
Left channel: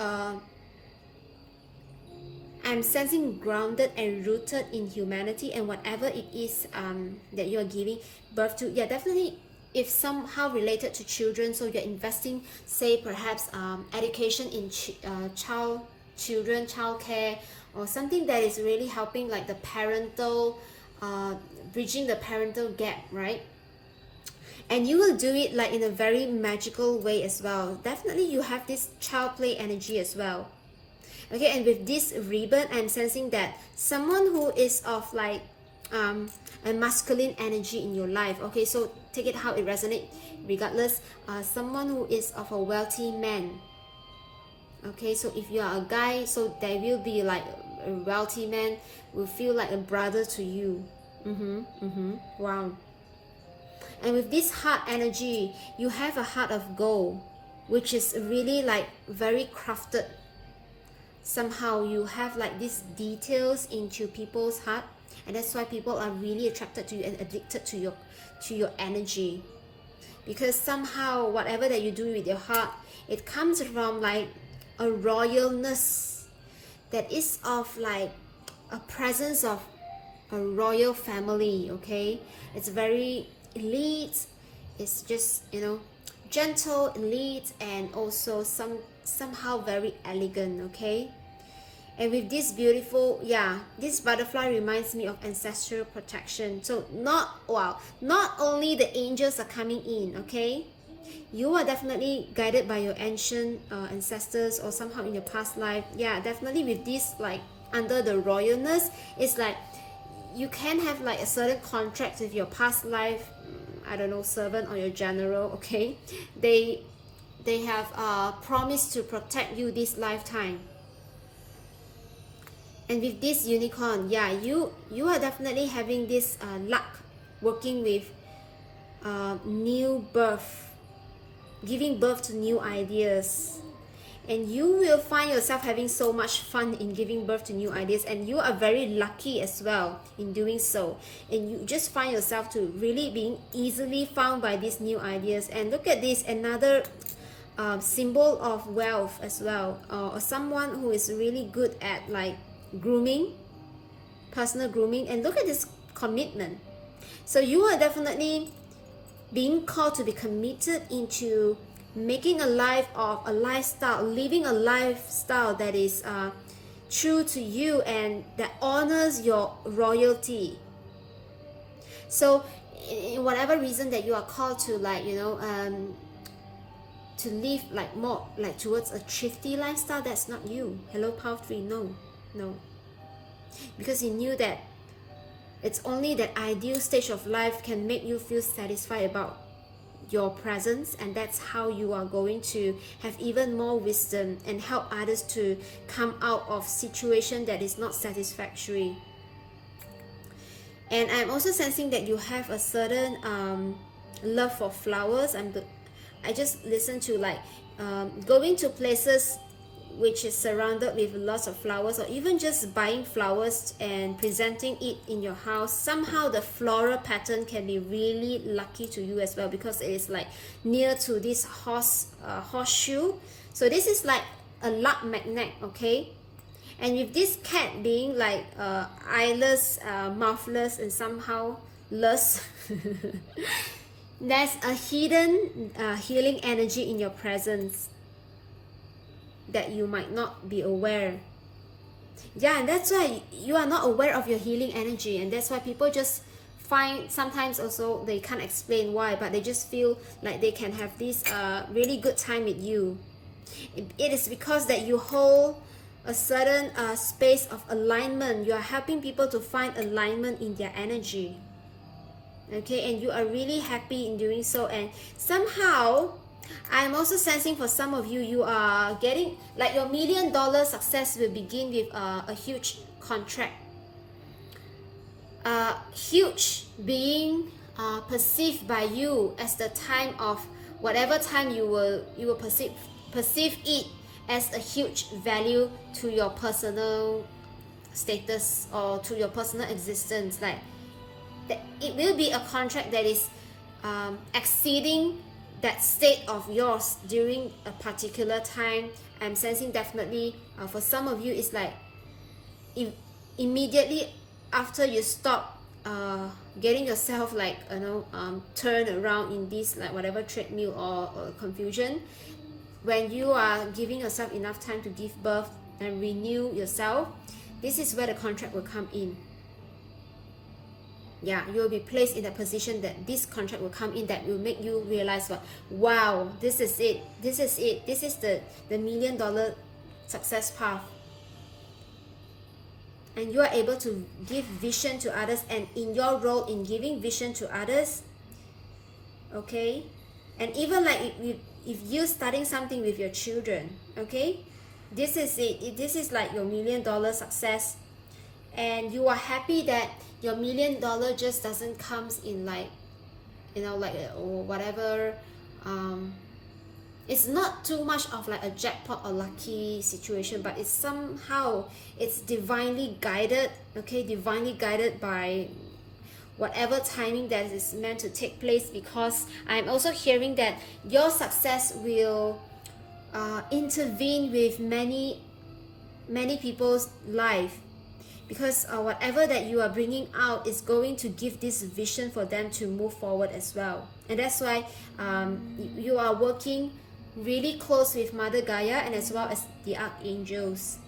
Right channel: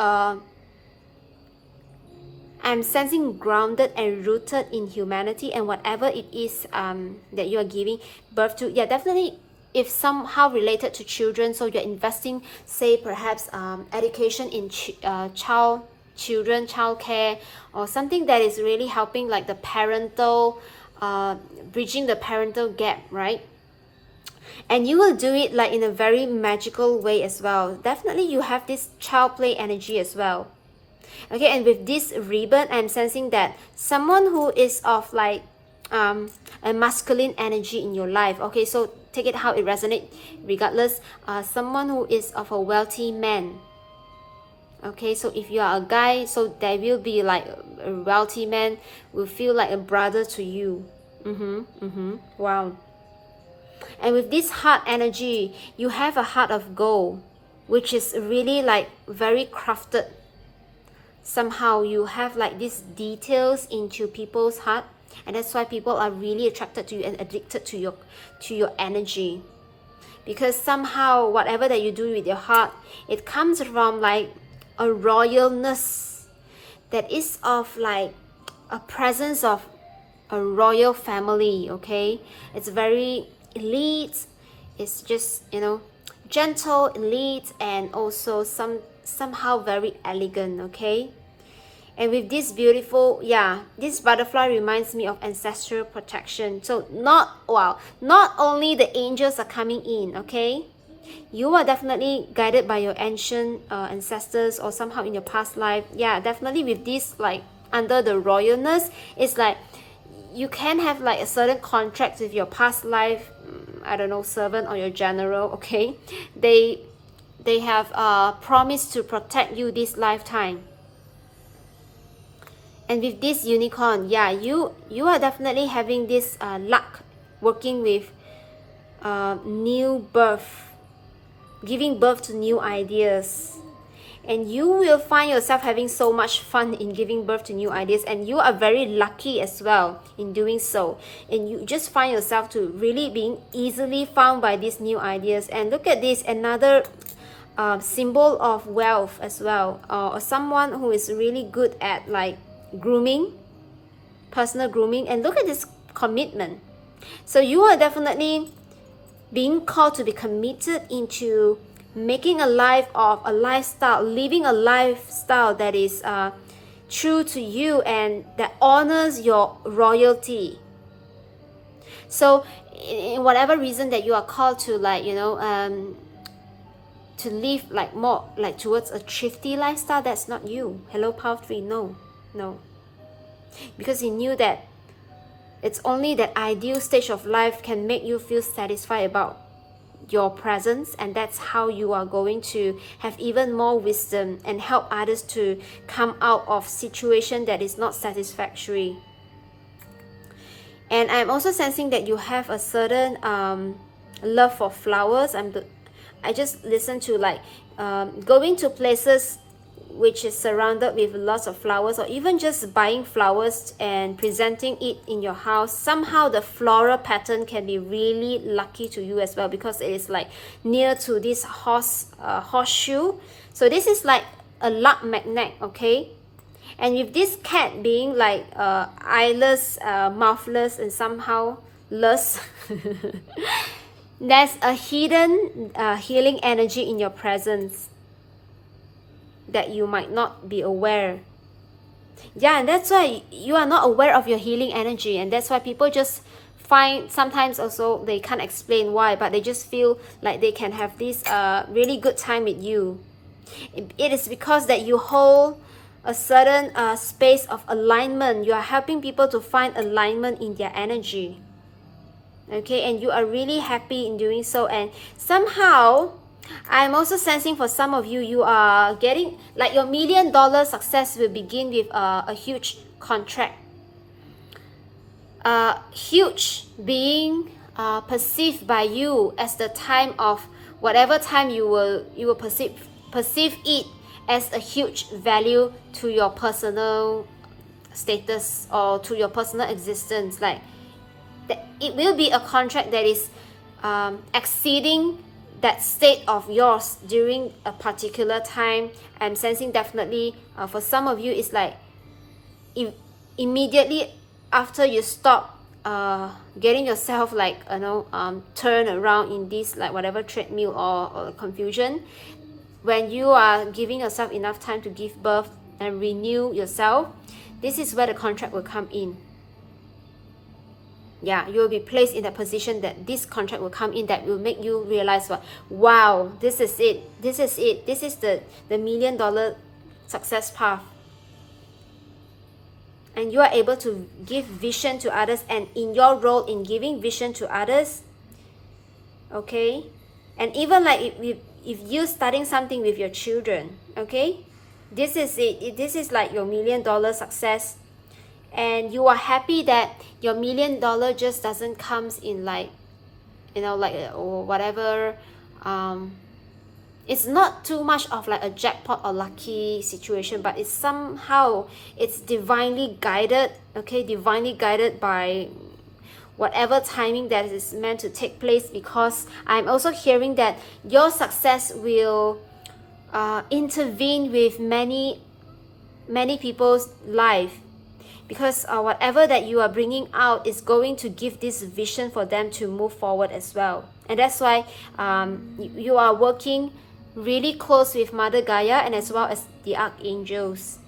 I'm sensing grounded and rooted in humanity, and whatever it is that you are giving birth to, yeah, definitely if somehow related to children, so you're investing, say perhaps education in children, child care, or something that is really helping like the parental bridging the parental gap, right? And you will do it like in a very magical way as well. Definitely you have this child play energy as well. Okay, and with this ribbon, I'm sensing that someone who is of like a masculine energy in your life, okay, so take it how it resonates regardless, someone who is of a wealthy man. Okay, so if you are a guy, so there will be like a wealthy man will feel like a brother to you. Wow. And with this heart energy, you have a heart of gold, which is really like very crafted. somehow you have like these details into people's heart, and that's why people are really attracted to you and addicted to your energy. Because somehow whatever that you do with your heart, it comes from like a royalness that is of like a presence of a royal family. Okay, it's very elite, it's just, you know, gentle, elite, and also somehow very elegant. Okay, and with this beautiful, yeah, this butterfly reminds me of ancestral protection. So not only the angels are coming in. Okay, you are definitely guided by your ancient ancestors, or somehow in your past life. Yeah, definitely with this, like under the royalness, it's like you can have like a certain contract with your past life, I don't know, servant or your general. Okay, they have promised to protect you this lifetime. And with this unicorn, yeah, you are definitely having this luck working with new birth, giving birth to new ideas. And you will find yourself having so much fun in giving birth to new ideas, and you are very lucky as well in doing so. And you just find yourself to really being easily found by these new ideas. And look at this, another symbol of wealth as well, or someone who is really good at like grooming, personal grooming. And look at this commitment. So you are definitely being called to be committed into making a life of a lifestyle, living a lifestyle that is true to you and that honors your royalty. So in whatever reason that you are called to, like, you know, to live like more like towards a thrifty lifestyle, that's not you. Hello, Power 3. No, because he knew that it's only that ideal stage of life can make you feel satisfied about your presence, and that's how you are going to have even more wisdom and help others to come out of situation that is not satisfactory. And I'm also sensing that you have a certain love for flowers. I just listen to like going to places which is surrounded with lots of flowers, or even just buying flowers and presenting it in your house. Somehow the floral pattern can be really lucky to you as well, because it is like near to this horseshoe. So this is like a luck magnet. Okay, and with this cat being like eyeless, mouthless, and somehow less there's a hidden healing energy in your presence that you might not be aware. Yeah, and that's why you are not aware of your healing energy, and that's why people just find, sometimes also they can't explain why, but they just feel like they can have this really good time with you. It is because that you hold a certain space of alignment. You are helping people to find alignment in their energy. Okay, and you are really happy in doing so. And somehow I'm also sensing for some of you, you are getting like your $1 million success will begin with a huge contract. Huge being perceived by you as the time of whatever time you will perceive it as a huge value to your personal status or to your personal existence. Like it will be a contract that is exceeding that state of yours during a particular time. I'm sensing definitely for some of you, it's like immediately after you stop getting yourself like, you know, turn around in this like whatever treadmill or confusion, when you are giving yourself enough time to give birth and renew yourself, this is where the contract will come in. Yeah, you will be placed in that position that this contract will come in, that will make you realize, what, wow, this is it, this is the $1 million success path. And you are able to give vision to others, and in your role in giving vision to others, okay, and even like if you're starting something with your children, okay, this is it. This is like your $1 million success. And you are happy that your $1 million just doesn't comes in like, you know, like or whatever it's not too much of like a jackpot or lucky situation, but it's somehow it's divinely guided, okay, divinely guided by whatever timing that is meant to take place, because I'm also hearing that your success will intervene with many people's life, because whatever that you are bringing out is going to give this vision for them to move forward as well. And that's why you are working really close with Mother Gaia and as well as the archangels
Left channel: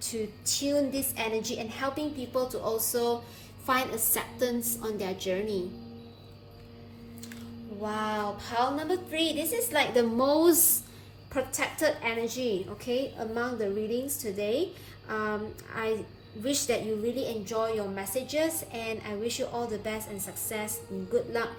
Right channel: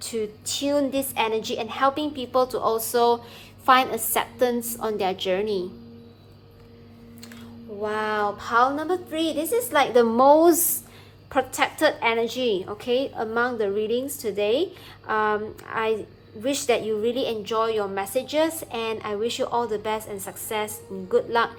to tune this energy and helping people to also find acceptance on their journey. Wow, pile number 3, this is like the most protected energy, okay, among the readings today. I wish that you really enjoy your messages, and I wish you all the best and success and good luck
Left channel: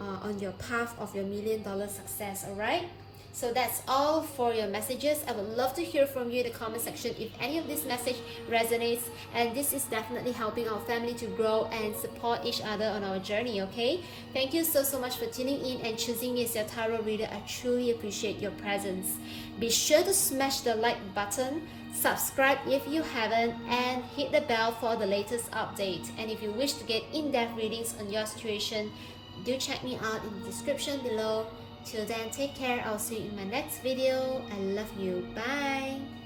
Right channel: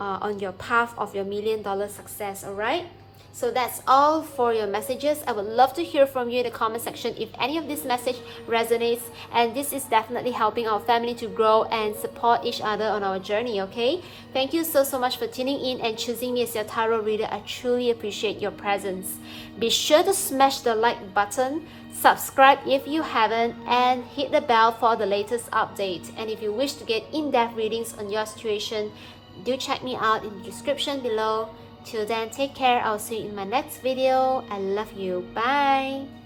on your path of your $1 million success. All right, so that's all for your messages. I would love to hear from you in the comment section if any of this message resonates, and this is definitely helping our family to grow and support each other on our journey. Okay, thank you so much for tuning in and choosing me as your tarot reader. I truly appreciate your presence. Be sure to smash the like button, subscribe if you haven't, and hit the bell for the latest update. And if you wish to get in-depth readings on your situation, do check me out in the description below. Till then, take care. I'll see you in my next video. I love you. Bye.